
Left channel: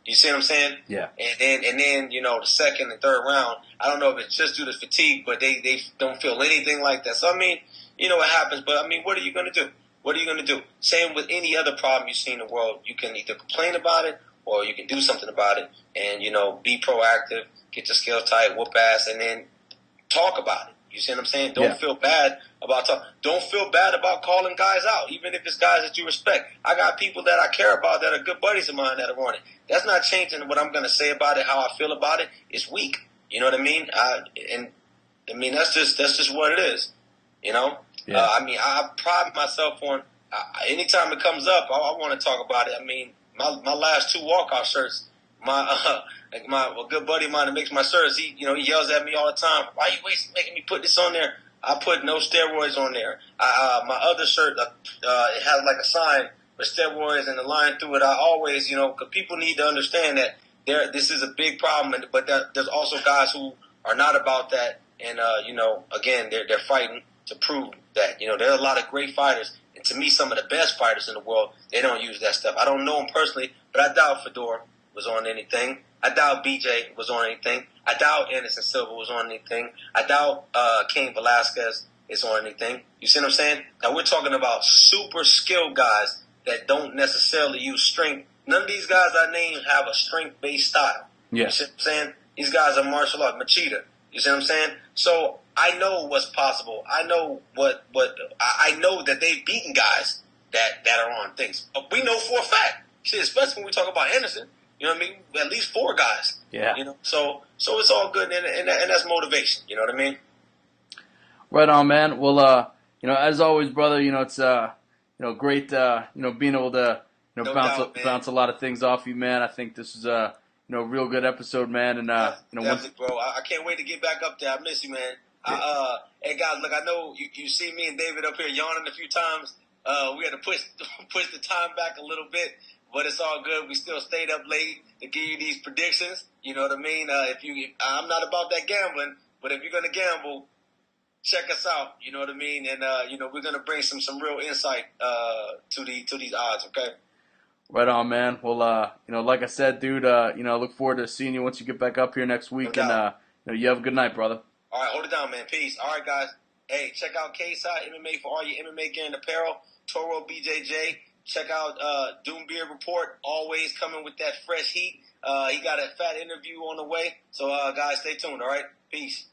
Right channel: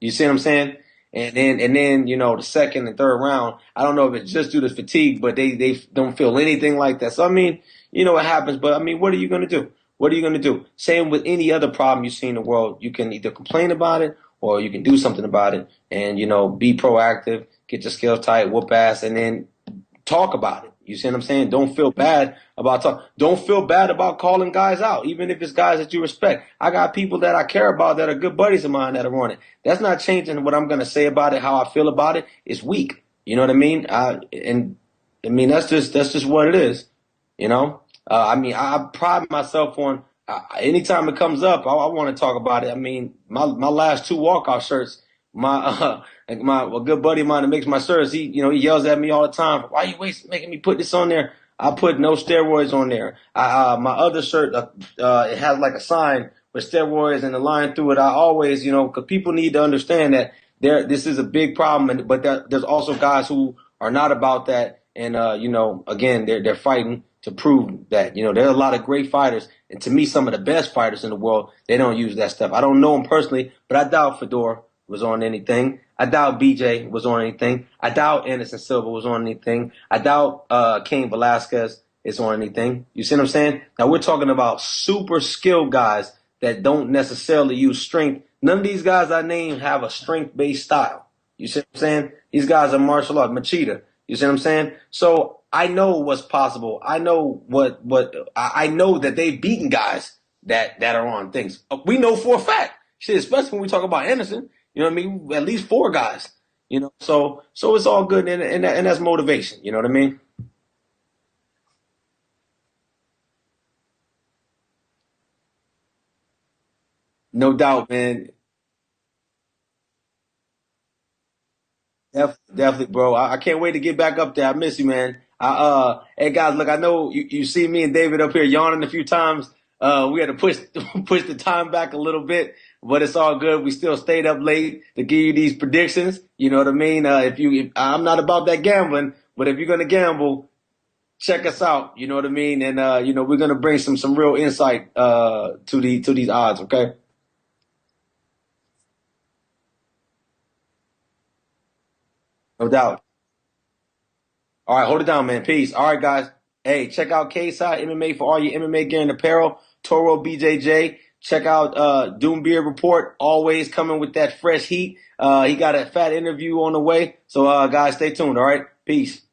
You see what I'm saying? Yeah. And then, you know, the second and third round, I don't know if it's just due to fatigue, but they don't feel anything like that. So, I mean, you know, it happens, but, I mean, what are you going to do? What are you going to do? Same with any other problem you see in the world. You can either complain about it or you can do something about it and, you know, be proactive, get your skills tight, whoop ass, and then talk about it. You see what I'm saying? Don't feel bad about Don't feel bad about calling guys out, even if it's guys that you respect. I got people that I care about that are good buddies of mine that are on it. That's not changing what I'm going to say about it, how I feel about it. It's weak. You know what I mean? That's just what it is. You know? Yeah. I mean, I pride myself on anytime it comes up, I want to talk about it. I mean, my last 2 walkout shirts, a good buddy of mine that makes my shirts, he yells at me all the time. Why are you making me put this on there? I put no steroids on there. My other shirt, it has like a sign with steroids and a line through it. I always, because people need to understand that this is a big problem, but there's also guys who are not about that, and again, they're fighting to prove that. There are a lot of great fighters, and to me, some of the best fighters in the world, they don't use that stuff. I don't know them personally, but I doubt Fedor was on anything. I doubt BJ was on anything. I doubt Anderson Silva was on anything. I doubt Cain Velasquez is on anything. You see what I'm saying? Now, we're talking about super skilled guys that don't necessarily use strength. None of these guys I named have a strength-based style. Yeah. You see what I'm saying? These guys are martial art, Machida. You see what I'm saying? So I know what's possible. I know I know that they've beaten guys that are on things. We know for a fact. Shit, especially when we talk about Anderson. You know what I mean? At least 4 guys. Yeah. So it's all good, and that's motivation. You know what I mean? Right on, man. Well, as always, brother, it's great, being able to bounce a lot of things off you, man. I think this is a real good episode, man. And definitely, bro. I can't wait to get back up there. I miss you, man. Hey guys, look, I know you see me and David up here yawning a few times. We had to push the time back a little bit. But it's all good. We still stayed up late to give you these predictions. You know what I mean? I'm not about that gambling, but if you're gonna gamble, check us out. You know what I mean? And we're gonna bring some real insight to these odds. Okay. Right on, man. Well, like I said, dude, I look forward to seeing you once you get back up here next week. No doubt. And you have a good night, brother. All right, hold it down, man. Peace. All right, guys. Hey, check out K-Side MMA for all your MMA gear and apparel. Toro BJJ. Check out Doombeard Report, always coming with that fresh heat. He got a fat interview on the way. So, guys, stay tuned, all right? Peace.